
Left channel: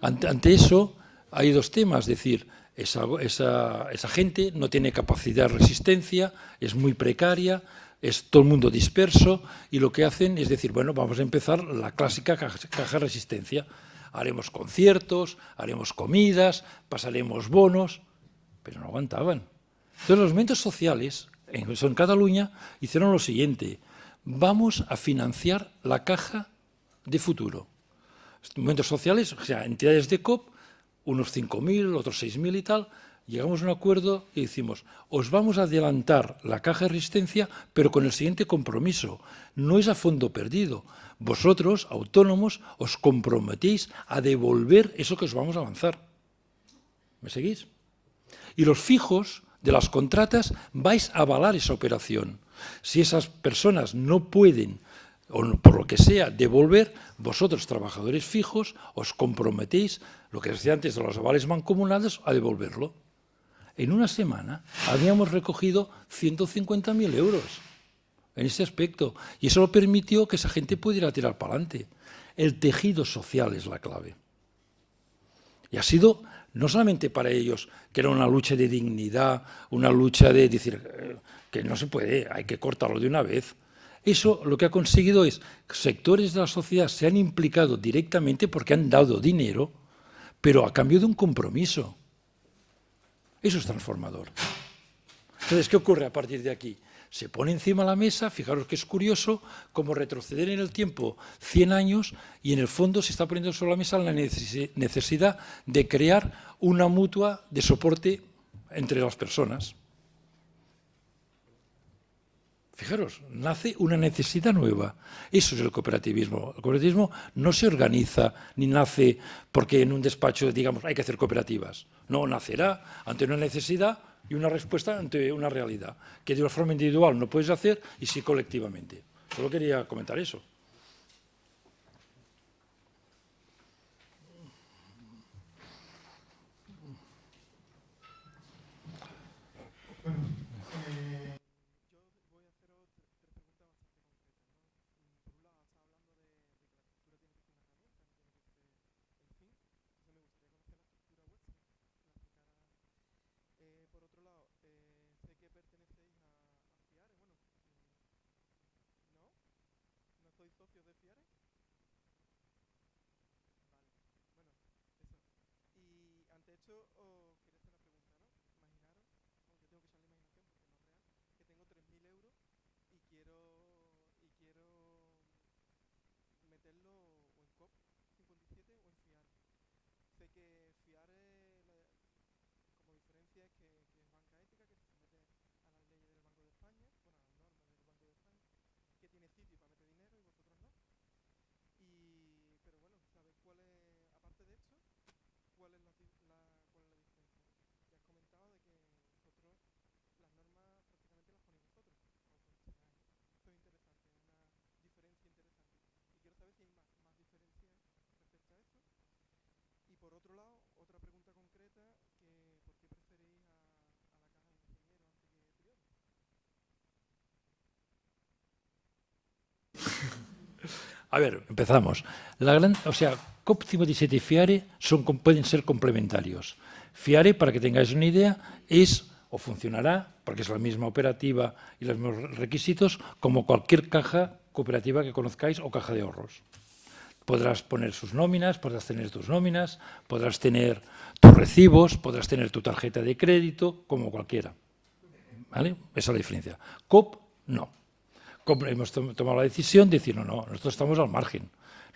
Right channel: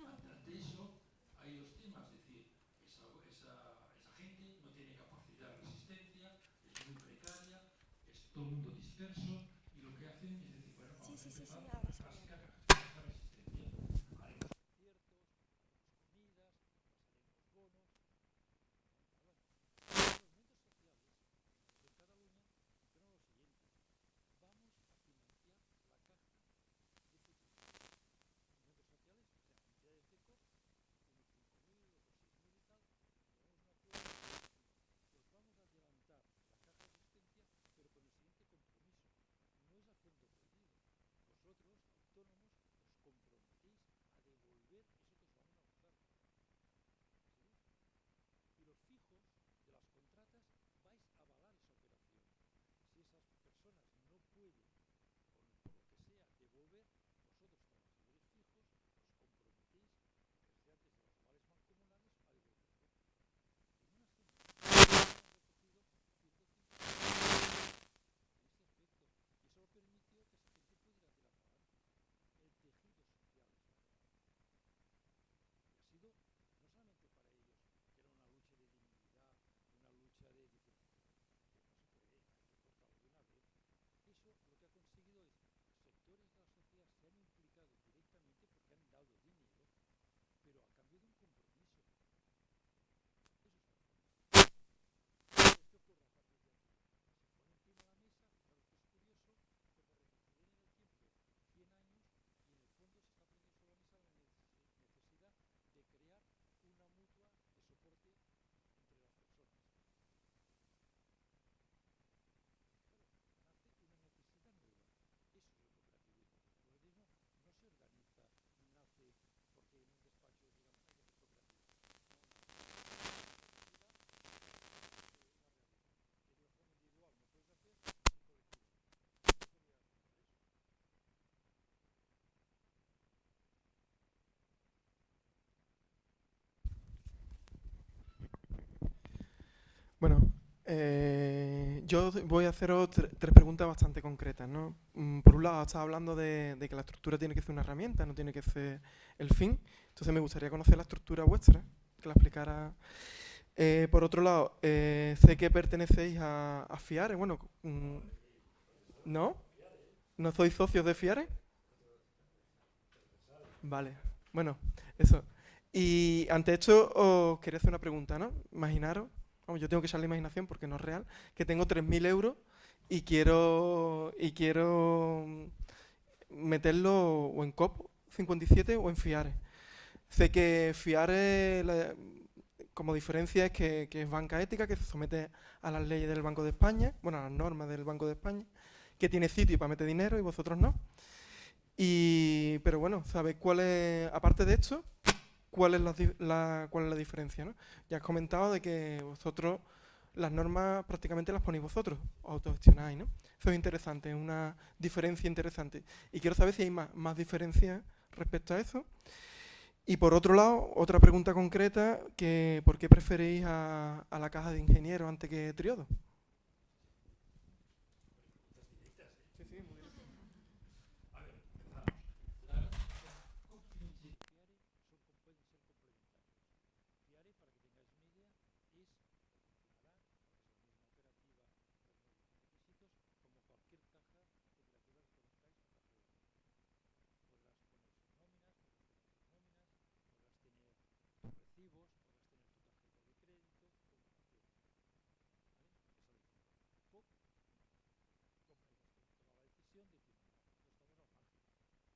Ante eso hay dos temas, es decir, esa gente no tiene capacidad de resistencia, es muy precaria, es todo el mundo disperso y lo que hacen es decir, bueno, vamos a empezar la clásica caja de resistencia. Haremos conciertos, haremos comidas, pasaremos bonos, pero no aguantaban. Entonces los movimientos sociales, en Cataluña, hicieron lo siguiente, vamos a financiar la caja de futuro. Movimientos sociales, o sea, entidades de COP, unos 5.000, otros 6.000 y tal, llegamos a un acuerdo y decimos, os vamos a adelantar la caja de resistencia, pero con el siguiente compromiso. No es a fondo perdido. Vosotros, autónomos, os comprometéis a devolver eso que os vamos a avanzar. ¿Me seguís? Y los fijos de las contratas vais a avalar esa operación. Si esas personas no pueden, o por lo que sea, devolver, vosotros, trabajadores fijos, os comprometéis, lo que decía antes de los avales mancomunados, a devolverlo. En una semana habíamos recogido 150.000 euros en ese aspecto. Y eso lo permitió que esa gente pudiera tirar para adelante. El tejido social es la clave. Y ha sido, no solamente para ellos, que era una lucha de dignidad, una lucha de decir que no se puede, hay que cortarlo de una vez. Eso lo que ha conseguido es que sectores de la sociedad se han implicado directamente porque han dado dinero, pero a cambio de un compromiso. Eso es transformador. Entonces, ¿qué ocurre a partir de aquí? Se pone encima de la mesa, fijaros que es curioso, como retroceder en el tiempo 100 años y en el fondo se está poniendo sobre la mesa la necesidad de crear una mutua de soporte entre las personas. Fijaros, nace una necesidad nueva. Eso es el cooperativismo. El cooperativismo no se organiza ni nace porque en un despacho digamos hay que hacer cooperativas. No, nacerá ante una necesidad y una respuesta ante una realidad que de una forma individual no puedes hacer y sí colectivamente. Solo quería comentar eso. Bueno, yo voy a haceros tres preguntas bastante concretas, ¿no? Por un lado, estás hablando de que la estructura tiene que ser una herramienta, no tiene que ser el fin. Entonces me gustaría conocer la estructura vuestra, que la explicara. Por otro lado, sé que pertenecéis a FIARE. Bueno, ¿no? ¿No sois socios de FIARE? Vale, bueno, eso. Y ante esto os quería hacer una pregunta, ¿no? Imaginaros, yo tengo que echar la imaginación porque no es real, que tengo 3.000 euros y quiero meterlo o en COP 57 o en FIARE. Sé que FIARE, como diferencia, es que es banca ética, que se somete a las leyes del Banco de España, bueno, a las normas del Banco de España, que tiene sitio para meter dinero y vosotros no. Pero bueno, ¿sabéis cuál es, aparte de esto, cuál es la diferencia, ¿no? Ya has comentado de que vosotros las normas prácticamente las ponéis vosotros, autogestionáis, ¿no? Eso es interesante, es una diferencia interesante. Y quiero saber si hay más diferencias respecto a eso. Y por otro lado, otra pregunta concreta, que ¿por qué preferís a la caja de ingenieros antes que Triodo? A ver, empezamos. COP 57 y FIARE pueden ser complementarios. FIARE, para que tengáis una idea, es o funcionará, porque es la misma operativa y los mismos requisitos, como cualquier caja cooperativa que conozcáis o caja de ahorros. Podrás poner sus nóminas, podrás tener tus nóminas, podrás tener tus recibos, podrás tener tu tarjeta de crédito, como cualquiera. ¿Vale? Esa es la diferencia. COP, no. Hemos tomado la decisión de decir, no, nosotros estamos al margen.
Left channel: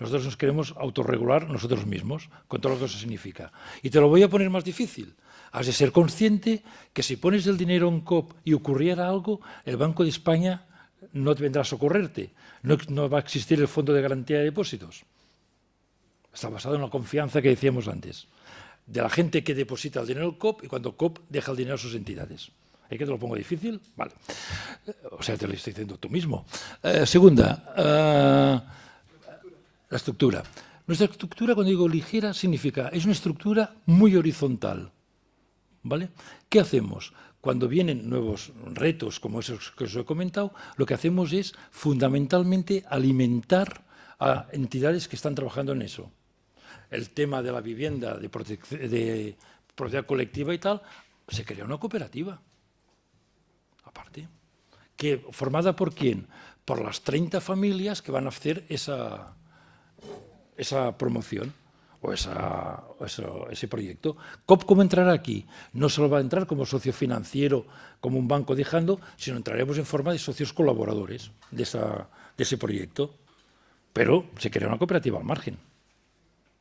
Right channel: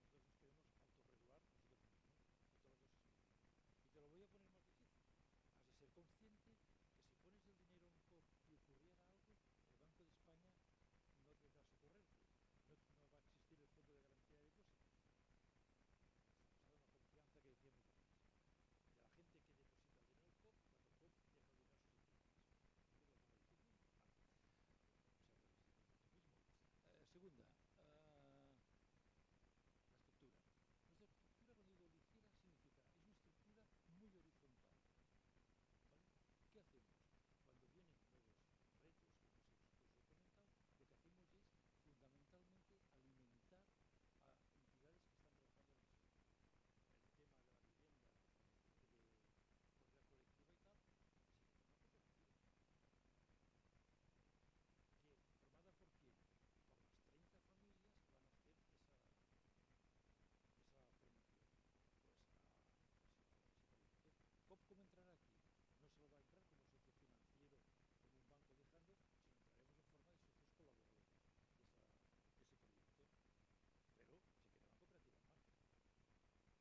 Nosotros nos queremos autorregular nosotros mismos, con todo lo que eso significa. Y te lo voy a poner más difícil. Has de ser consciente que si pones el dinero en COP y ocurriera algo, el Banco de España no te vendrá a socorrerte. No va a existir el Fondo de Garantía de Depósitos. Está basado en la confianza que decíamos antes, de la gente que deposita el dinero en COP y cuando COP deja el dinero a sus entidades. ¿Es que te lo pongo difícil? Vale. O sea, te lo estoy diciendo tú mismo. Segunda, la estructura. Nuestra estructura, cuando digo ligera, significa, es una estructura muy horizontal. ¿Vale? ¿Qué hacemos? Cuando vienen nuevos retos como esos que os he comentado, lo que hacemos es fundamentalmente alimentar a entidades que están trabajando en eso. El tema de la vivienda, de propiedad colectiva y tal, se crea una cooperativa, aparte, formada por ¿quién? Por las 30 familias que van a hacer esa promoción o ese proyecto. COP, ¿cómo entrará aquí? No solo va a entrar como socio financiero, como un banco dejando, sino entraremos en forma de socios colaboradores de ese proyecto, pero se crea una cooperativa al margen.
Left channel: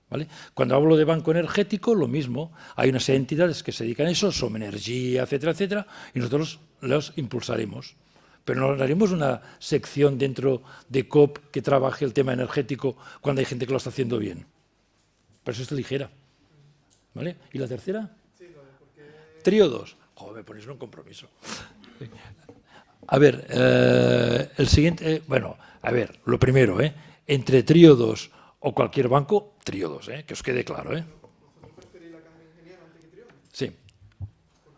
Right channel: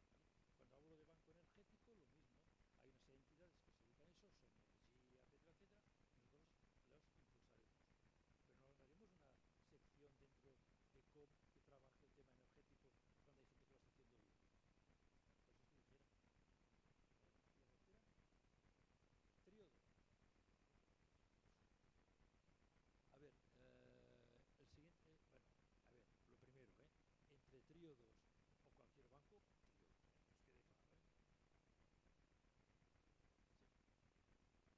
¿Vale? Cuando hablo de banco energético, lo mismo. Hay una serie de entidades que se dedican a eso, Somenergia, etcétera, etcétera, y nosotros los impulsaremos. Pero no haremos una sección dentro de COP que trabaje el tema energético cuando hay gente que lo está haciendo bien. Pero eso es ligera. ¿Vale? ¿Y la tercera? Sí, Trío 2. Joder, me ponéis un compromiso. A ver, el siguiente... bueno, a ver, lo primero, entre Trío 2 o cualquier banco, Trío 2, que os quede claro. Sí.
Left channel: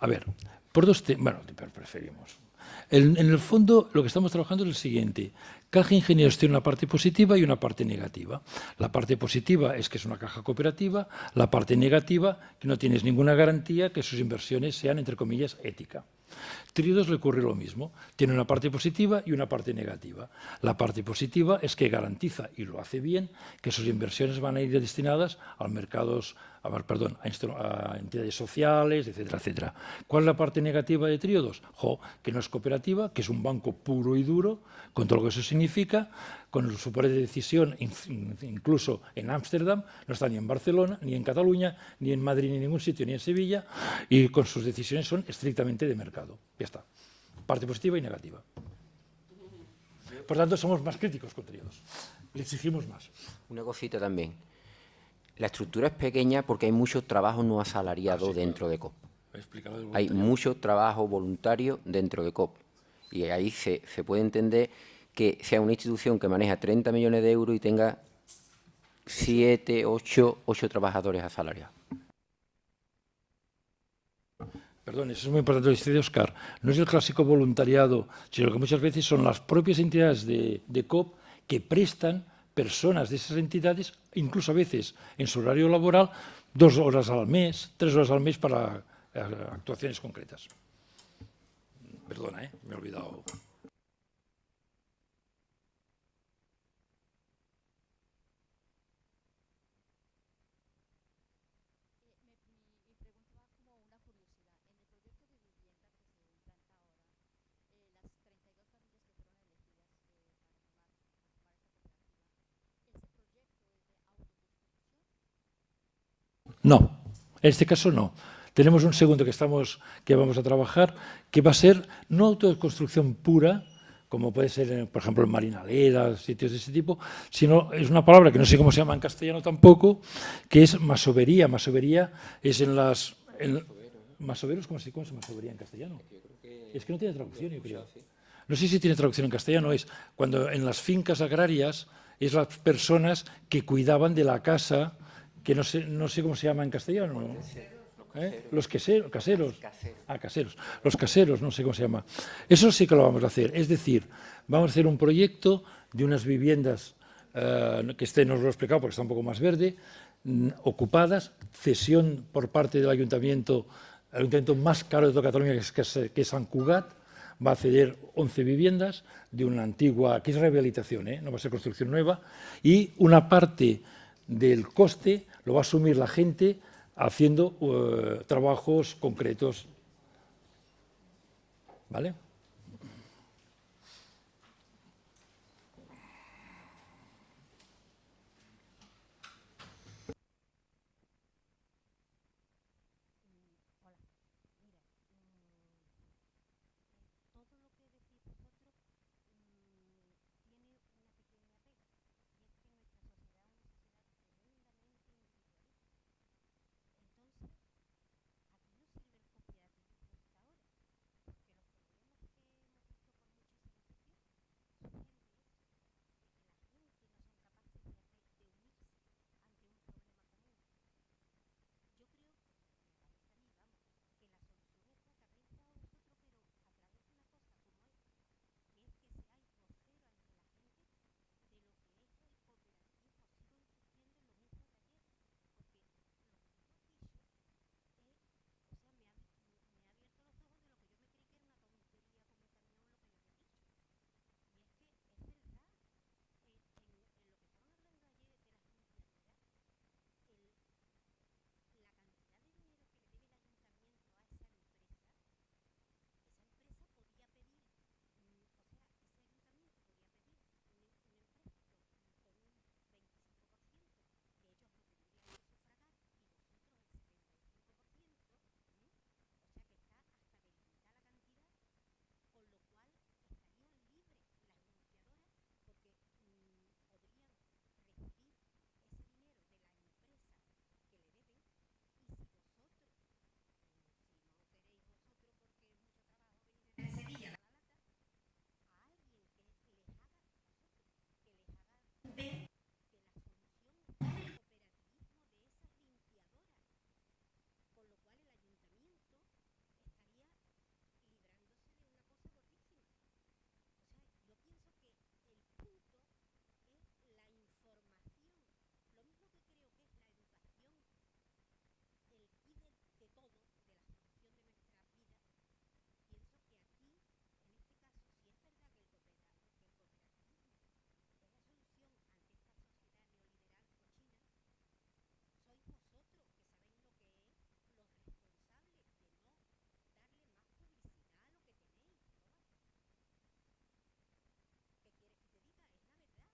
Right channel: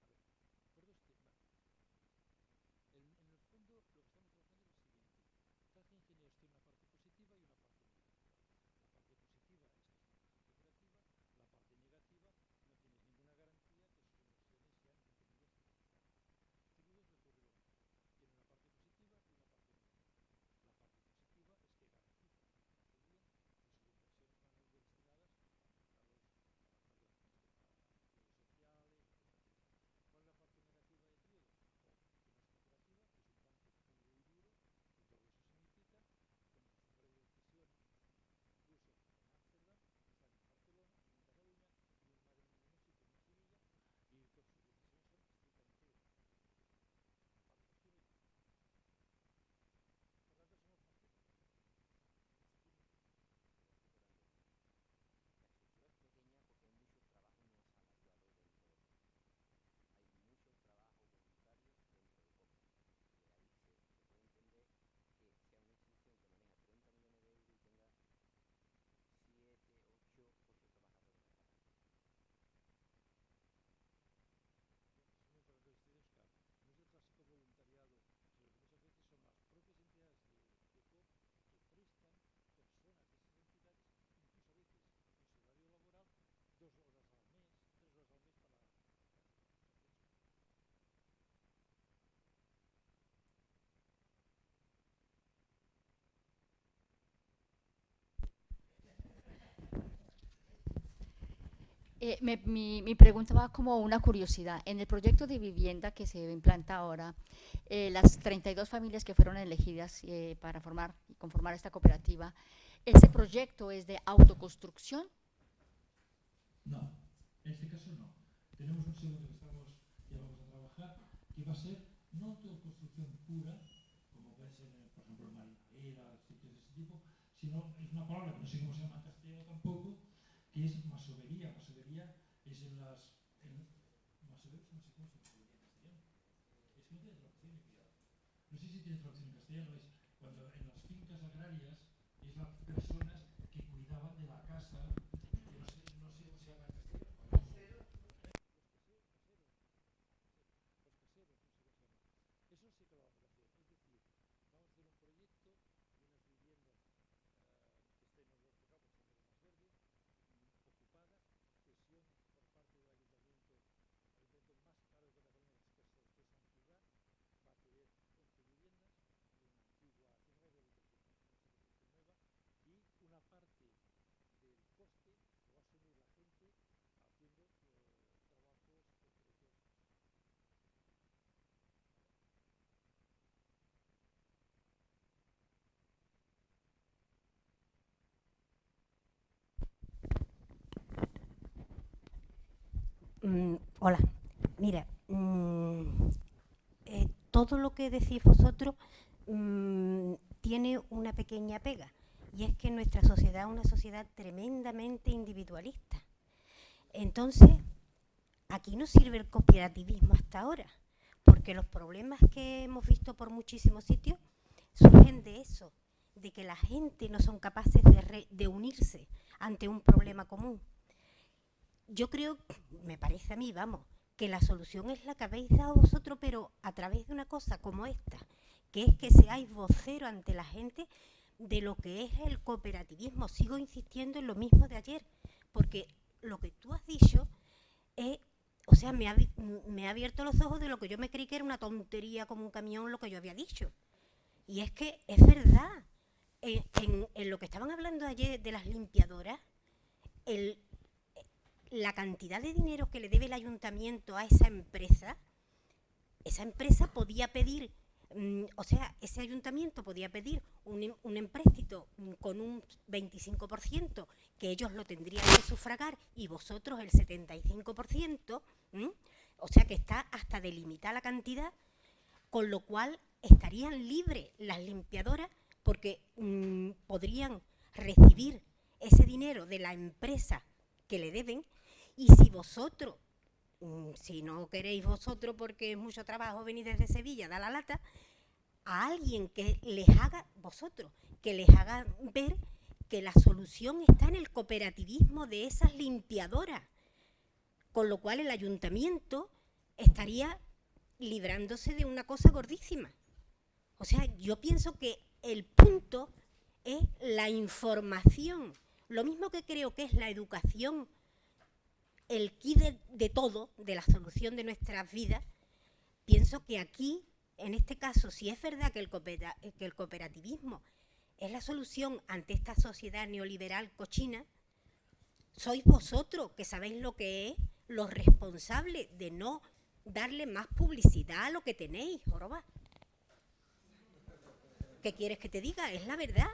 A ver, por dos temas... Bueno, preferimos. En el fondo, lo que estamos trabajando es el siguiente. Caja Ingenieros tiene una parte positiva y una parte negativa. La parte positiva es que es una caja cooperativa, la parte negativa, que no tienes ninguna garantía que sus inversiones sean, entre comillas, ética. Trío 2 le ocurre lo mismo. Tiene una parte positiva y una parte negativa. La parte positiva es que garantiza, y lo hace bien, que sus inversiones van a ir destinadas a mercados, a entidades sociales, etcétera, etcétera. ¿Cuál es la parte negativa de Trío 2? Que no es cooperativa, que es un banco puro y duro, con todo lo que eso significa, con su poder de decisión, incluso en Ámsterdam, no está ni en Barcelona, ni en Cataluña, ni en Madrid, ni en ningún sitio, ni en Sevilla, y con sus decisiones son estrictamente de mercado. Ya está. Parte positiva y negativa. Por tanto, somos más críticos con Trío 2. Le exigimos más. Una cosita también. La estructura es pequeña porque hay mucho trabajo no asalariado dentro de COP. Hay mucho trabajo voluntario dentro de COP. Y ahí se puede entender que sea una institución que maneja 30 millones de euros y tenga 7, 8 trabajadores asalariados. Perdón, eso es muy importante lo que dice Óscar. No es el clásico voluntariado, sino que muchas veces son las propias entidades de COP que prestan personas de esas entidades, incluso a veces en su horario laboral, 2 horas al mes, 3 horas al mes para actuaciones concretas. Perdona, me he olvidado. Mi pregunta va como una curiosidad. En el proyecto de vivienda que se implanta ahora, las 32 familias que fueron elegidas para conformar esta cooperativa, ¿ese proyecto es de autoconstrucción? No, en este caso no. Tenemos un segundo que vamos a trabajar, que va a ser no autoconstrucción pura, como puede ser, por ejemplo, en Marinaleda, sitios de ese tipo, sino es una palabra que no sé cómo se llama en castellano tampoco, que es masovería. Masovería es en las... ¿Masoveros? ¿Cómo se llama masovería en castellano? Es que no tiene traducción, yo creo. No sé si tiene traducción en castellano, es cuando en las fincas agrarias es las personas que cuidaban de la casa, que no sé cómo se llama en castellano. Los caseros. Caseros. Los caseros, no sé cómo se llama. Eso sí que lo vamos a hacer. Es decir, vamos a hacer un proyecto de unas viviendas, que no os lo he explicado porque está un poco más verde, ocupadas, cesión por parte del ayuntamiento, el ayuntamiento más caro de toda Cataluña, que es Sant Cugat, va a ceder 11 viviendas de una antigua, que es rehabilitación, no va a ser construcción nueva, y una parte del coste lo va a asumir la gente haciendo trabajos concretos. ¿Vale? Hola, mira, todo lo que decís vosotros tiene una pequeña pega, y es que nuestra sociedad es una sociedad tremendamente individualista. Entonces, aquí no sirve el cooperativismo hasta ahora, porque los problemas que hemos visto por muchísimos sitios surgen de eso, de que la gente no son capaces de unirse ante un problema común. Yo creo, me parece a mí, vamos, que la solución es la que habéis dado vosotros, pero a través de una cosa como esta, que es que seáis vocero ante la gente de lo que es el cooperativismo. Sigo insistiendo en lo mismo de ayer, porque lo que tú has dicho es, o sea, me ha abierto los ojos de lo que yo me creí que era una tontería como un camión lo que yo había dicho. Y es que es verdad, en lo que estaban hablando ayer de las limpiadoras, la cantidad de dinero que le debe el ayuntamiento a esa empresa podía pedir, o sea, ese ayuntamiento podía pedir un empréstito con un 25%, que ellos lo tendrían que sufragar, y vosotros el 75%, o sea que está hasta delimitada la cantidad, con lo cual estarían libres las limpiadoras porque podrían recibir ese dinero de la empresa que le deben. Y si vosotros, si no queréis vosotros porque es mucho trabajo venir desde Sevilla, da la lata, a alguien que les haga, vosotros, que les haga ver que la solución está en el cooperativismo de esas limpiadoras, con lo cual el ayuntamiento estaría librándose de una cosa gordísima. O sea, yo pienso que el punto es la información, lo mismo que creo que es la educación, el quid de todo, de la solución de nuestras vidas. Pienso que aquí, en este caso, si es verdad que el cooperativismo es la solución ante esta sociedad neoliberal cochina, sois vosotros que sabéis lo que es, los responsables de no darle más publicidad a lo que tenéis, joroba. ¿Qué quieres que te diga? Es la verdad.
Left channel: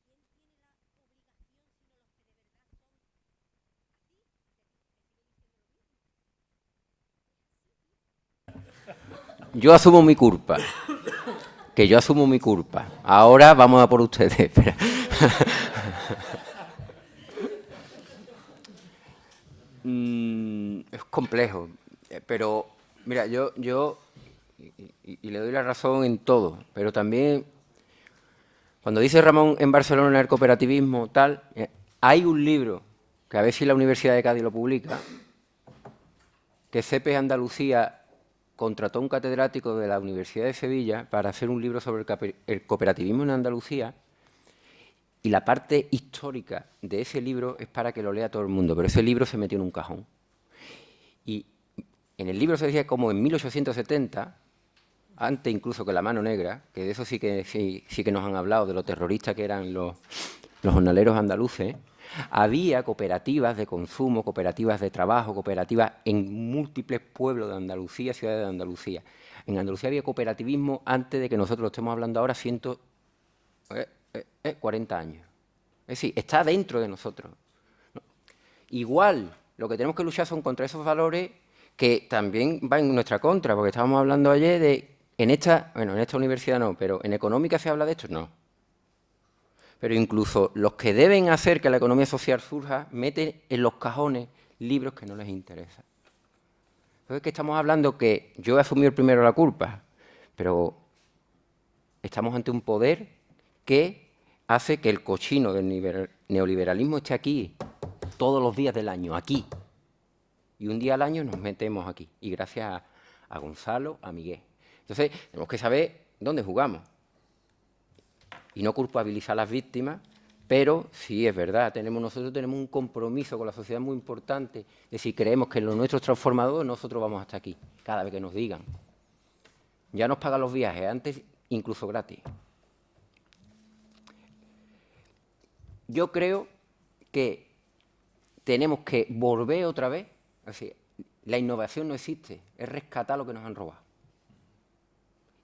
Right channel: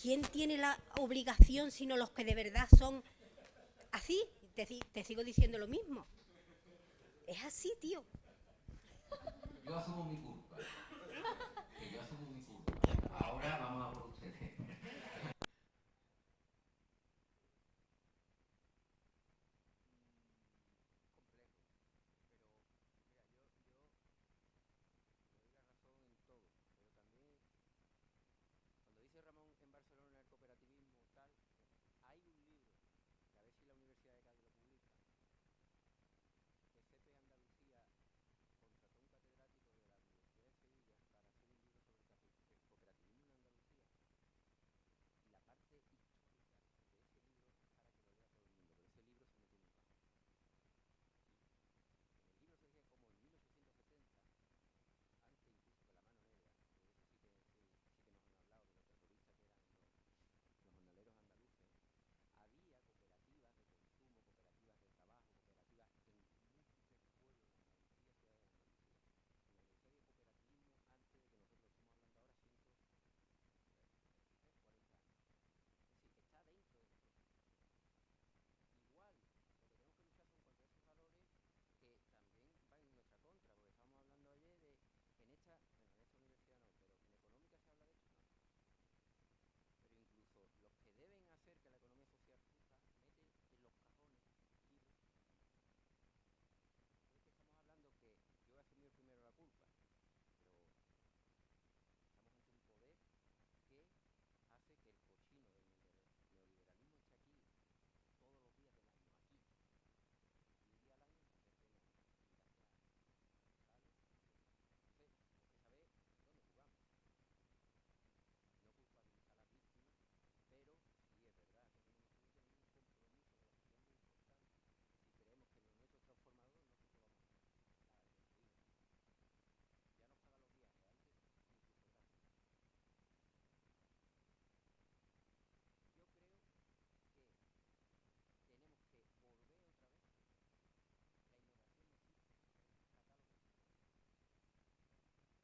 ¿Quién tiene la obligación sino los que de verdad son así? Te sigo diciendo lo mismo. Es así, tío. Yo asumo mi culpa. Que yo asumo mi culpa. Ahora vamos a por ustedes. Espera. Es complejo. Pero, mira, yo y le doy la razón en todo. Pero también, cuando dice Ramón en Barcelona el cooperativismo, tal, hay un libro que a ver si la Universidad de Cádiz lo publica, que CEPES Andalucía contrató a un catedrático de la Universidad de Sevilla para hacer un libro sobre el cooperativismo en Andalucía, y la parte histórica de ese libro es para que lo lea todo el mundo, pero ese libro se metió en un cajón. Y en el libro se decía como en 1870, antes incluso que la Mano Negra, que de eso sí que nos han hablado, de lo terroristas que eran los jornaleros andaluces, había cooperativas de consumo, cooperativas de trabajo, cooperativas en múltiples pueblos de Andalucía, ciudades de Andalucía. En Andalucía había cooperativismo antes de que nosotros lo estemos hablando ahora, 140 años. Es decir, está dentro de nosotros. Igual, lo que tenemos que luchar son contra esos valores que también van en nuestra contra, porque estábamos hablando ayer de, en esta universidad no, pero en económica se habla de esto, no. Pero incluso los que deben hacer que la economía social surja meten en los cajones libros que no les interesan. Entonces, que estamos hablando que yo he asumido primero la culpa, pero estamos ante un poder que hace que el cochino del neoliberalismo esté aquí todos los días del año, aquí. Y un día al año nos metemos aquí. Y gracias a Gonzalo, a Miguel. Entonces, tenemos que saber dónde jugamos. Y no culpabilizar a las víctimas, pero sí es verdad, nosotros tenemos un compromiso con la sociedad muy importante de si creemos que en lo nuestro es transformador, nosotros vamos hasta aquí, cada vez que nos digan. Ya nos pagan los viajes, antes incluso gratis. Yo creo que tenemos que volver otra vez, es decir, la innovación no existe, es rescatar lo que nos han robado.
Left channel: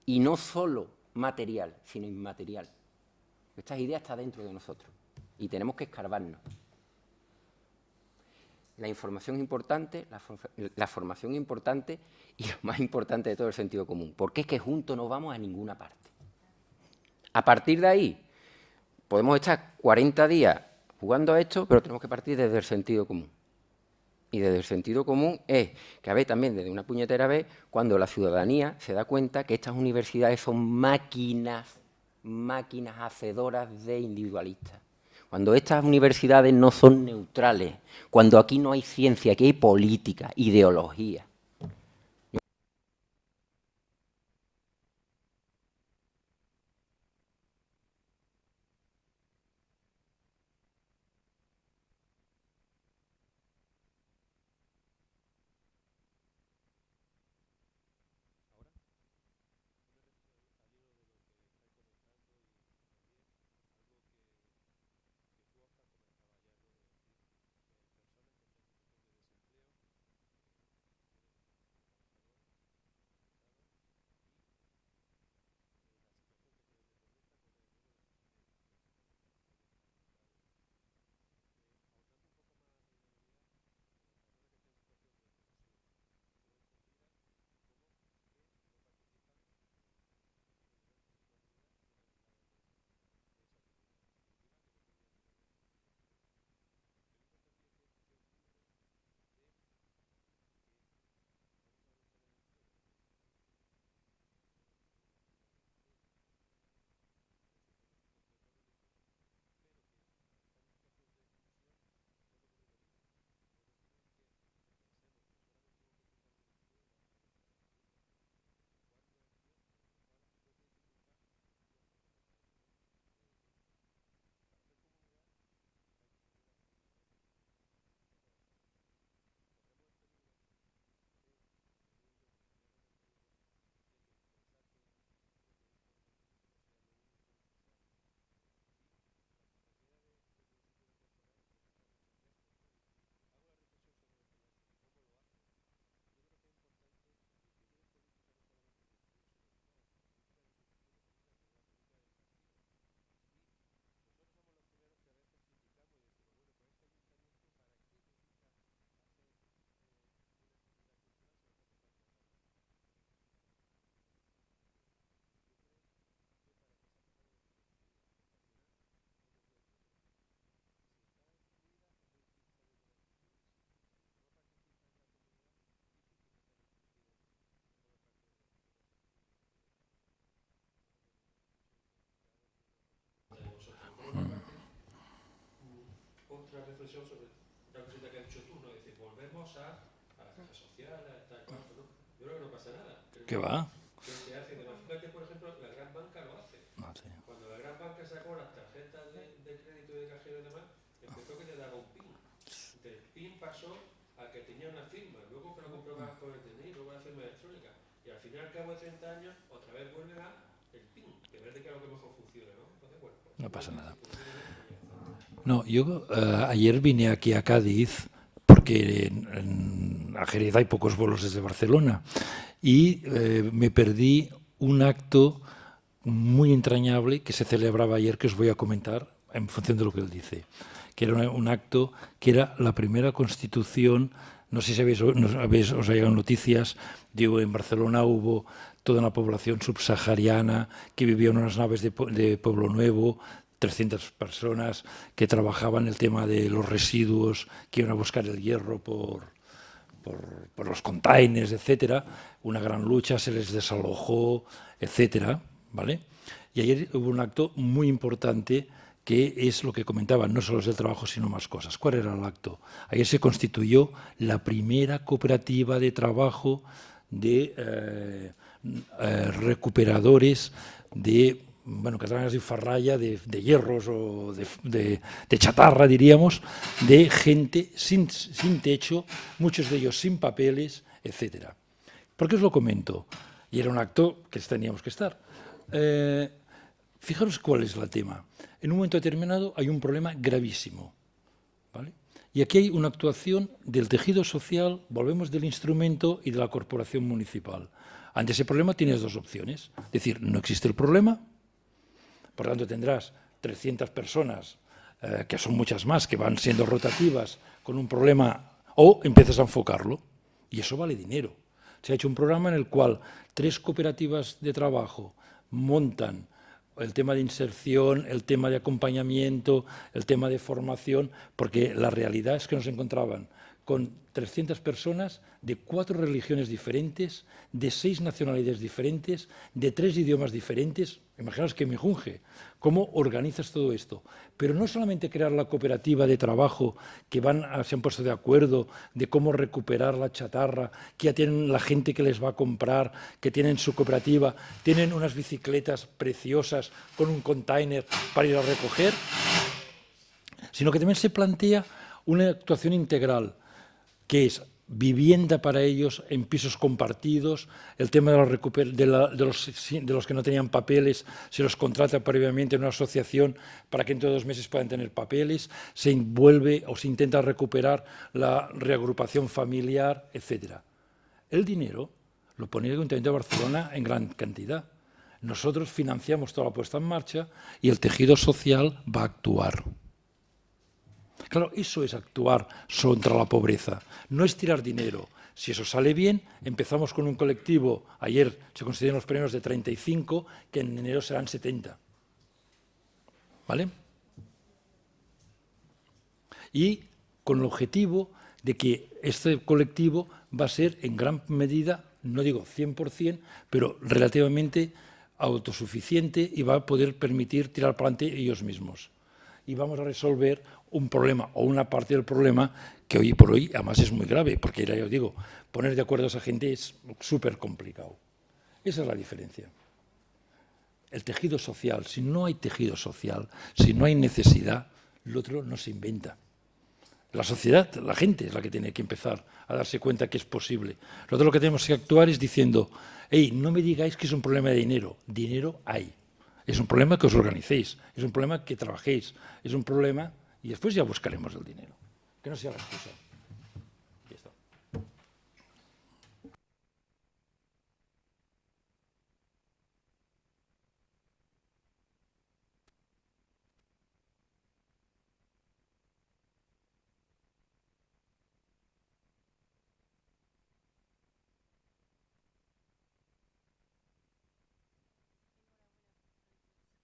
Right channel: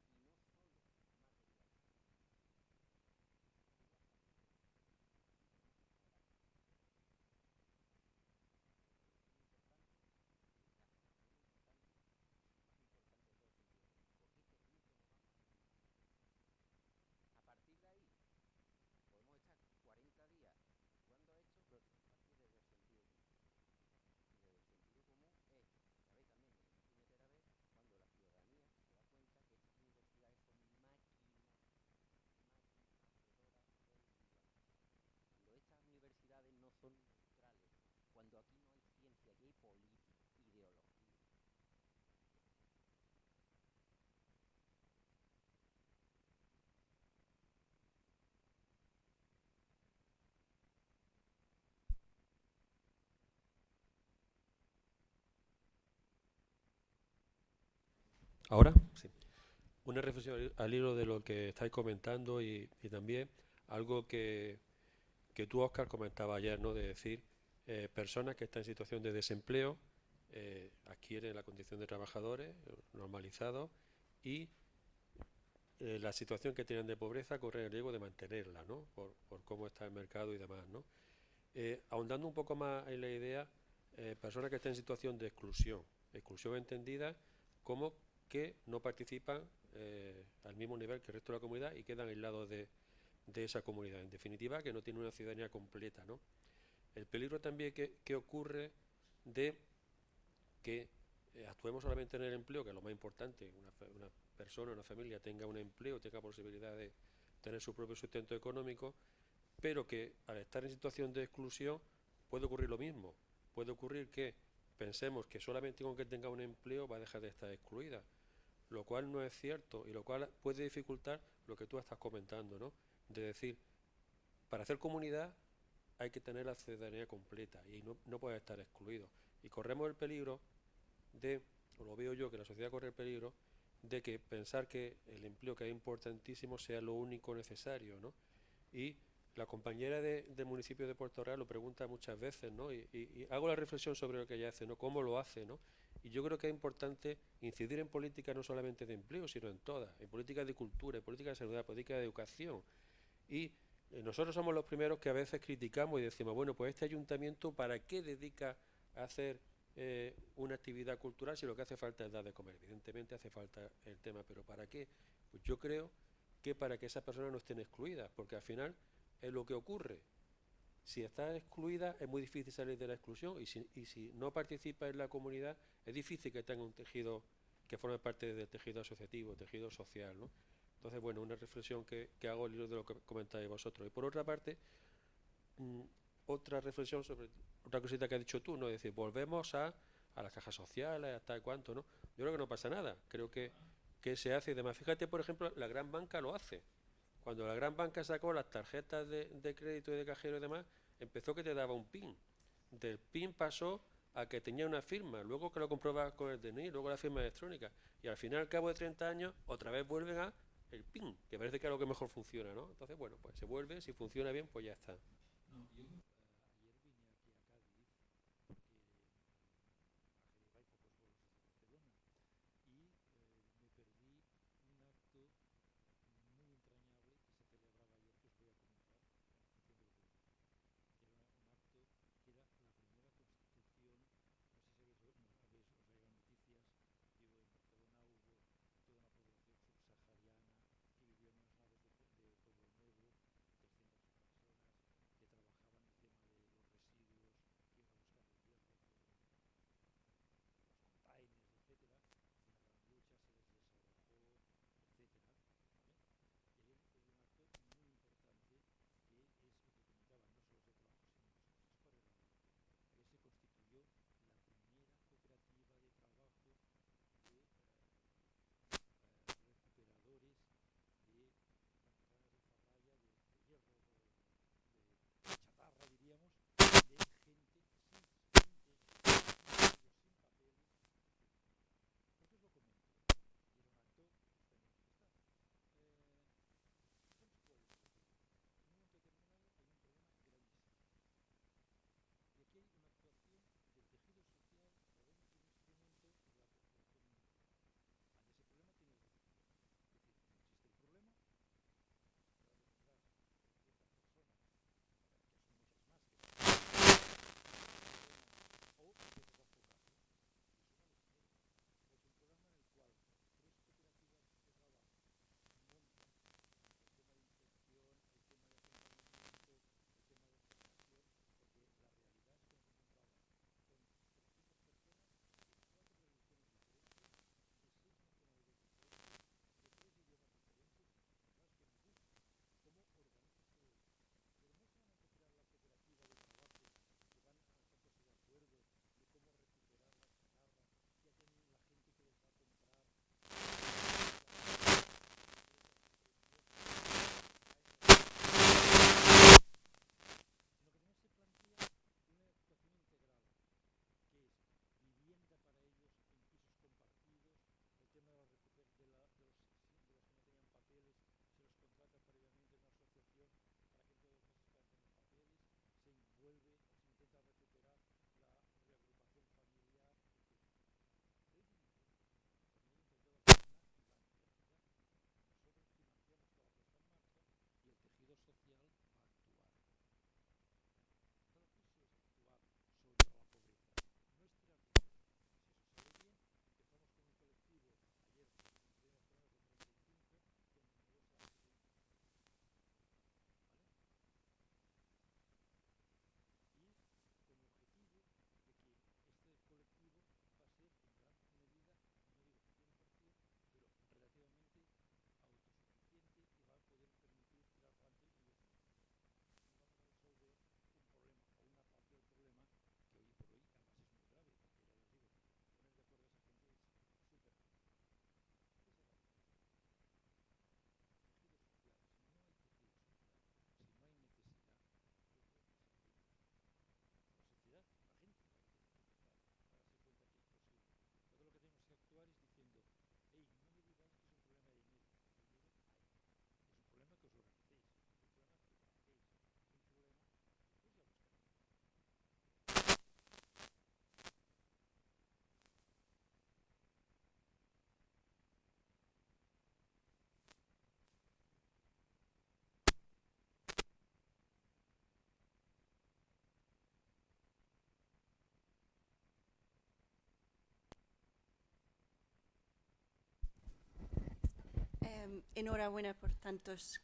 Y no solo material, sino inmaterial. Esta idea está dentro de nosotros y tenemos que escarbarnos. la información es importante, la formación es importante y lo más importante de todo el sentido común, porque es que juntos no vamos a ninguna parte. A partir de ahí, podemos estar 40 días jugando a esto, pero tenemos que partir desde el sentido común. Y desde el sentido común es que, a ver, también desde una puñetera vez, cuando la ciudadanía se da cuenta que estas universidades son máquinas hacedoras de individualistas. Cuando estas universidades no son neutrales, cuando aquí no hay ciencia, aquí hay política, ideología. ¿Ahora? Sí. Una reflexión al hilo de lo que estáis comentando y también algo que tú, Óscar, comentabas ayer, ¿no? De decir, personas que están en situación de desempleo adquieren la condición de trabajadores normalizados y la situación que tienen de pobreza corren el riesgo de mantenerla, ¿no? Por cómo está el mercado y demás, ¿no? Ahondando un poco más en la idea, personas que están en situación de exclusión entendida como que no participan al mismo nivel que el resto de la comunidad y quedan aislados de esa comunidad. En definitiva, que no tiene una ciudadanía completa, ¿no? El peligro también que ocurre de que actuemos solamente en el empleo, que es lo más importante, una persona, una familia tenga un empleo, tenga posibilidad de tener su propio sustento económico, pero que al estar en situación de exclusión puede ocurrir lo mismo. Puede ocurrir que pensemos que solamente con que tenga un empleo va a dejar de estar excluida, lo cual no es cierto y lo cual puede dificultar lo que tú estás comentando, ¿no? De decir, para hacer comunidad hay que tener la ciudadanía completa y no puede estar excluido. Y corremos el peligro de, o lo veo yo, que la sociedad corre el peligro de que pensar que el empleo, que es importantísimo, sea lo único necesario, ¿no? Y la compañera del municipio de Puerto Real lo pregunta muchas veces, ¿no? Y hago la reflexión sobre lo que ella hace, ¿no? Cómo lo hace, ¿no? Y yo creo que es importante incidir en política no solamente de empleo, sino en todas, en políticas de cultura, en política de salud, política de educación. Y nosotros somos los primeros que a veces criticamos y decimos, bueno, pues este ayuntamiento, ¿para qué dedica a hacer una actividad cultural si lo que hace falta es dar de comer? Evidentemente hace falta el tema, pero ¿para qué? Pues yo creo que para que esas personas no estén excluidas, porque al final es lo que ocurre. Si estás excluida es muy difícil salir de la exclusión y si no participas en la comunidad es difícil que tenga un tejido que forme parte del tejido asociativo, tejido social, ¿no? Entonces, bueno, una reflexión que hago al hilo de lo que comentáis vosotros. Y por otra parte, otra reflexión sobre otra cosita que has dicho tú, ¿no? Es decir, volvemos a las cajas sociales, hasta cuánto, ¿no? Yo creo que no pasa nada. Creo que se hace y demás. Fíjate, por ejemplo, la gran banca lo hace. Sí. Cuando la gran banca sacó las tarjetas de crédito y de cajero y demás, empezó que te daba un PIN. Del PIN pasó a que tenía una firma, luego que lo comprobas con el DNI, luego la firma electrónica. Y al final, al cabo de 30 años, otra vez vuelves a el PIN, que parece que es lo que mejor funciona, ¿no? Entonces, bueno, pues no pasa nada. Si funciona bien, pues ya está. No, yo ayer vine aquí a Cádiz porque en Jerez hay pocos vuelos desde Barcelona y me perdí un acto muy entrañable que se celebraba ayer, que os voy a comentar en función de lo que él dice, que era un acto que era la primera constitución, no sé si os ha llegado noticias, digo, en Barcelona hubo toda una población subsahariana que vivía en unas naves de Pueblo Nuevo, 300 personas que trabajaban el tema de los residuos, que iban a buscar el hierro por los containers, etcétera. Una gran lucha, se les desalojó, etcétera, ¿vale? Y ayer hubo un acto muy importante que es lo que comentaban, no solo es el trabajo, sino más cosas. ¿Cuál era el acto? Ayer se constituyó la primera cooperativa de trabajo de recuperadores de, bueno, catalanas de farralla, de hierros o de chatarra, diríamos, de gente sin techo, muchos de ellos sin papeles, etcétera. ¿Por qué os lo comento? Y era un acto que teníamos que estar. Fijaros cuál es el tema. En un momento determinado hay un problema gravísimo, ¿vale? Y aquí hay una actuación del tejido social, volvemos del instrumento y de la corporación municipal. Ante ese problema tienes dos opciones. Es decir, no existe el problema, por tanto tendrás 300 personas, que son muchas más, que van siendo rotativas, con un problema O empiezas a enfocarlo y eso vale dinero. Se ha hecho un programa en el cual 3 cooperativas de trabajo montan el tema de inserción, el tema de acompañamiento, el tema de formación, porque la realidad es que nos encontraban con 300 personas de 4 religiones diferentes, de 6 nacionalidades diferentes, de 3 idiomas diferentes. Imaginaos que me junge. ¿Cómo organizas todo esto? Pero no solamente crear la cooperativa de trabajo, que se han puesto de acuerdo de cómo recuperar la chatarra, que ya tienen la gente que les va a comprar, que tienen su cooperativa, tienen unas bicicletas preciosas con un container para ir a recoger, sino que también se plantea una actuación integral, que es vivienda para ellos en pisos compartidos, el tema de los que no tenían papeles, se los contrata previamente en una asociación para que entre 2 meses puedan tener papeles, se envuelve o se intenta recuperar la reagrupación familiar, etc. El dinero lo pone el Ayuntamiento de Barcelona en gran cantidad. Nosotros financiamos toda la puesta en marcha y el tejido social va a actuar. Claro, eso es actuar contra la pobreza, no es tirar dinero. Si eso sale bien, empezamos con un colectivo, ayer se consideraron los premios de 35, que en enero serán 70. ¿Vale? Y con el objetivo de que este colectivo va a ser en gran medida, no digo 100%, pero relativamente autosuficiente y va a poder permitir tirar para adelante ellos mismos. Y vamos a resolver un problema o una parte del problema que hoy por hoy además es muy grave, porque ya os digo, poner de acuerdo a esa gente es súper complicado. Esa es la diferencia. El tejido social, si no hay tejido social, si no hay necesidad, lo otro no se inventa. La sociedad, la gente es la que tiene que empezar a darse cuenta que es posible. Nosotros lo que tenemos que actuar es diciendo, hey, no me digáis que es un problema de dinero, dinero hay. Es un problema que os organicéis, es un problema que trabajéis, es un problema y después ya buscaremos el dinero. Que no sea la excusa. Ya está. Enhorabuena por tantas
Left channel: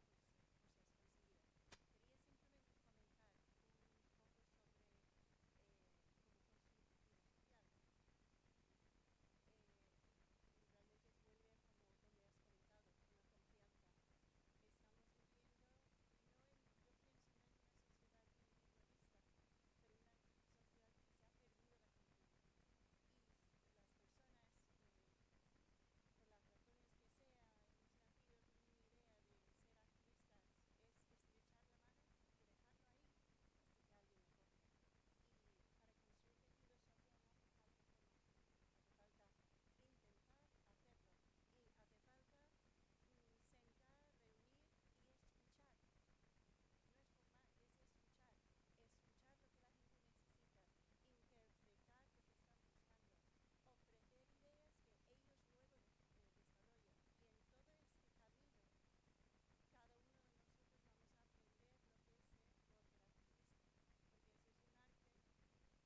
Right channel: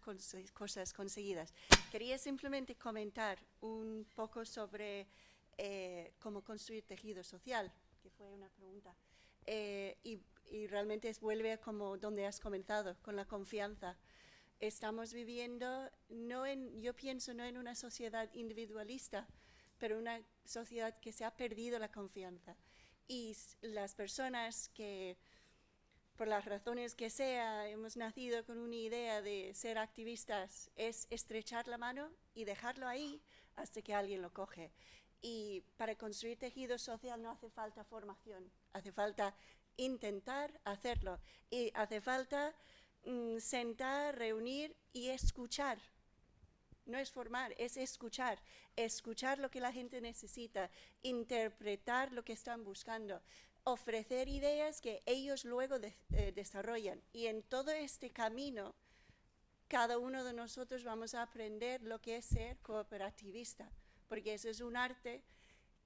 cosas conseguidas. Quería simplemente comentar un poco sobre cómo construir tejido social, que fue una pregunta. Y realmente vuelve como donde has comenzado, con la confianza. Estamos viviendo, yo pienso no en una sociedad individualista, pero una sociedad que se ha perdido la confianza. Y las personas que, por las razones que sea, hemos nacido con una idea de ser activistas, es estrechar la mano y dejarlo ahí hasta que alguien lo coge. Y para construir tejido social no hace falta formación, hace falta intentar hacerlo. Y hace falta sentar, reunir y escuchar. No es formar, es escuchar. Escuchar lo que la gente necesita, interpretar lo que están buscando, ofrecer ideas que ellos luego desarrollan. Y en todo este camino, cada uno de nosotros vamos a aprender lo que es ser cooperativista, porque eso es un arte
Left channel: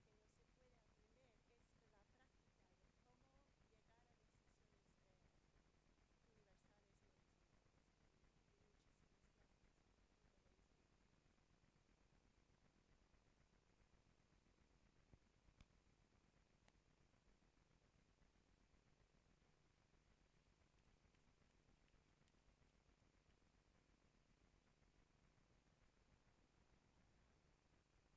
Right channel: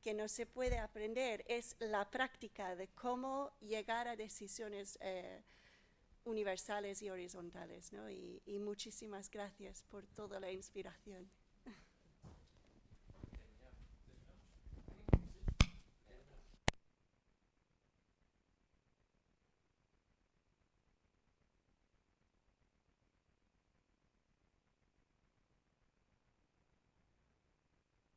que no se puede aprender, es la práctica de cómo llegar a decisiones universales y horizontales, ¿no? Y muchísimas gracias por toda la inspiración.